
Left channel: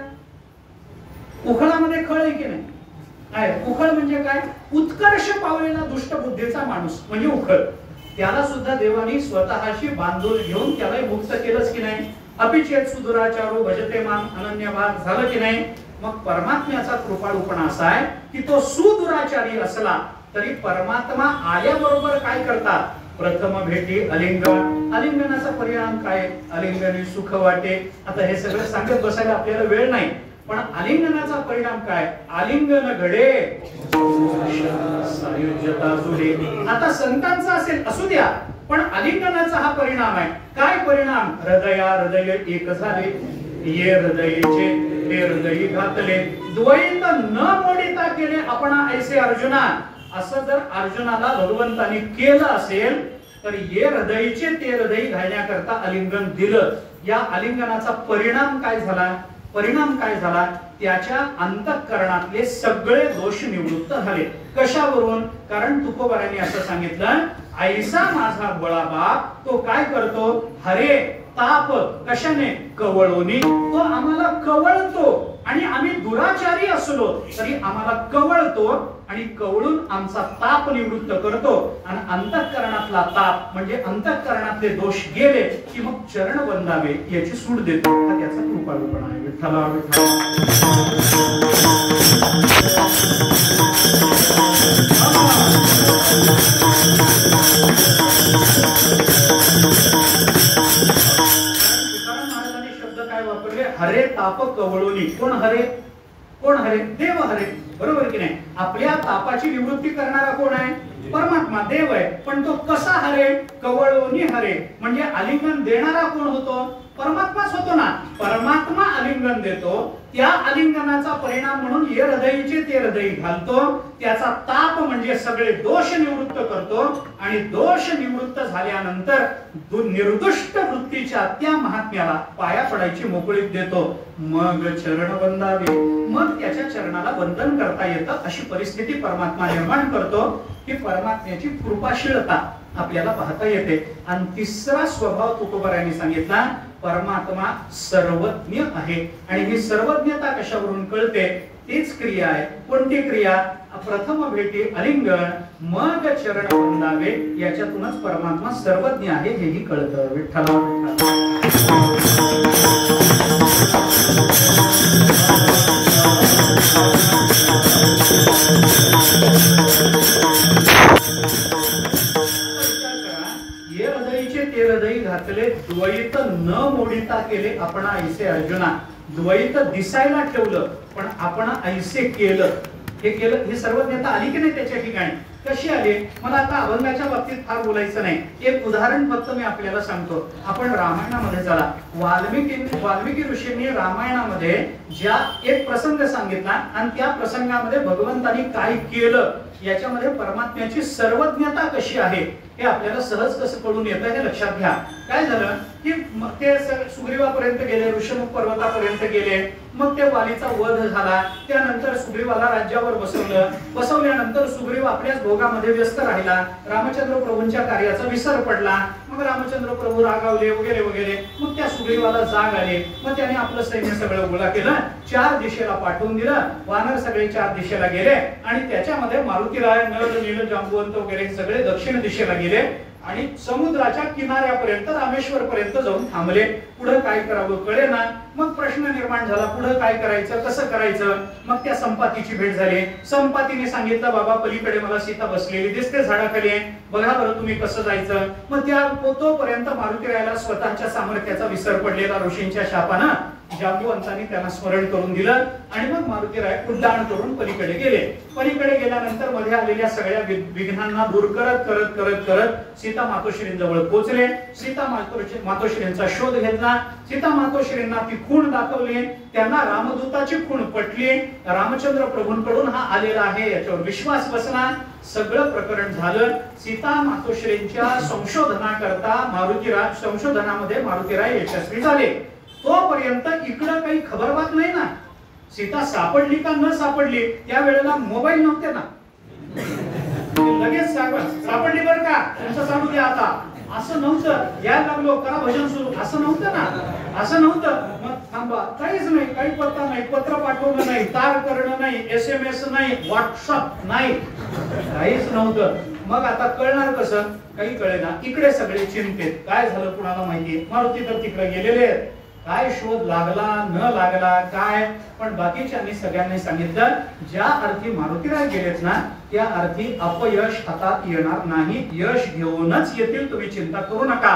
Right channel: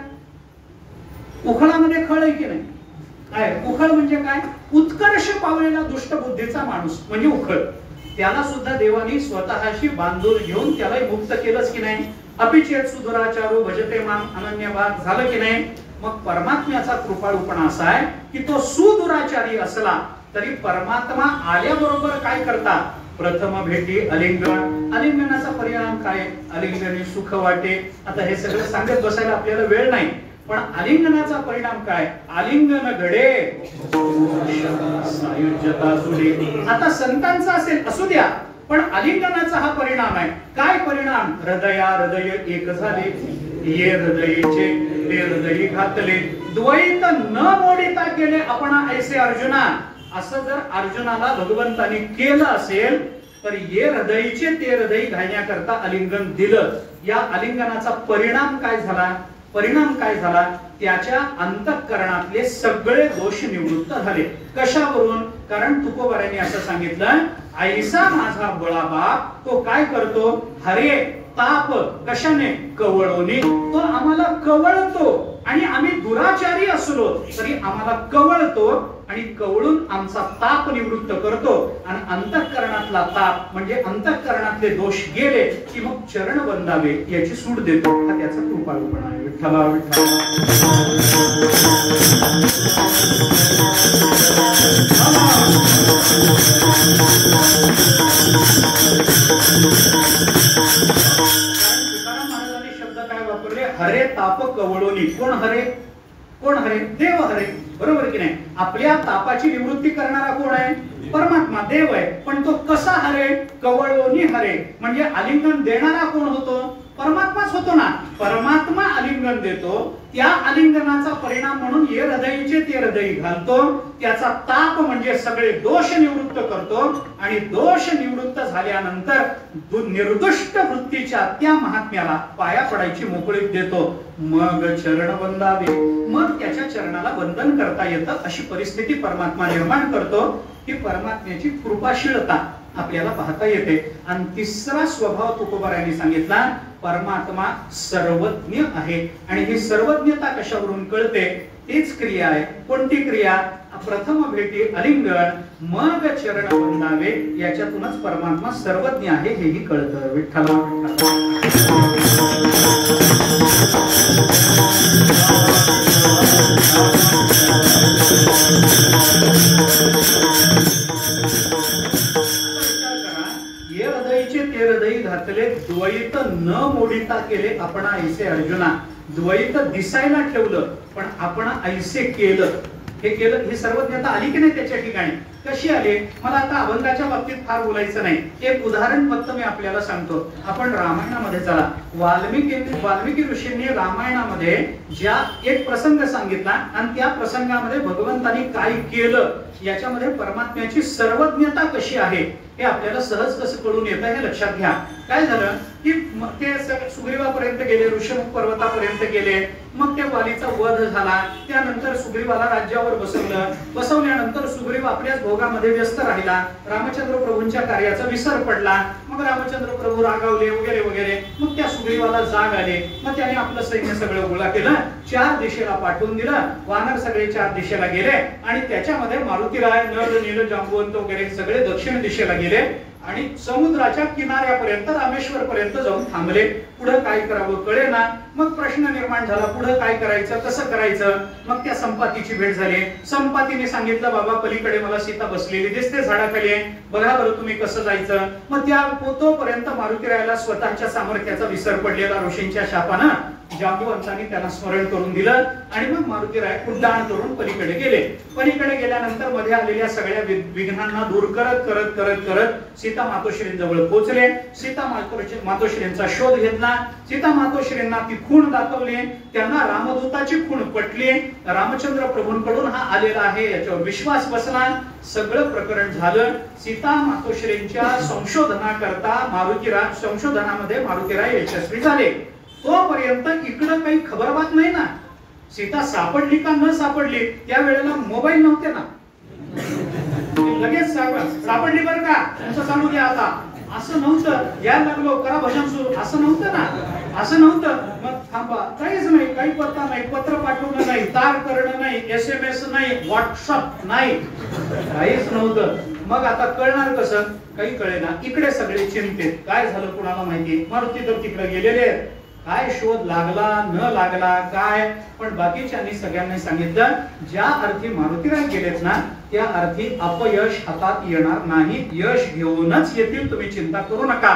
उखळामध्ये खळ आहे की नाही? आहे. उखळ म्हणजे काय? उत्कर्ष पावलेला दुष्ट बुद्धीचा माणूस म्हणजे उखळ. त्याला सुद्धा देवानी स्वतःशी बांधून घेऊन त्याला मुक्त केलंच की नाही? अपिचेत सुदुराचारो भजते माम अनन्यभाग झालं की नाही? मग परमात्म्याचा कृपाळूपणा असा आहे की तो सुदुराचारी असला तरी परमात्मा आल्याबरोबर काय करतात? प्रथम भेटी आलिंगन. आलिंगनाचा परिणाम काय? आलिंगने सुख वाटे. आता हे सगळं सांगत बसायला आपल्याला वेळ नाही, पण आलिंगनाचा परिणाम काय? आलिंगन घडे सायुज्यता जुळे. आता संतांचा असेल असू द्या, पण आलिंगनाचा हा परिणाम आहे. काय परिणाम? हृदया हृदय एक झाले, ये हृदयचे ते हृदय घातले, द्वैत न मोडिता केले आपण ऐसे अर्जुना. असं जर अर्जुनाला भगवंताने केलं असेल तर ये हृदयचे ते हृदय घालण्याकरता आलिंगन दिलं. या आलिंगनाचा परिणाम काय झाला? परिणाम काय झाला? त्याच्या अंतःकरणातले सगळे दोष निवृत्त झाले. कशावरून? कारण तुकोबारायांनी असं सांगितलं, ऐसा माझा बळा बाप तो काय करतो? हरे ताप कशाने? कवळोनी. तो आम्हाला कवळतो आणि आम्ही दुराचारी असलो तरी आम्हाला कवळतो आणि कवळून आमचा ताप निवृत्त करतो. आणि अंतःकरणातला ताप म्हणजे अंतःकरणातले दोष गेले की मग चरण वंदावे याची सूट देतो. हा त्याचा कृपाळूपणा आहे. विठ्ठला विठ्ठला. महाराजांनी शब्द काय वापरले? हरे ताप कवळोनी. कोण हरे? कोण हरे? देव हरे. बरोबर की नाही? आपल्या तापाची निवृत्ती करणारा कोण आहे? परमात्मा, देव आहे. पण तो कसा हरे? कवळोनी हरे. म्हणजे आलिंगन देणारा कोण होतो? परमात्माच होतो ना. परमात्मा आलिंगन देतो, त्या आलिंगनाचा परिणाम म्हणून ये हृदयचे ते हृदय घालतो. त्याचा ताप म्हणजे सगळे दोष निवृत्त करतो आणि दोष निवृत्त झाल्यानंतर निर्दुष्ट वृत्तीच्या त्या महात्म्याला पाया पडायची मोकळीक देतो. मग चरण वंदावे, मग त्याच्या चरणाला वंदन करता येतं. अशी परिस्थिती परमात्मा निर्माण करतो. ही परमात्म्याची कृपाशीलता आपल्याला पाहता येते. आणि तिसरा स्वभाव तुकोबारायांनी सांगितला, परमात्मा सर्वज्ञ आहे. आणि ही सर्वज्ञता कशावरून कळते? तीच क्रिया आहे. कोणती क्रिया? प्रथम भेटी आलिंगन, मग चरण वंदावे. याच्यातूनच परमात्मा सर्वज्ञ आहे हेही कळतं. विठ्ठला विठ्ठला. द्वैत न मोडिता केले आपण ऐसे अर्जुना. द्वैत दिसायला ठेवलं पण आपण ऐसे केलं. हे केलं, ही सर्वज्ञता आली की नाही त्याच्या ठिकाणी? कशी आली? मला आता अभंगाच्या बाबतीत फार बोलायचं नाही. एक उदाहरण फक्त मी आपल्याला सांगतो. आपण रामायणामध्ये चला. वाल्मिकी ऋषींनी रामायणामध्ये ज्या एक प्रसंग सांगितला आणि त्या प्रसंगामध्ये भगवंतानी काय केलं याच्यामध्ये परमात्म्याची सर्वज्ञता कशी आहे हे आपल्याला सहज कसं कळून येतं हे लक्षात घ्या. काय झालं की ते सुग्रीवापर्यंत गेले, ऋषमुख पर्वतापर्यंत गेले. मग त्या वालीचा वध झाला. त्यानंतर सुग्रीवाला राज्यावर बसवल्यानंतर सुग्रीव आपल्याच भोगामध्ये व्यस्त राहिला. रामचंद्र प्रभूंच्या कार्याचा विसर पडला. मग रामचंद्र प्रभू रागावले वगैरे वगैरे. मग त्या सुग्रीवाला जाग आले. मग त्याने आपलं सैन्य सगळं गोळा केलं, 4 दिशेला पाठवून दिलं. वानर सगळे 4 दिशेला गेले आणि त्याच्यामध्ये मारुतीराय, नळ, नील, जांबुवंत वगैरे सगळे दक्षिण दिशेला गेले आणि समुद्राच्या किनाऱ्यापर्यंत रामेश्वर पर्यंत जाऊन थांबले. पुढे काय करावं कळेना. मग प्रश्न निर्माण झाला, पुढे काय करायचं, कसं करायचं. मग त्या संपातीची भेट झाली. संपातीने सांगितलं, बाबा पलीकडे मला सीता बसलेली दिसते झाडाखाली, बघा बरं तुम्ही कसं जायचं. मग त्या तोपर्यंत मारुतीरायाला स्वतःच्या सामर्थ्याचा विसर पडलेला ऋषींच्या शापानं जांबुवंतांनी त्याला स्मरण करून दिलं आणि मग मारुतीराय उड्डाण करून पलीकडे गेले. पलीकडे गेल्यानंतर मध्ये आलेल्या सगळ्या विघ्नांना दूर करत करत करत करत सीता मातोश्रींजवळ पोहोचले. सीता मातोश्रींचा शोध घेतला. सीता मातोश्रींना ती खूण दाखवली. त्यांना रामदूताची खूण पटली. रामचंद्र प्रभूंकडून हा आलेला आहे याच्यावर विश्वास बसला. सगळं प्रकरण झालं. सीता मातोश्रींच्या संशोधनामध्ये मारुतीराय यशस्वी झाले. तोपर्यंत इकडं काही खबरबात नाही ना. सीता सापडली का न सापडली, त्यावेळेला मोबाईल नव्हते ना. लगेच सापडली बरं का, तुमचं चालू द्या आता, असं नव्हतं. यायला लागलो करा भजन सुरू, असं नव्हतं ना. असं नव्हतं. मग थांबा, काहीच नाही, काही पत्ता नाही, पत्र पाठवणं नाही, तार करणं नाही, SMS नाही, व्हॉट्सअप नाही, काहीच नव्हतं. मग आता कळणार कसं? काही कळेना. इकडे सगळे चिंतेत, काय झालं कुणाला माहिती. मारुती तर तिकडे गेलेले आहेत. काय शोध लागला न लागला काय, पण बाकीच्यांनी सगळ्यांनी सांगितलं ज्या अर्थी मारुतीराय गेलेत ना त्या अर्थी अपयश हातात येणार नाही. यश घेऊनच येतील, तुम्ही चिंता करू नका.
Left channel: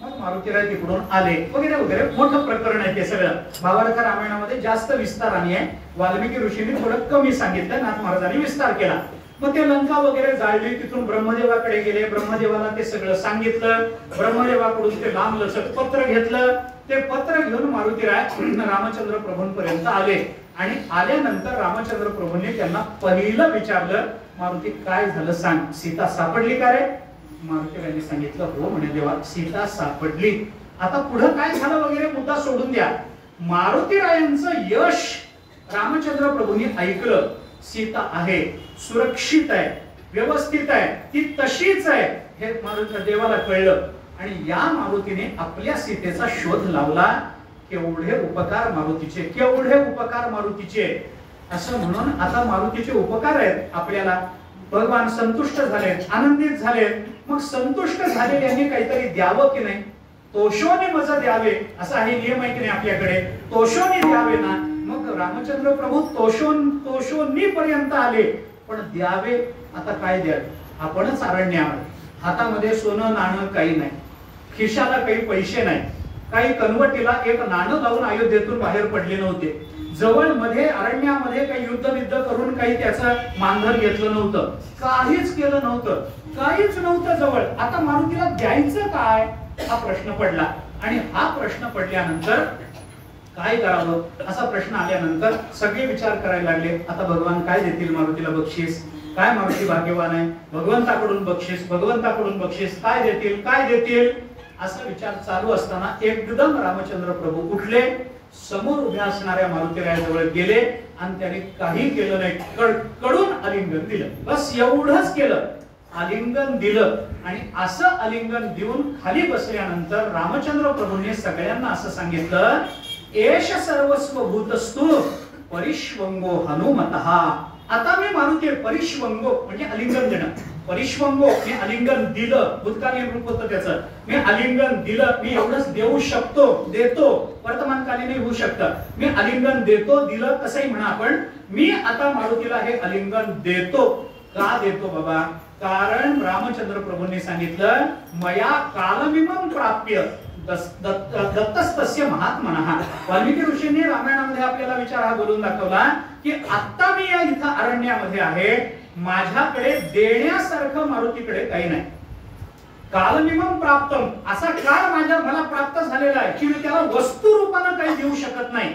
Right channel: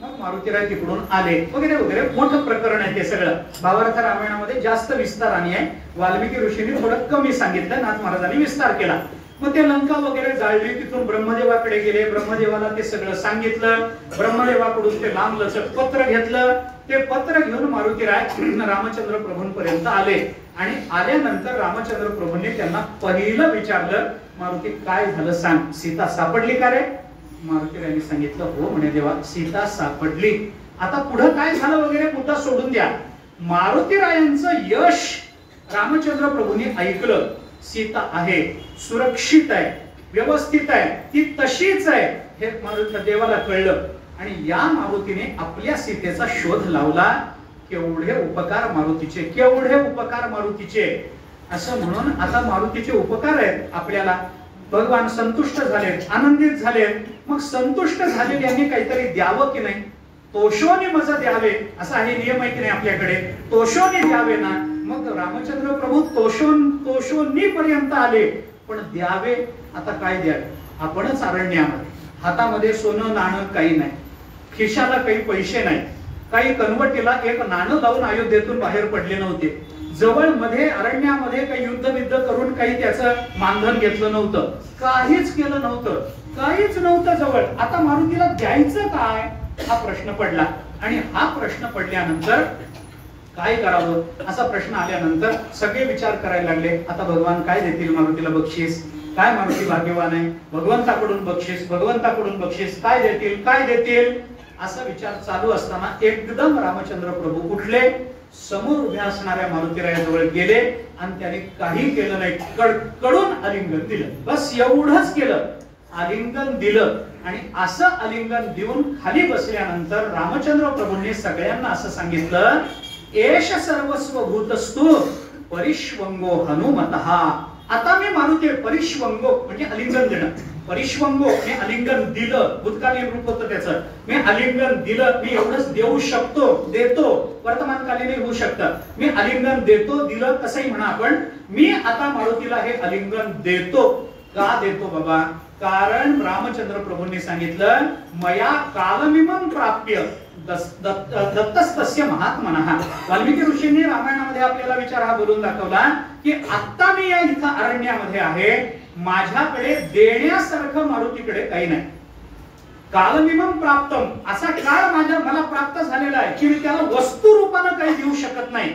मग मारुतीराय तिकडून आले वगैरे वगैरे. मोठं प्रकरण आहे ते सगळं. भावार्थ रामायणामध्ये जास्त विस्ताराने आहे. वाल्मिकी ऋषींनी थोडं कमी सांगितलं, नाथ महाराजांनी विस्तार केला. मग ते लंका वगैरे जाळली. तिथून ब्रह्मदेवाकडे गेले. ब्रह्मदेवाला ते सगळं सांगितलं. ब्रह्मदेवाकडून ते लांब लचक पत्र घेतलं. ते पत्र घेऊन मारुतीराय रामचंद्र प्रभूंपर्यंत आले आणि आल्यानंतर रामचंद्र प्रभूंनी त्यांना पहिलं विचारलं, मारुती काय झालं सांग, सीता सापडली का रे? मारुतीरायांनी सांगितलं हो म्हणे देवा, सीता सापडली. आता पुढे काय झालं वगैरे मुद्दा सोडून द्या. मारुतीरायांचं यश रामचंद्र प्रभूंनी ऐकलं. सीता आहे, सुरक्षित आहे, व्यवस्थित आहे, ती तशीच आहे हे मारुती देवाला कळलं आणि या मारुतीने आपल्या सीतेचा शोध लावला. केवढे उपकार मारुतीचे, केवढे उपकार मारुतीचे. असं म्हणून आता मारुतीचे उपकार आहेत आपल्याला. भगवान संतुष्ट झाले, आनंदित झाले. मग संतुष्ट झालेल्यांनी काहीतरी द्यावं की नाही. तोषोनी मज द्यावे असा हे नियम आहे की नाही आपल्याकडे. तोषोनी द्यावे ना. मग रामचंद्र प्रभू तोषोनी पर्यंत आले, पण द्यावे आता काय द्यावे. आपणच अरण्यावर, हातामध्ये सोनं नाणं काही नाही, खिशाला काही पैसे नाही, काही कनवटीला एक नाणं लावून अयोध्येतून बाहेर पडले नव्हते. जवळ मध्ये अरण्यामध्ये काही युद्ध करून काही त्याचं मानधन घेतलं नव्हतं, काहीच केलं नव्हतं, काहीच नव्हतं जवळ. आता मारुतीला द्यायचं काय हा प्रश्न पडला. आणि हा प्रश्न पडल्यानंतर काय करावं असा प्रश्न आल्यानंतर सगळे विचार करायला लागले. आता भगवान काय देतील मारुतीला बक्षीस, काय मारुती भाग्यवान आहे, भगवंताकडून बक्षीस, भगवंताकडून बक्षीस, काय देतील काय देतील असा विचार चालू असताना एकदम रामचंद्र प्रभू उठले, समोर उभ्या असणाऱ्या मारुतीरायाजवळ गेले आणि त्याने काही केलं नाही, कडून आलिंगन दिलं. बस एवढंच केलं, आलिंगन दिलं. आणि असं आलिंगन देऊन खाली बसल्यानंतर रामचंद्र प्रभूंनी सगळ्यांना असं सांगितलं, एष सर्वस्व भूतस्तु परिष्वंगो हनुमतः. आता मी मारुती परिष्वंगो म्हणजे आलिंगन देणं. परिष्वंगो मी आलिंगन दिलं, भूतकालीन रूप होतं त्याचं. मी आलिंगन दिलं, मी एवढंच देऊ शकतो, देतो, वर्तमानकालीन होऊ शकतं. मी आलिंगन देतो, दिलं कसंही म्हणा आपण. मी आता मारुतीला हे आलिंगन देतो. का देतो बाबा? कारण रामचंद्र प्रभूंनी सांगितलं मया कालमिमं प्राप्य दत्तस्तस्य महात्मनः. वाल्मिकी ऋषींनी रामायणामध्ये आपल्याला विचार हा बोलून दाखवला की आता मी या इथं अरण्यामध्ये आहे, माझ्याकडे देण्यासारखं मारुतीकडे काही नाही. कालमिमं प्राप्तम, असा काळ मला प्राप्त झालेला आहे की मी त्याला वस्तू रूपाने काही देऊ शकत नाही.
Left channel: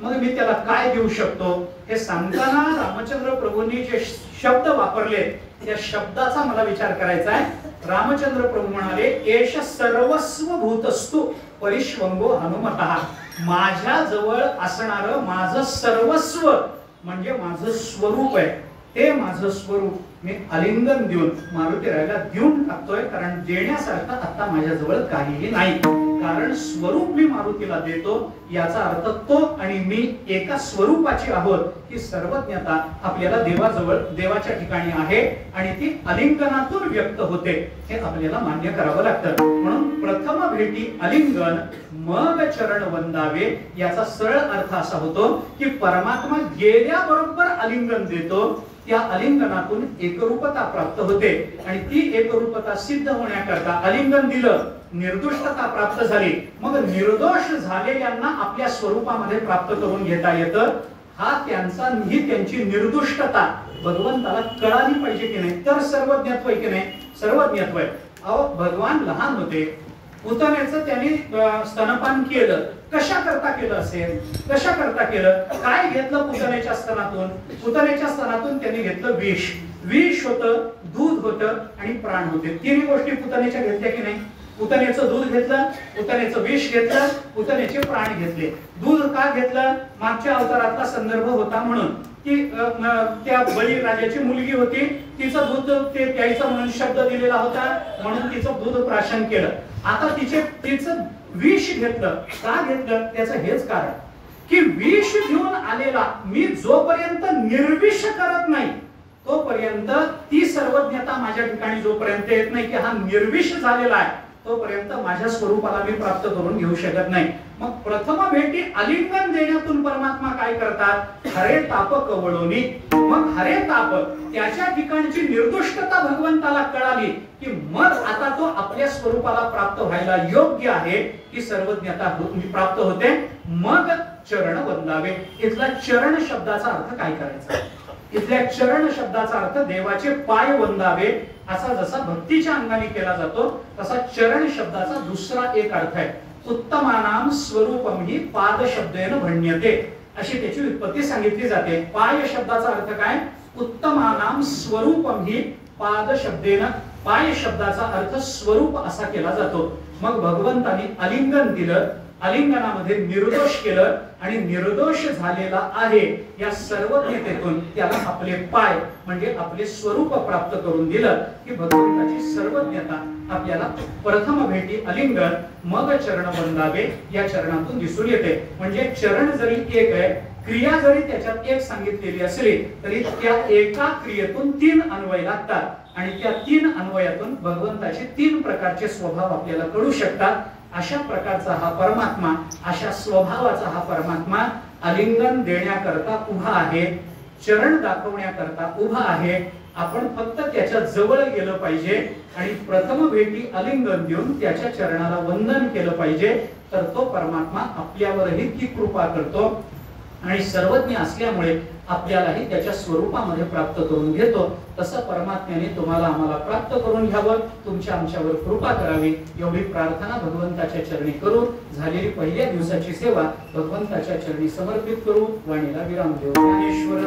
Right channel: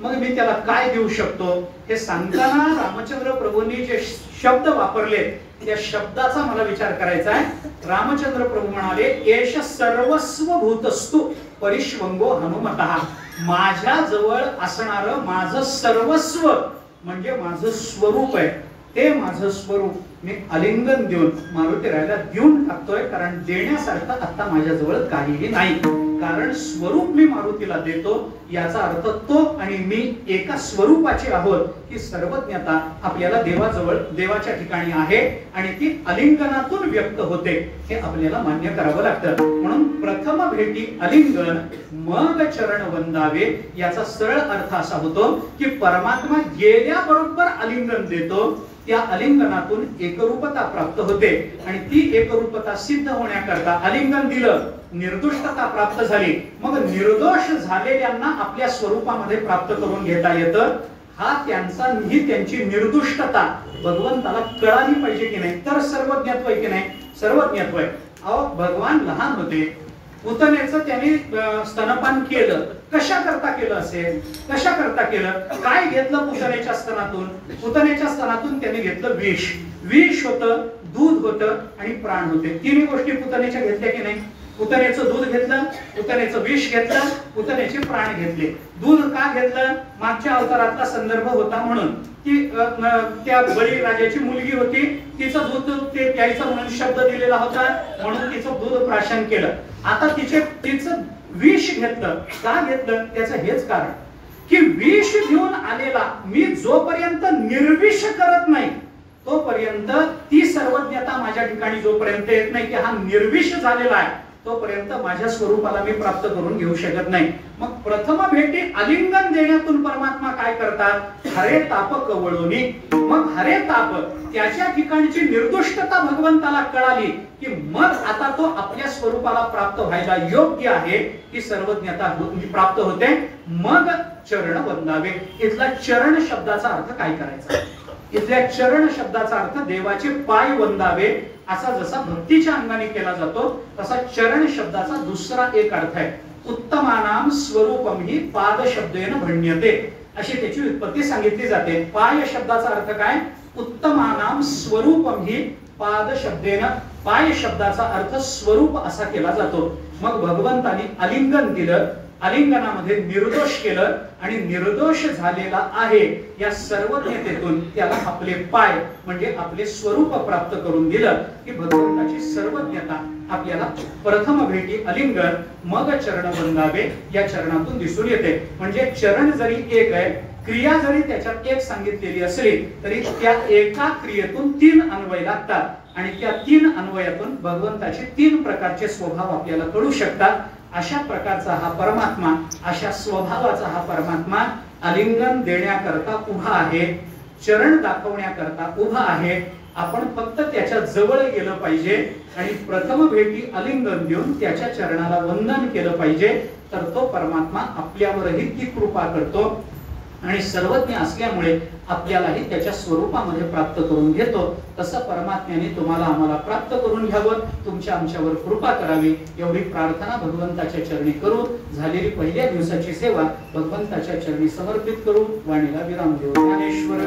मग मी त्याला काय देऊ शकतो हे सांगताना रामचंद्र प्रभूंनी जे शब्द वापरले त्या शब्दाचा मला विचार करायचा आहे. रामचंद्र प्रभू म्हणाले एष सर्वस्व भूतस्तु परिश्वंगो हनुमतः. माझ्या जवळ असणारं माझं सर्वस्व म्हणजे माझं स्वरूप आहे, ते माझं स्वरूप मी आलिंगन देऊन मारुतीरायाला देऊन टाकतोय. कारण देण्यासारखं आता माझ्याजवळ काहीही नाही. कारण स्वरूप मी मारुतीला देतो याचा अर्थ तो आणि मी एका स्वरूपाची आहोत ही सर्वज्ञता आपल्याला देवाजवळ देवाच्या ठिकाणी आहे आणि ती आलिंगनातून व्यक्त होते हे आपल्याला मान्य करावं लागतं. म्हणून प्रथम भेटी आलिंगन मग चरण वंदावे याचा सरळ अर्थ असा होतो की परमात्मा गेल्याबरोबर आलिंगन देतो, त्या आलिंगनातून एकरूपता प्राप्त होते आणि ती एकरूपता सिद्ध होण्याकरता आलिंगन दिलं, निर्दोषता प्राप्त झाली, मग निर्दोष झालेल्यांना आपल्या स्वरूपामध्ये प्राप्त करून घेता येतं. ही त्यांची निर्दोषता भगवंताला कळाली पाहिजे की नाही, तर सर्वज्ञत्व आहे की नाही? सर्वज्ञत्व आहे. अहो भगवान लहान होते, पुतनेचं त्यांनी स्तनपान केलं. कशा करता केलं असेल? कशा करता केलं? काय घेतलं पुतनेच्या स्तनातून? पुतनेच्या स्तनातून त्यांनी घेतलं विष. विष होतं, दूध होतं आणि प्राण होते. तिन्ही गोष्टी पुतनेच्या घेतल्या की नाही? पुतनेचं दूध घेतलं, पुतनेचं विष घेतलं, पुतनेचे प्राण घेतले. दूध का घेतलं? मागच्या अवतारातला संदर्भ होता म्हणून की त्या बळी राजाची मुलगी होती, तिचं दूध ते प्यायचं म्हणून शब्द दिलेला होता म्हणून तिचं दूध प्राशन केलं. आता तिचं विष घेतलं. का घेतलं? त्याचं हेच कारण की विष घेऊन आलेला मी जोपर्यंत निर्विष करत नाही तोपर्यंत ती सर्वज्ञता माझ्या ठिकाणी जोपर्यंत येत नाही की हा निर्विष झालेला आहे तोपर्यंत माझ्या स्वरूपाला मी प्राप्त करून घेऊ शकत नाही. मग प्रथम भेटी आलिंगन देण्यातून परमात्मा काय करतात? हरे ताप कवळोनी. मग हरे ताप त्याच्या ठिकाणची निर्दोषता भगवंताला कळाली की मग आता तो आपल्या स्वरूपाला प्राप्त व्हायला योग्य आहे, ही सर्वज्ञता प्राप्त होते. मग चरण वंदावे. इथला चरण शब्दाचा अर्थ काय करायचा? इथल्या चरण शब्दाचा अर्थ देवाचे पाय वंदावे असा जसा भक्तीच्या अंगाने केला जातो तसा चरण शब्दाचा दुसरा एक अर्थ आहे. उत्तमानाम स्वरूपम ही पाद शब्देन भण्यते अशी त्याची व्युत्पत्ती सांगितली जाते. पाय शब्दाचा अर्थ काय? उत्तमानाम स्वरूपम ही पाद शब्देन. पाय शब्दाचा अर्थ स्वरूप असा केला जातो. मग भगवंताने आलिंगन दिलं, आलिंगनामध्ये निर्दोष केलं आणि निर्दोष झालेला आहे या सर्वज्ञतेतून त्याला आपले पाय म्हणजे आपले स्वरूप प्राप्त करून दिलं की भगवंताची सर्वज्ञता आपल्याला प्रथम भेटी आलिंगन मग चरण वंदावे या चरणातून दिसून येते. म्हणजे चरण जरी एक आहे, क्रिया जरी त्याच्यात एक सांगितलेली असली तरी त्या एका क्रियेतून तीन अन्वय लागतात आणि त्या तीन अन्वयातून भगवंताचे तीन प्रकारचे स्वभाव आपल्याला कळू शकतात. अशा प्रकारचा हा परमात्मा, अशा स्वभावाचा हा परमात्मा आलिंगन देण्याकरता उभा आहे, चरण दाखवण्याकरता उभा आहे. आपण फक्त त्याच्या जवळ गेलं पाहिजे आणि प्रथम भेटी आलिंगन देऊन त्याच्या चरणाला वंदन केलं पाहिजे, तर तो परमात्मा आपल्यावरही ती कृपा करतो आणि सर्वज्ञ असल्यामुळे आपल्यालाही त्याच्या स्वरूपामध्ये प्राप्त करून घेतो. तसं परमात्म्याने तुम्हाला आम्हाला प्राप्त करून घ्यावं, तुमच्या आमच्यावर कृपा करावी एवढी प्रार्थना भगवंताच्या चरणी करू. झालेली पहिल्या दिवसाची सेवा भगवंताच्या चरणी समर्पित करू. वाणीला विराम देऊ. ज्ञानेश्वर